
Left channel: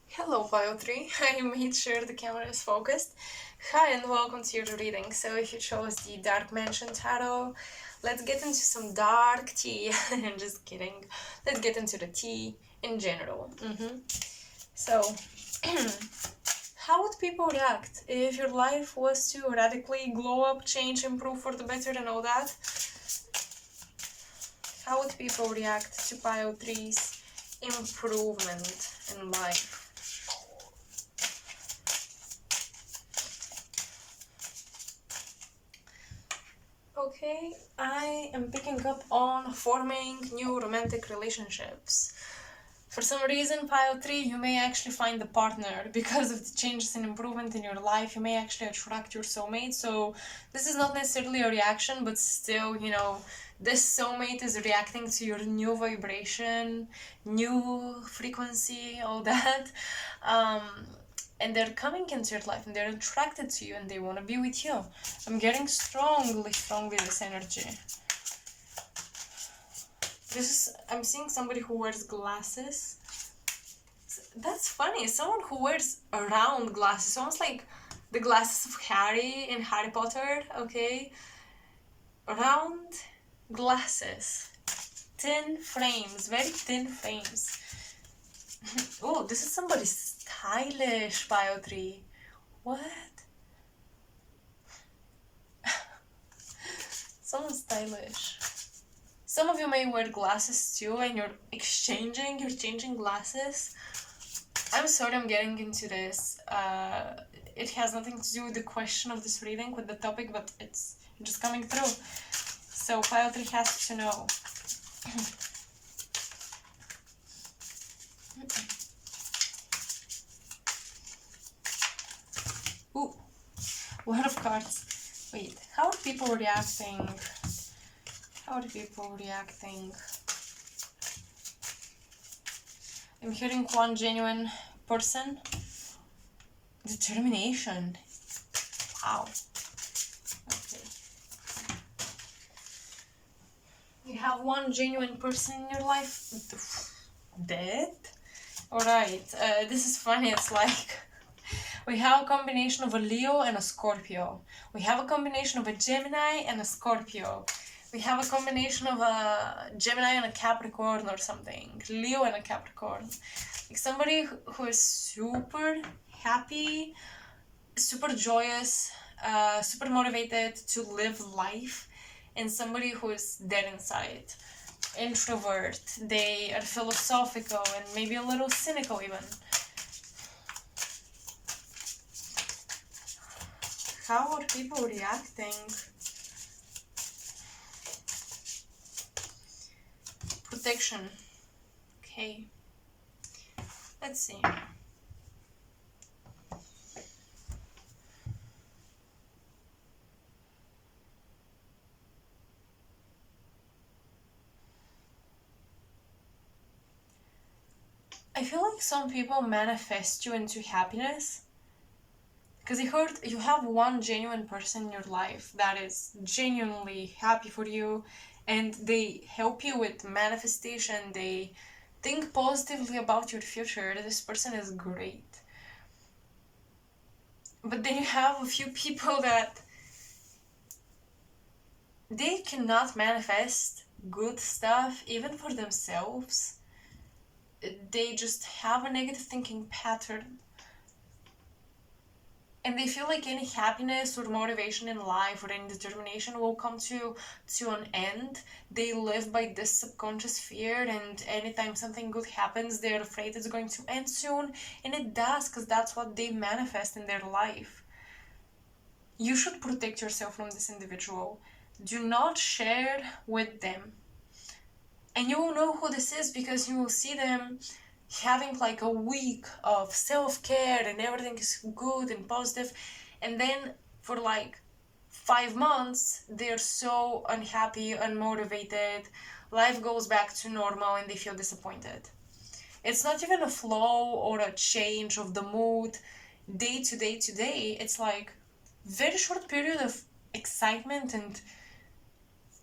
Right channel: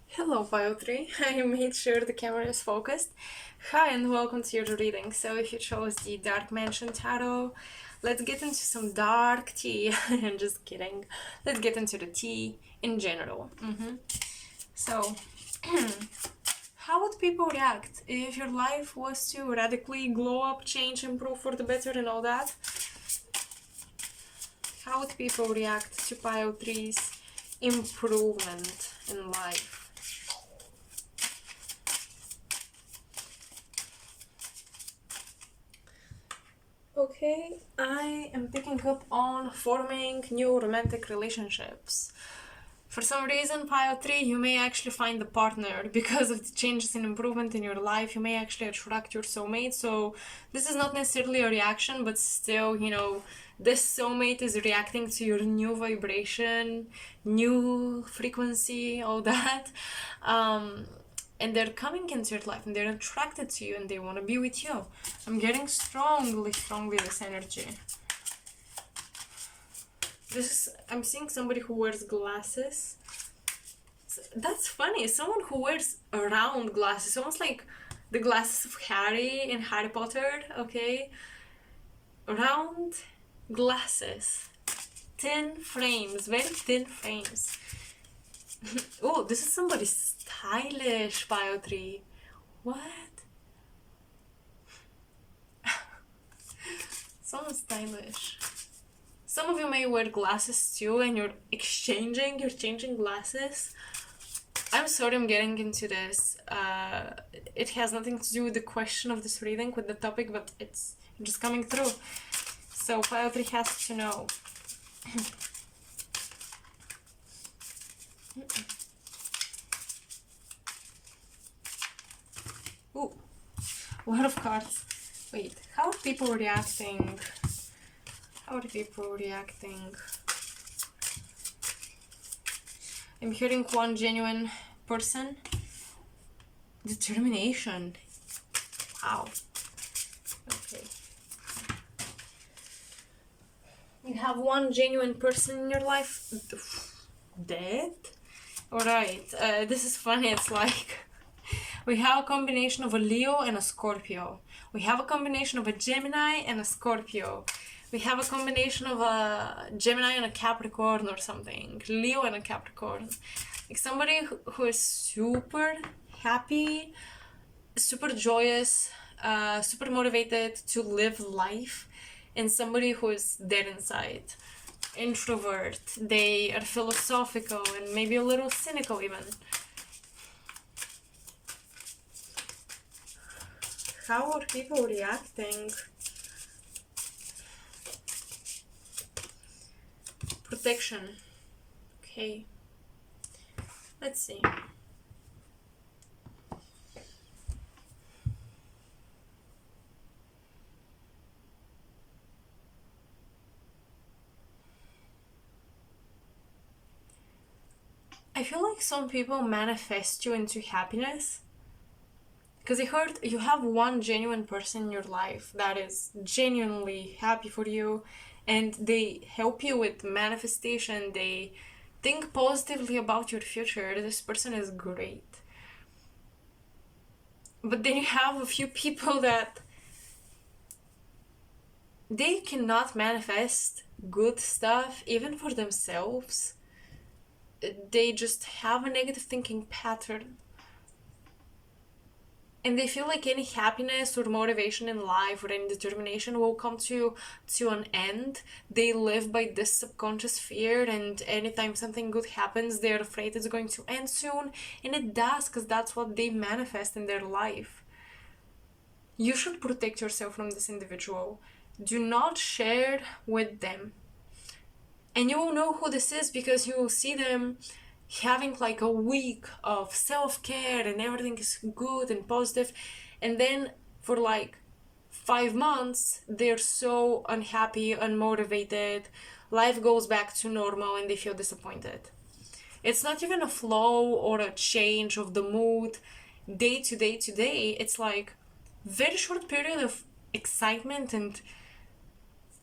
Hello, Pile 3. I made sure the camera is focused. Hi and welcome to your reading. So if you chose the Dark Mansion Tarot, let's get into some dark tea. I'm just kidding. Let's get into the tea in general. So, how would people react if your life was to radically glow up, change, improve for the better and all that? How would people react to Pile 3's improvement in life? Okay, I am picking up on forming new romantic relationships. For some reason, Pile 3, you may actually find a partner because of the changes and improvement in your life. You may actually attract your soulmate. So this is not necessarily a reaction, but still, you know, this soulmate is reacting to your new vibration, new frequency, all that. And they're coming into your life and they're attracted to you and they want to be with you. I'm getting strongly this energy. I'm seeing somebody who wears glasses. That's funny. Someone who wears round glasses, almost like the glasses of Harry in Harry Potter, okay? Round glasses. Thin frames, very thin frames. Oh, this is somebody's stylish, Pile 3. What? So stylish. Some of you may wear glasses too, and you're changing glasses. I'm sorry I'm getting into this. It has nothing to do with the question of this reading, with the topic, but it's just coming through. So Pile 3 has to know. Ooh, a lot of cards. Wait, how are people reacting? How are people reacting? I'm hearing one genuine person. Determination. Wow. Okay. You have one genuine person in your life. Dead? Alright, this is funny. It's like we have a combination of a Leo and a Scorpio. We have a combination of a Gemini and a Scorpio. We have a combination of a Gemini and a Capricorn or something. Leo and a Capricorn. Like somebody who is super happy, super joyous, super motivated to live life, and somebody who is dead inside. Introvert. They are philosophical and maybe a little cynical even. How are people reacting? Protection. Okay. Let's see. I feel like some people manifest you into happiness. Because I heard you have one genuine person in your life that is genuinely happy for you, and they help you with manifestation. They think positively about your future. This person is great. But then you have a few people that they cannot manifest good stuff even for themselves. They just have a negative thinking pattern. And they feel like any happiness or motivation in life or any determination will come to an end. They live by this subconscious fear, and anytime something good happens, they're afraid it's going to end soon. And it does, because that's what they manifest in their life. You should protect yourself from this individual. Do not share with them. And you will know who this is because you will see them having like a week of self-care and everything is good and positive, and then for like 5 months they're so unhappy, unmotivated, life goes back to normal and they feel disappointed. It's not even a flow or a change of the mood day to day to day. It's like very short period of excitement and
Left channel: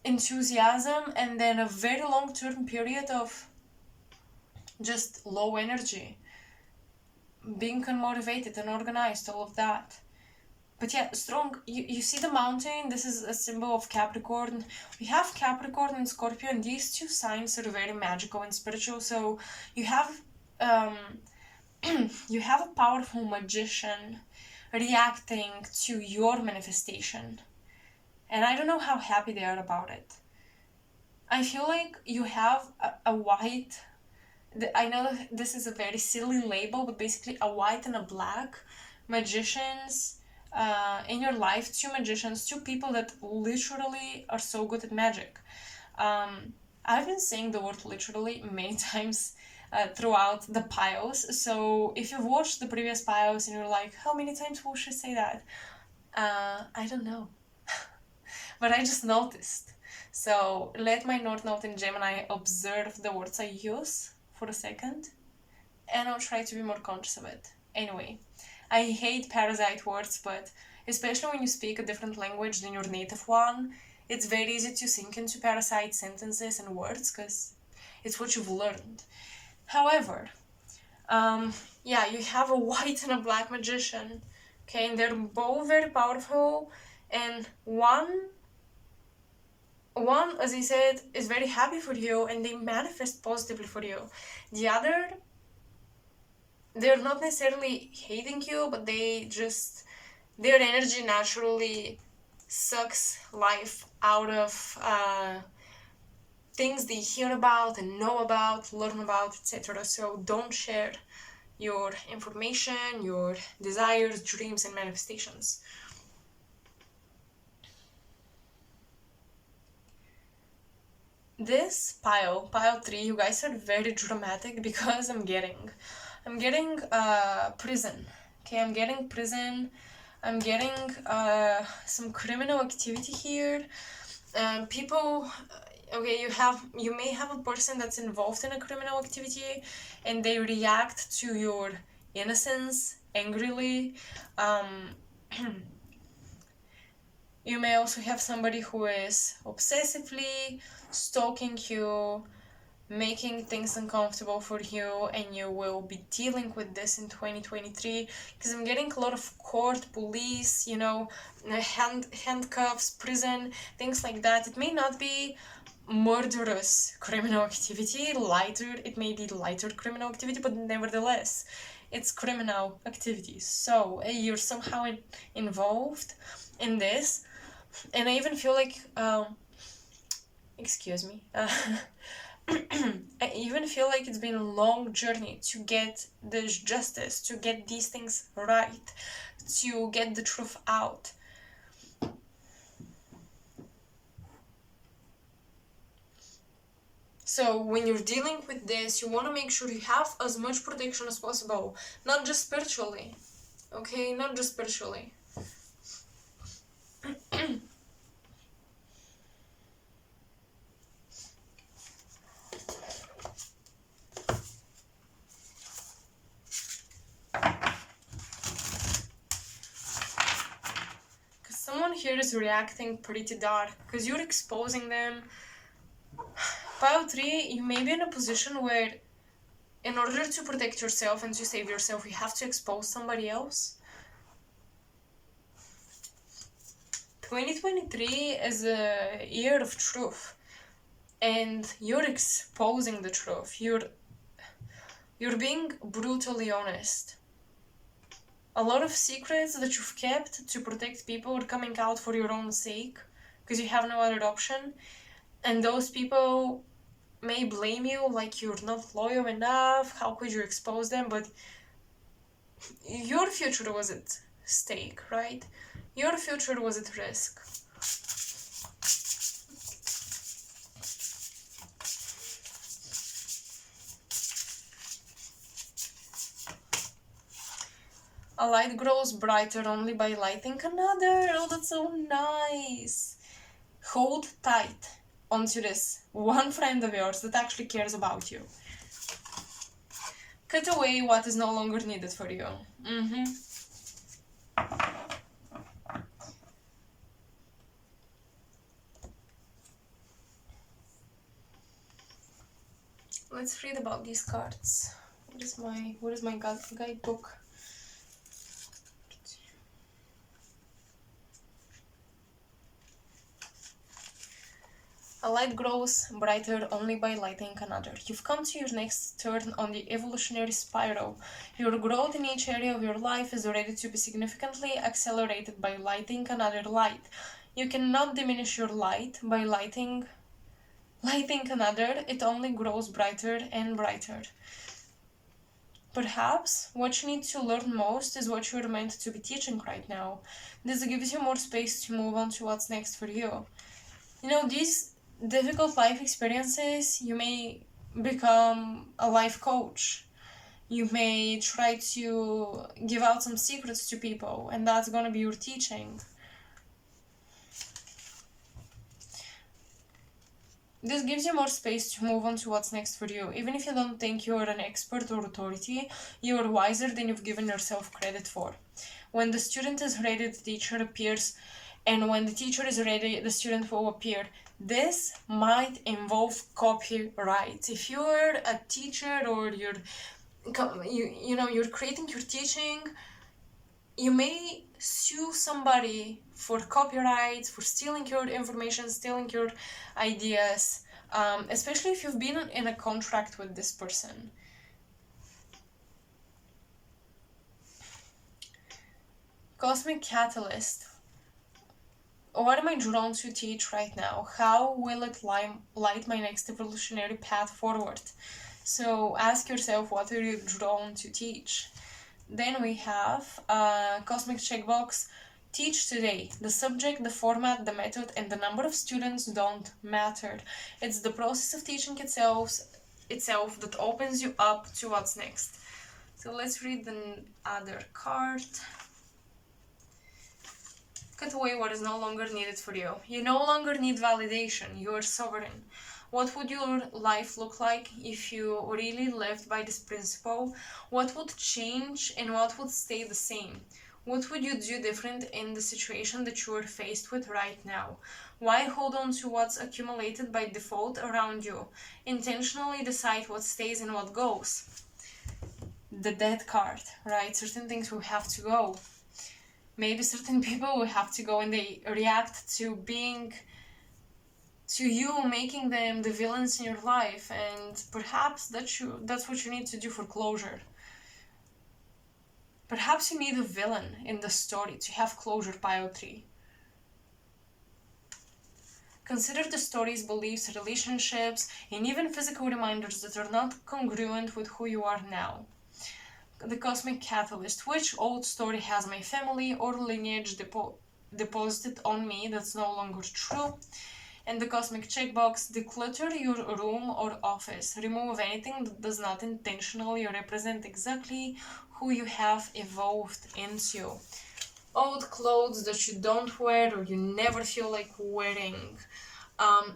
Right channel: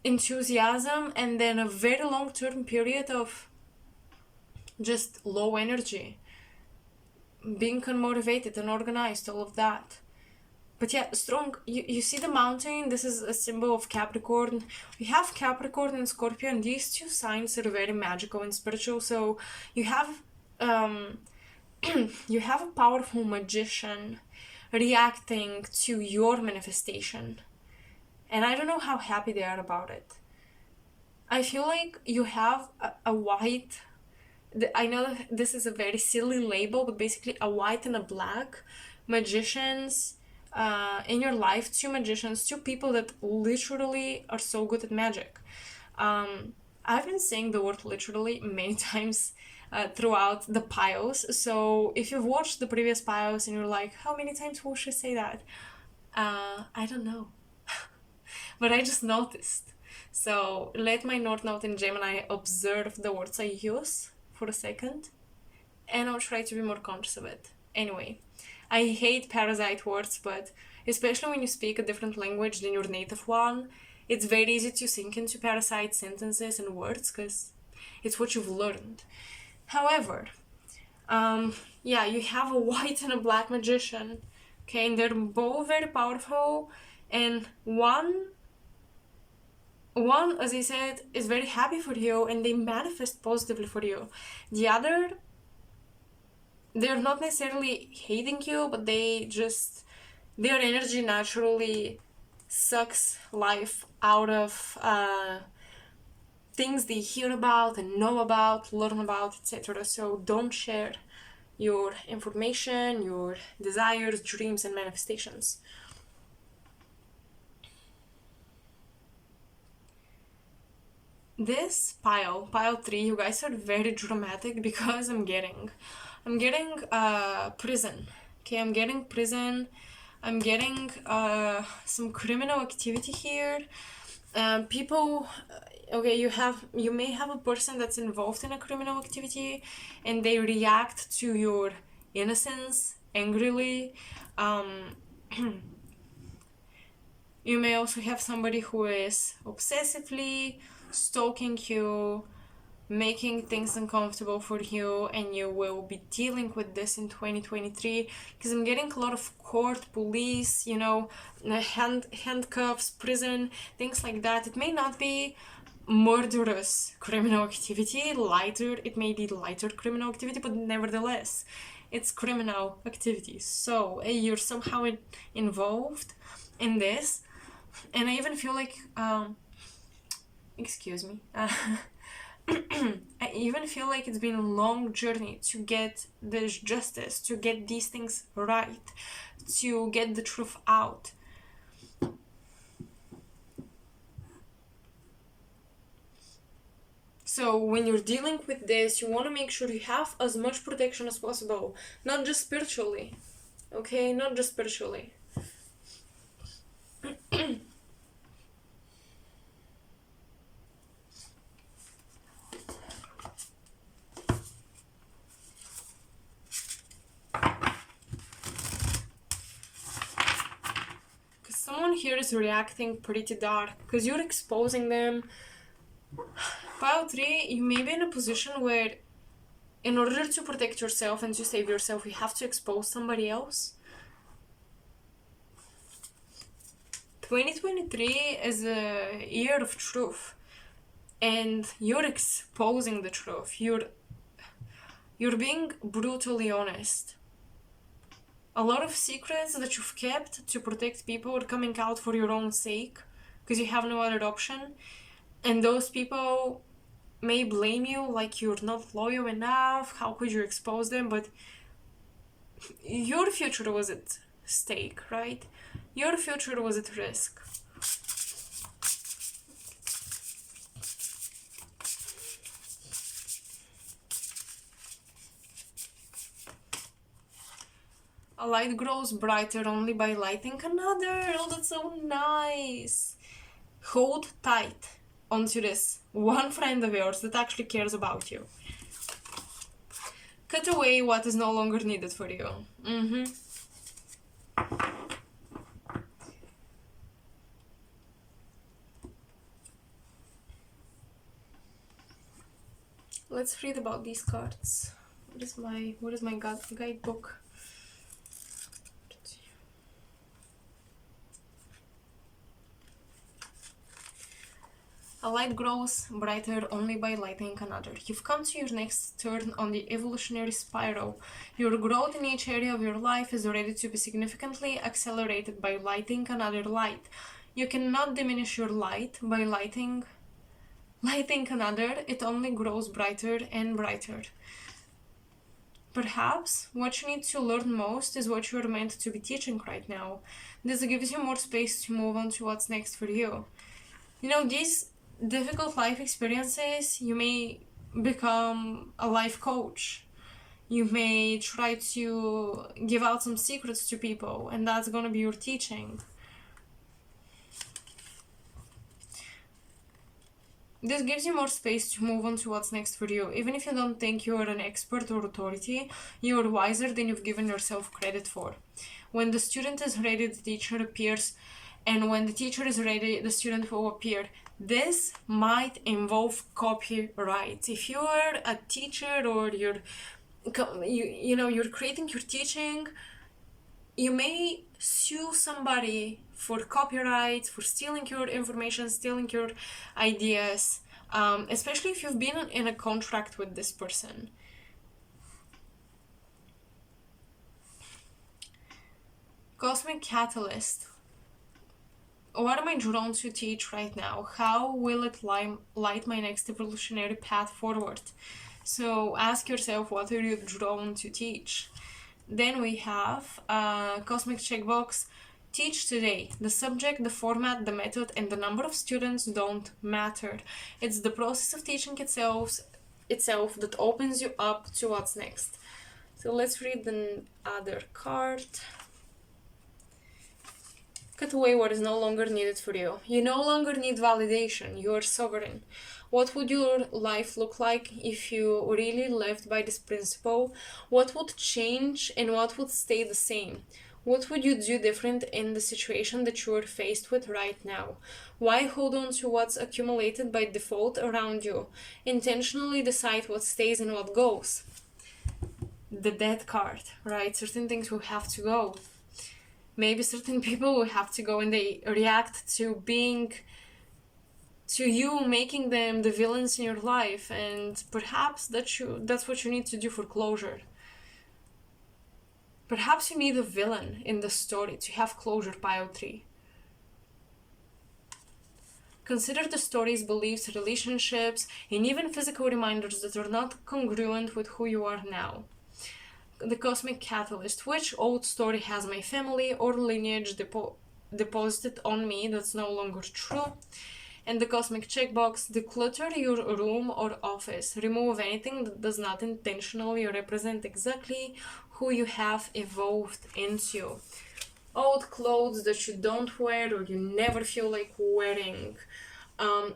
enthusiasm, and then a very long-term period of just low energy, being unmotivated, unorganized, all of that. But yeah, strong. You see the mountain, this is a symbol of Capricorn. We have Capricorn and Scorpio, and these two signs are very magical and spiritual. So you have you have a powerful magician reacting to your manifestation. And I don't know how happy they are about it. I feel like you have a white, I know this is a very silly label, but basically a white and a black magicians in your life. Two magicians, two people that literally are so good at magic. I've been saying the word literally many times throughout the piles. So if you've watched the previous piles and you're like, how many times will she say that? I don't know. But I just noticed. So let my North Node in Gemini observe the words I use for a second, and I'll try to be more conscious of it. Anyway, I hate parasite words, but especially when you speak a different language than your native one, it's very easy to sink into parasite sentences and words because it's what you've learned. However, yeah, you have a white and a black magician, okay, and they're both very powerful, and one, as I said, is very happy for you and they manifest positively for you. The other, they're not necessarily hating you, but their energy naturally sucks life out of things they hear about and know about, learn about, etc. So don't share your information, your desires, dreams, and manifestations. This pile 3, you guys are very dramatic because I'm getting prison. Okay, I'm getting prison. I'm getting some criminal activity here. People, okay, you may have a person that's involved in a criminal activity, and they react to your innocence angrily. You may also have somebody who is obsessively stalking you, making things uncomfortable for you, and you will be dealing with this in 2023 because I'm getting a lot of court, police, handcuffs, prison, things like that. It may not be murderous criminal activity, it may be lighter criminal activity, but nevertheless it's criminal activity. So you're somehow involved in this, and I even feel like excuse me I even feel like it's been a long journey to get this justice, to get these things right, to get the truth out. So when you're dealing with this, you want to make sure you have as much protection as possible, not just spiritually, okay? Not just spiritually. Someone here is reacting pretty dark because you're exposing them. Pile 3, you may be in a position where in order to protect yourself and to save yourself, you have to expose somebody else. 2023 is a year of truth, and you're exposing the truth. You're being brutally honest. A lot of secrets that you've kept to protect people are coming out for your own sake because you have no other option, and those people may blame you like you're not loyal enough, how could you expose them, but your future was at stake, right? Your future was at risk. A light grows brighter only by lighting another. Oh, that's so nice. Hold tight onto this one friend of yours that actually cares about you. Cut away what is no longer needed for you. Let's read about these cards. What is my guidebook? A light grows brighter only by lighting another. You've come to your next turn on the evolutionary spiral. Your growth in each area of your life is ready to be significantly accelerated by lighting another light. You cannot diminish your light by lighting another. It only grows brighter and brighter. Perhaps what you need to learn most is what you're meant to be teaching right now. This gives you more space to move on to what's next for you. These difficult life experiences, you may become a life coach. You may try to give out some secrets to people, and that's gonna be your teaching. This gives you more space to move on to what's next for you. Even if you don't think you're an expert or authority, you're wiser than you've given yourself credit for. When the student is ready, the teacher appears, and when the teacher is ready, the student will appear. This might involve copyright. If you're a teacher or you're creating your teaching, you may sue somebody for copyright, for stealing your information, stealing your ideas, especially if you've been in a contract with this person. Cosmic Catalyst. What am I drawn to teach right now? How will it light my next evolutionary path forward? So ask yourself, what are you drawn to teach? Then we have Cosmic Checkbox. Teach today. The subject, the format, the method, and the number of students don't matter. It's the process of teaching itself that opens you up to what's next. So let's read the other card. Cut away what is no longer needed for you. You no longer need validation. You are sovereign. What would your life look like if you really lived by this principle? What would change and what would stay the same? What would you do different in the situation that you are faced with right now? Why hold on to what's accumulated by default around you? Intentionally decide what stays and what goes. The Death card, right? Certain things will have to go. Maybe certain people will have to go and they react to you making them the villains in your life, and perhaps that's what you need to do for closure. Perhaps you need a villain in the story to have closure, pile 3. Consider the stories, beliefs, relationships, and even physical reminders that are not congruent with who you are now. The Cosmic Catalyst. Which old story has my family or lineage deposited on me that's no longer true? And the Cosmic Checkbox. Declutter your room or office. Remove anything that does not intentionally represent exactly who you have evolved into. Old clothes that you don't wear or you never feel like wearing.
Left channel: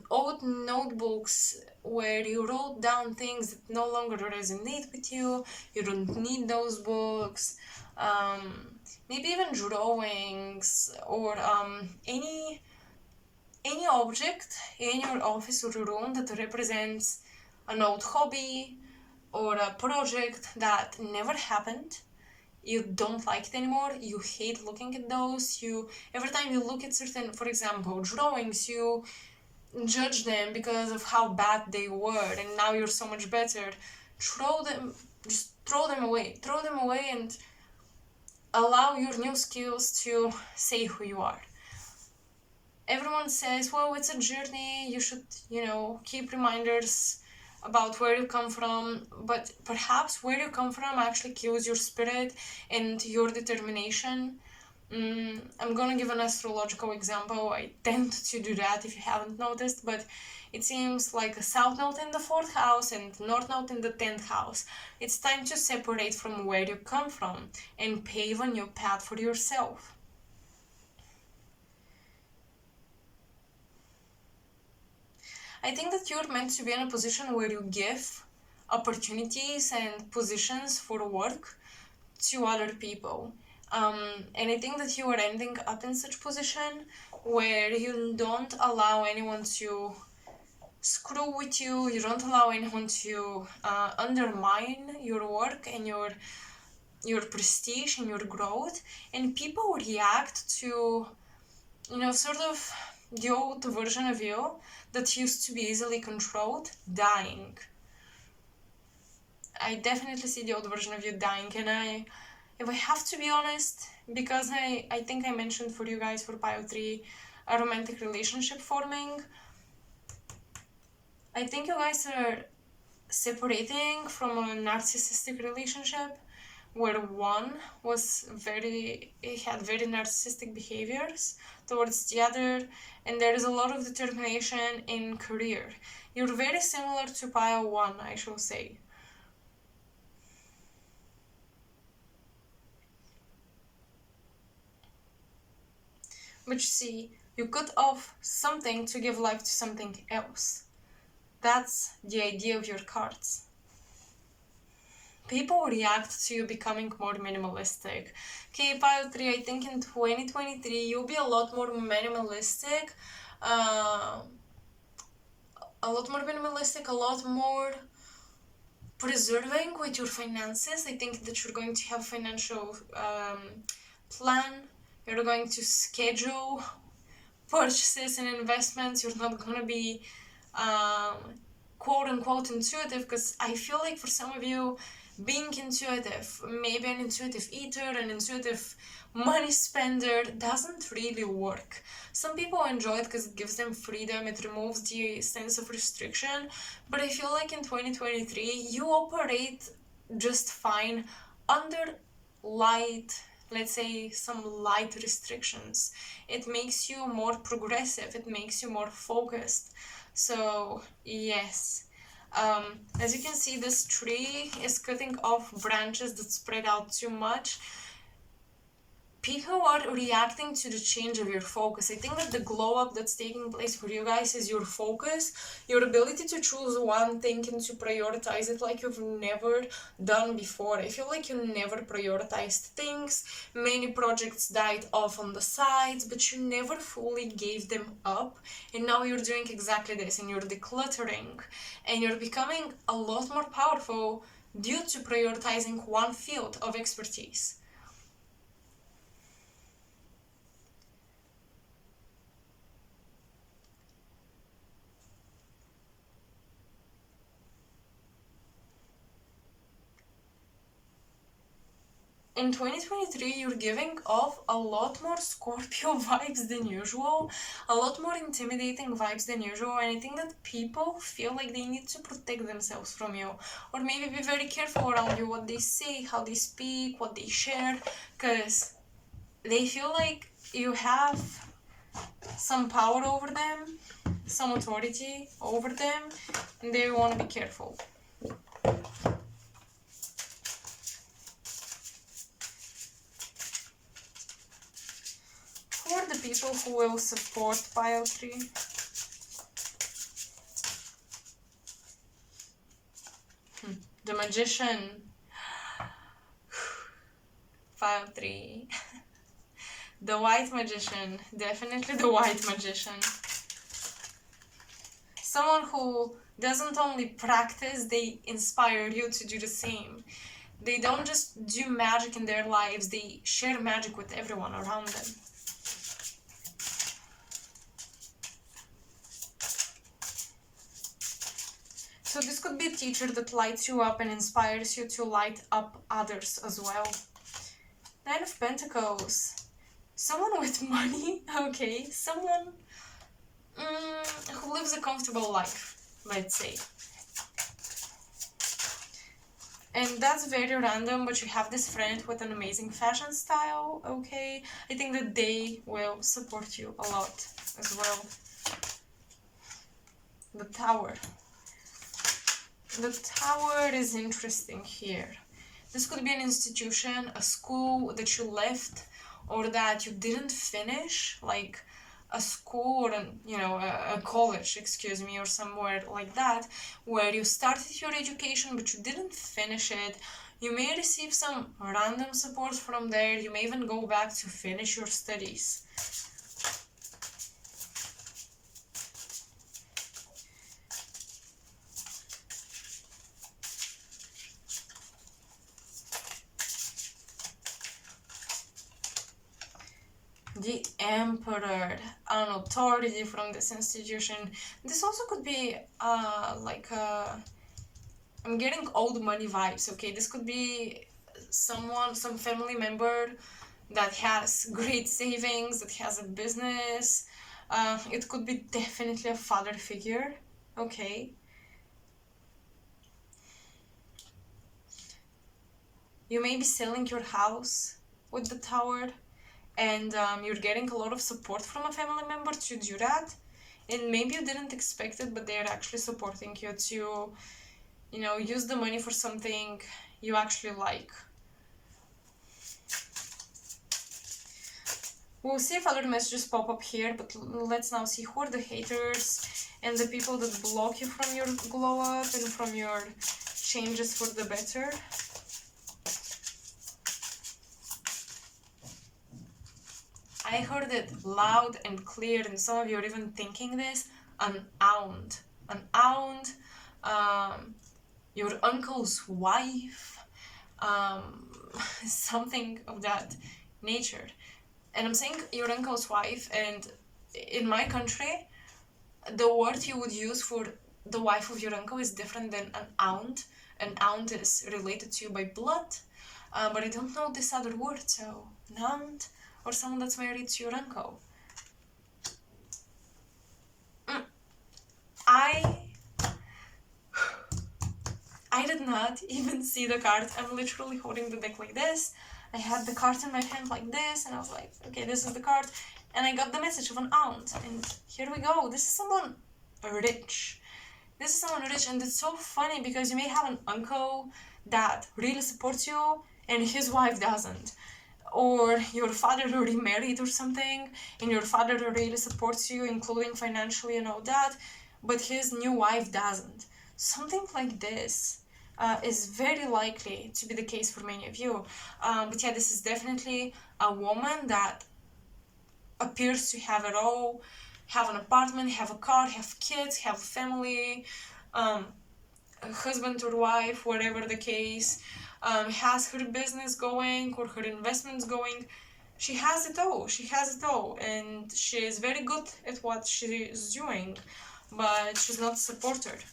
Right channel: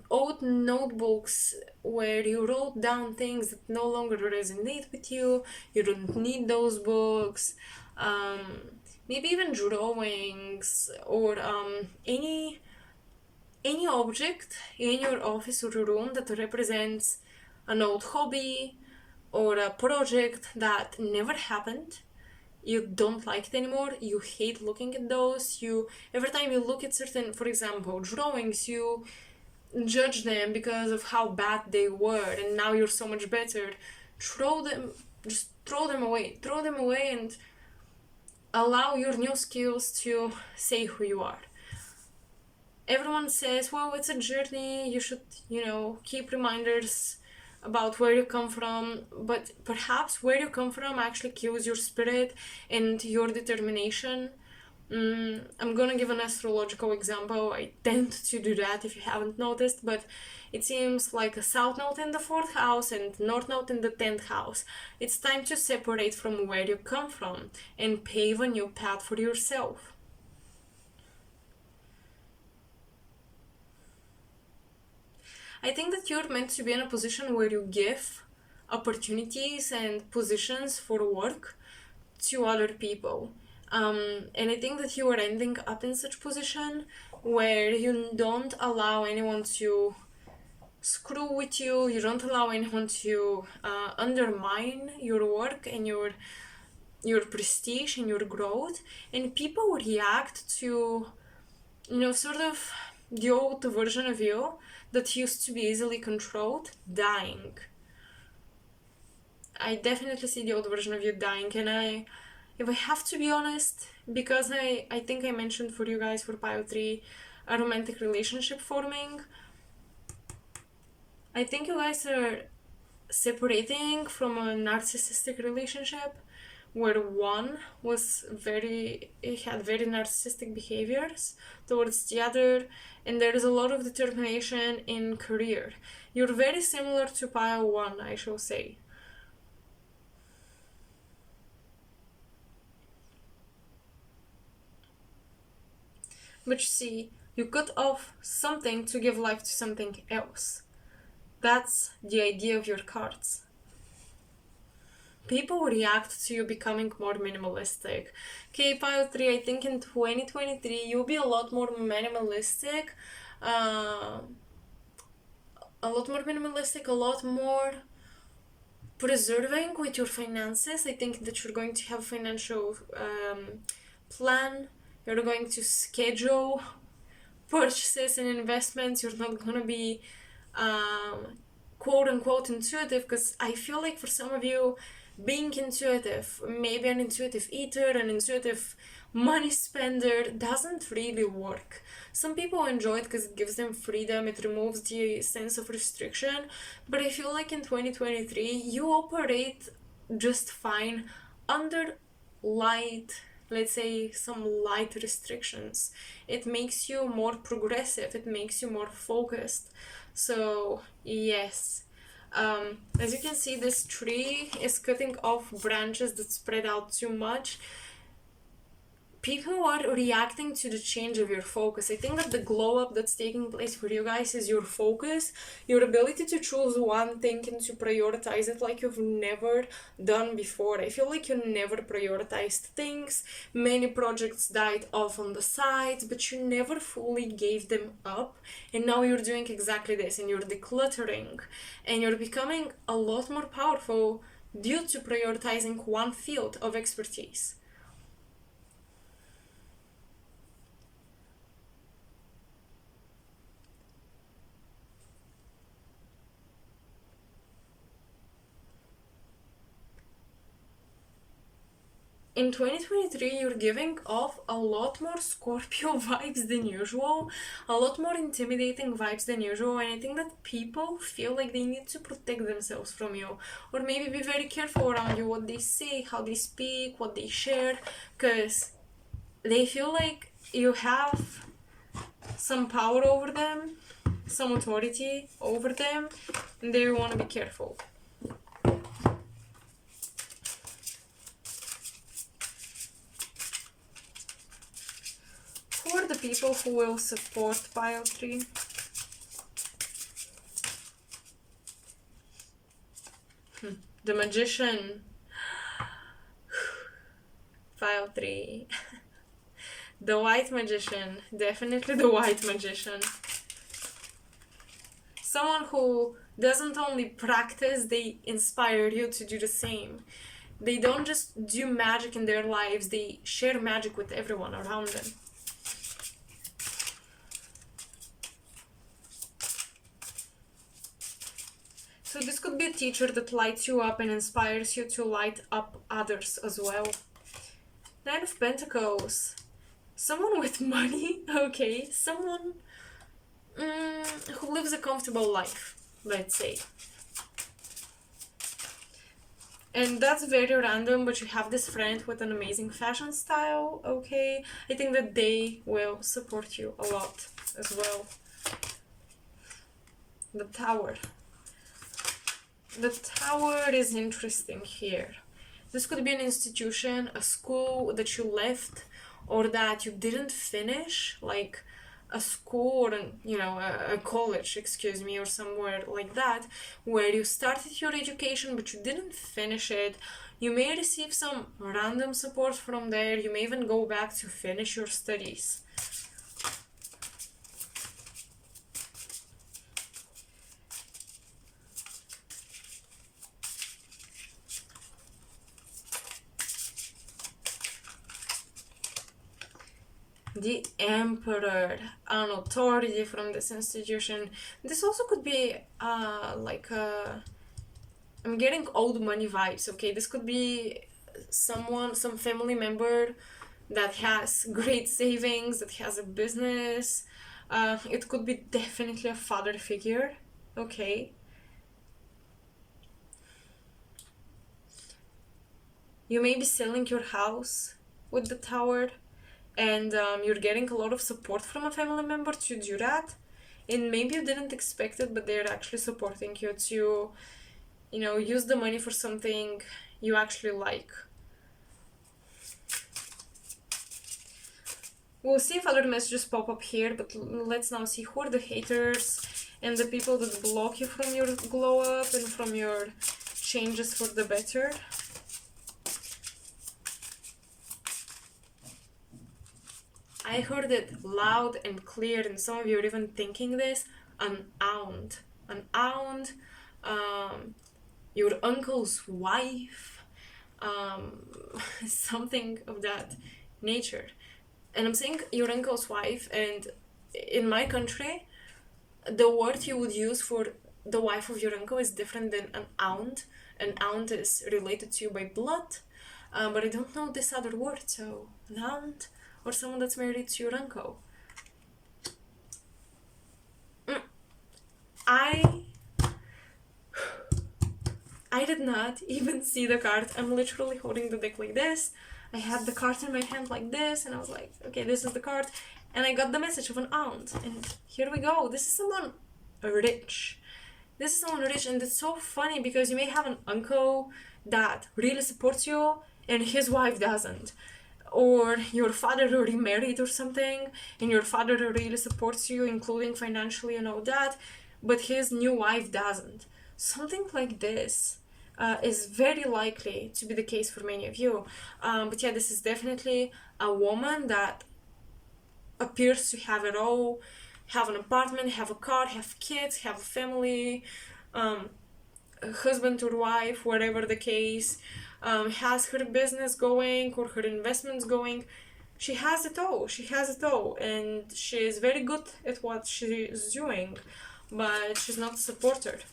Old notebooks where you wrote down things that no longer resonate with you. You don't need those books. Maybe even drawings or any object in your office or room that represents an old hobby or a project that never happened. You don't like it anymore. You hate looking at those. Every time you look at certain, for example, drawings, you judge them because of how bad they were, and now you're so much better. Throw them away and allow your new skills to say who you are. Everyone says, well, it's a journey, you should, keep reminders about where you come from, but perhaps where you come from actually kills your spirit and your determination. I'm gonna give an astrological example. I tend to do that if you haven't noticed, but it seems like a south node in the 4th house and north node in the 10th house. It's time to separate from where you come from and pave a new path for yourself. I think that you're meant to be in a position where you give opportunities and positions for work to other people. And I think that you are ending up in such position where you don't allow anyone to screw with you, you don't allow anyone to undermine your work and your prestige and your growth, and people react to, sort of the old version of you that used to be easily controlled dying. I definitely see the old version of you dying, and if I have to be honest, because I think I mentioned for you guys for Pile 3 a romantic relationship forming, I think you guys are separating from a narcissistic relationship where one had very narcissistic behaviors towards the other, and there is a lot of determination in career. You're very similar to Pile 1, I shall say. But you see, you cut off something to give life to something else. That's the idea of your cards. People react to you becoming more minimalistic. Okay, Pile 3, I think in 2023 you'll be a lot more minimalistic. A lot more preserving with your finances. I think that you're going to have a financial plan. You're going to schedule purchases and investments. You're not going to be quote unquote intuitive, because I feel like for some of you, being intuitive, maybe an intuitive eater, an intuitive money spender doesn't really work. Some people enjoy it because it gives them freedom, it removes the sense of restriction, but I feel like in 2023 you operate just fine under light, let's say some light restrictions. It makes you more progressive, it makes you more focused. So yes, as you can see, this tree is cutting off branches that spread out too much. People are reacting to the change of your focus. I think that the glow up that's taking place for you guys is your focus, your ability to choose one thing and to prioritize it like you've never done before. I feel like you never prioritized things. Many projects died off on the sides, but you never fully gave them up. And now you're doing exactly this, and you're decluttering, and you're becoming a lot more powerful due to prioritizing one field of expertise. In 2023, you're giving off a lot more Scorpio vibes than usual, a lot more intimidating vibes than usual, and I think that people feel like they need to protect themselves from you, or maybe be very careful around you, what they say, how they speak, what they share, because they feel like you have some power over them, some authority over them, and they want to be careful. Who are the people who will support pile 3? The Magician. Pile 3. The White Magician. Definitely the White Magician. Someone who doesn't only practice, they inspire you to do the same. They don't just do magic in their lives, they share magic with everyone around them. So this could be a teacher that lights you up and inspires you to light up others as well. 9 of Pentacles. Someone with money, okay. Someone who lives a comfortable life, let's say. And that's very random, but you have this friend with an amazing fashion style, okay. I think that they will support you a lot as well. The Tower. The Tower is interesting here. This could be an institution, a school that you left or that you didn't finish, like a school or a college, excuse me, or somewhere like that, where you started your education but you didn't finish it. You may receive some random support from there. You may even go back to finish your studies. The Emperor, an authority from this institution. This also could be I'm getting old money vibes, okay? This could be some family member that has great savings, that has a business. It could be definitely a father figure, okay? You may be selling your house with the Tower, and you're getting a lot of support from a family member to do that, and maybe you didn't expect it, but they're actually supporting you to use the money for something you actually like. We'll see if other messages pop up here, but let's now see who are the haters and the people that block you from your glow up and from your changes for the better. I heard it loud and clear, and some of you are even thinking this. An aunt, your uncle's wife, something of that nature. And I'm saying your uncle's wife, and in my country, the word you would use for the wife of your uncle is different than an aunt. An aunt is related to you by blood. but I don't know this other word, so an aunt or someone that's married to your uncle. I did not even see the card. I'm literally holding the deck like this. I had the card in my hand like this, and I was like, okay, this is the card. And I got the message of an aunt, and here we go. This is someone rich. This is someone rich, and it's so funny because you may have an uncle that really supports you, and his wife doesn't. Or your father already married or something, and your father really supports you, including financially and all that, but his new wife doesn't. Something like this is very likely to be the case for many of you. But yeah, this is definitely a woman that appears to have it all, have an apartment, have a car, have kids, have a family, a husband or wife, whatever the case, has her business going or her investments going. She has it all. She has it all, and she is very good at what she is doing, but she's not supported.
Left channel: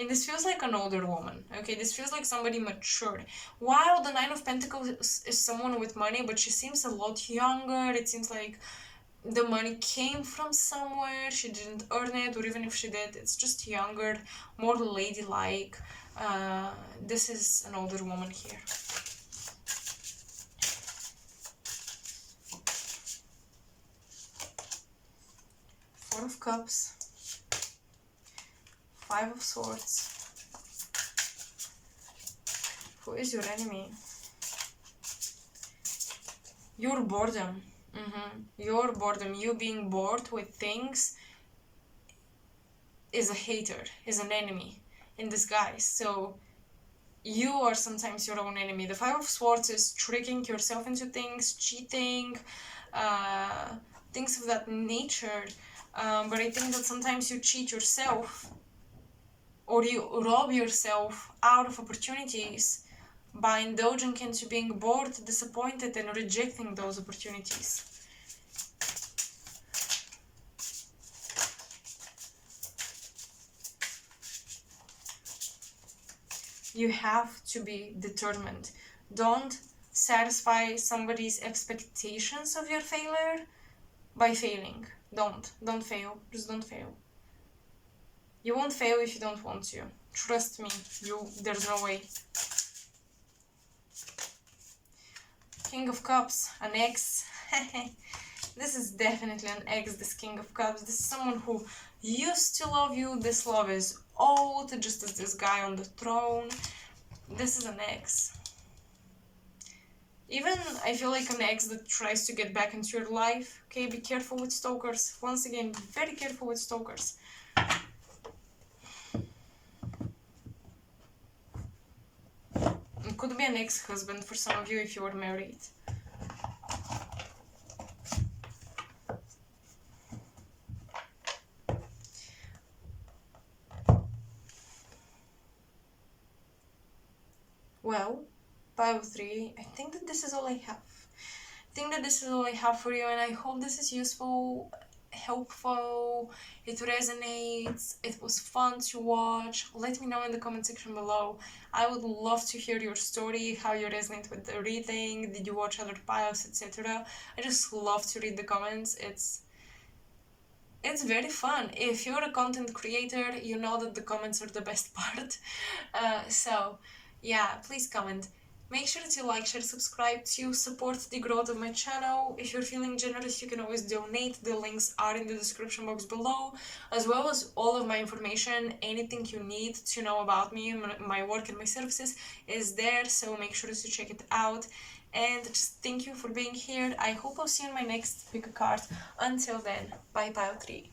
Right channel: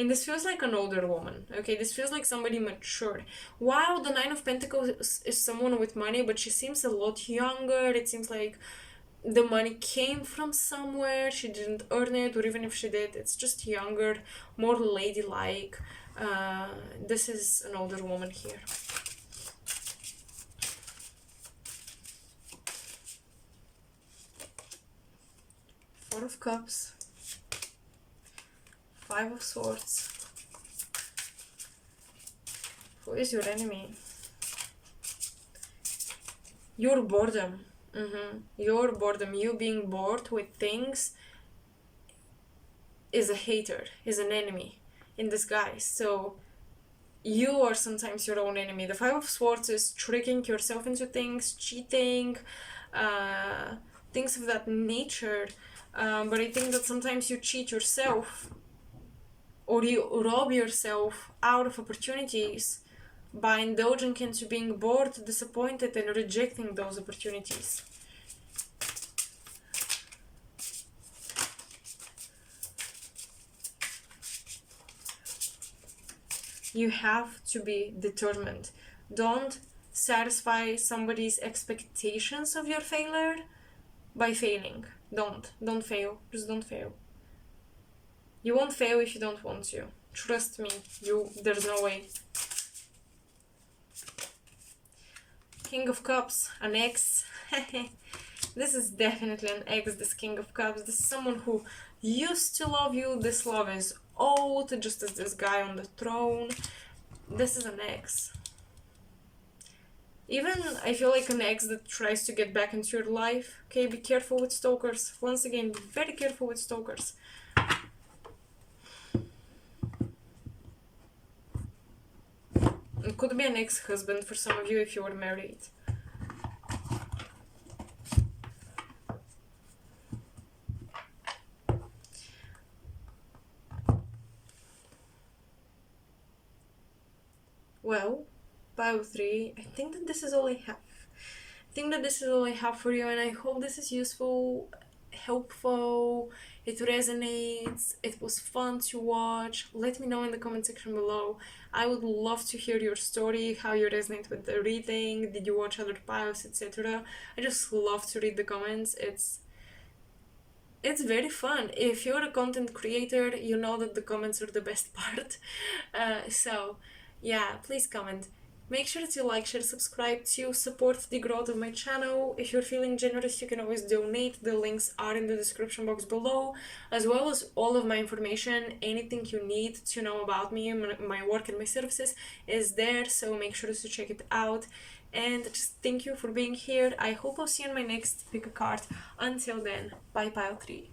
And this feels like an older woman, okay? This feels like somebody matured. While the Nine of Pentacles is someone with money, but she seems a lot younger. It seems like the money came from somewhere. She didn't earn it, or even if she did, it's just younger, more ladylike. This is an older woman here. Four of Cups. Five of Swords. Who is your enemy? Your boredom. Your boredom. You being bored with things is a hater, is an enemy in disguise. So you are sometimes your own enemy. The Five of Swords is tricking yourself into things, cheating, things of that nature. But I think that sometimes you cheat yourself, or you rob yourself out of opportunities by indulging into being bored, disappointed, and rejecting those opportunities. You have to be determined. Don't satisfy somebody's expectations of your failure by failing. Don't fail. Just don't fail. You won't fail if you don't want to. Trust me, there's no way. King of Cups, an ex. This is definitely an ex, this King of Cups. This is someone who used to love you. This love is old, just as this guy on the throne. This is an ex. Even, I feel like an ex that tries to get back into your life. Okay, be careful with stalkers. Once again, be very careful with stalkers. It could be an ex-husband for some of you if you are married. Well, pile 3, I think that this is all I have. For you, and I hope this is useful, helpful, it resonates, it was fun to watch. Let me know in the comment section below. I would love to hear your story, how you resonate with the reading, did you watch other piles, etc. I just love to read the comments. It's very fun. If you're a content creator, you know that the comments are the best part. So yeah, please comment. Make sure to like, share, subscribe to support the growth of my channel. If you're feeling generous, you can always donate. The links are in the description box below, as well as all of my information. Anything you need to know about me, my work and my services is there, so make sure to check it out. And just thank you for being here. I hope I'll see you in my next pick a card. Until then, bye pile 3.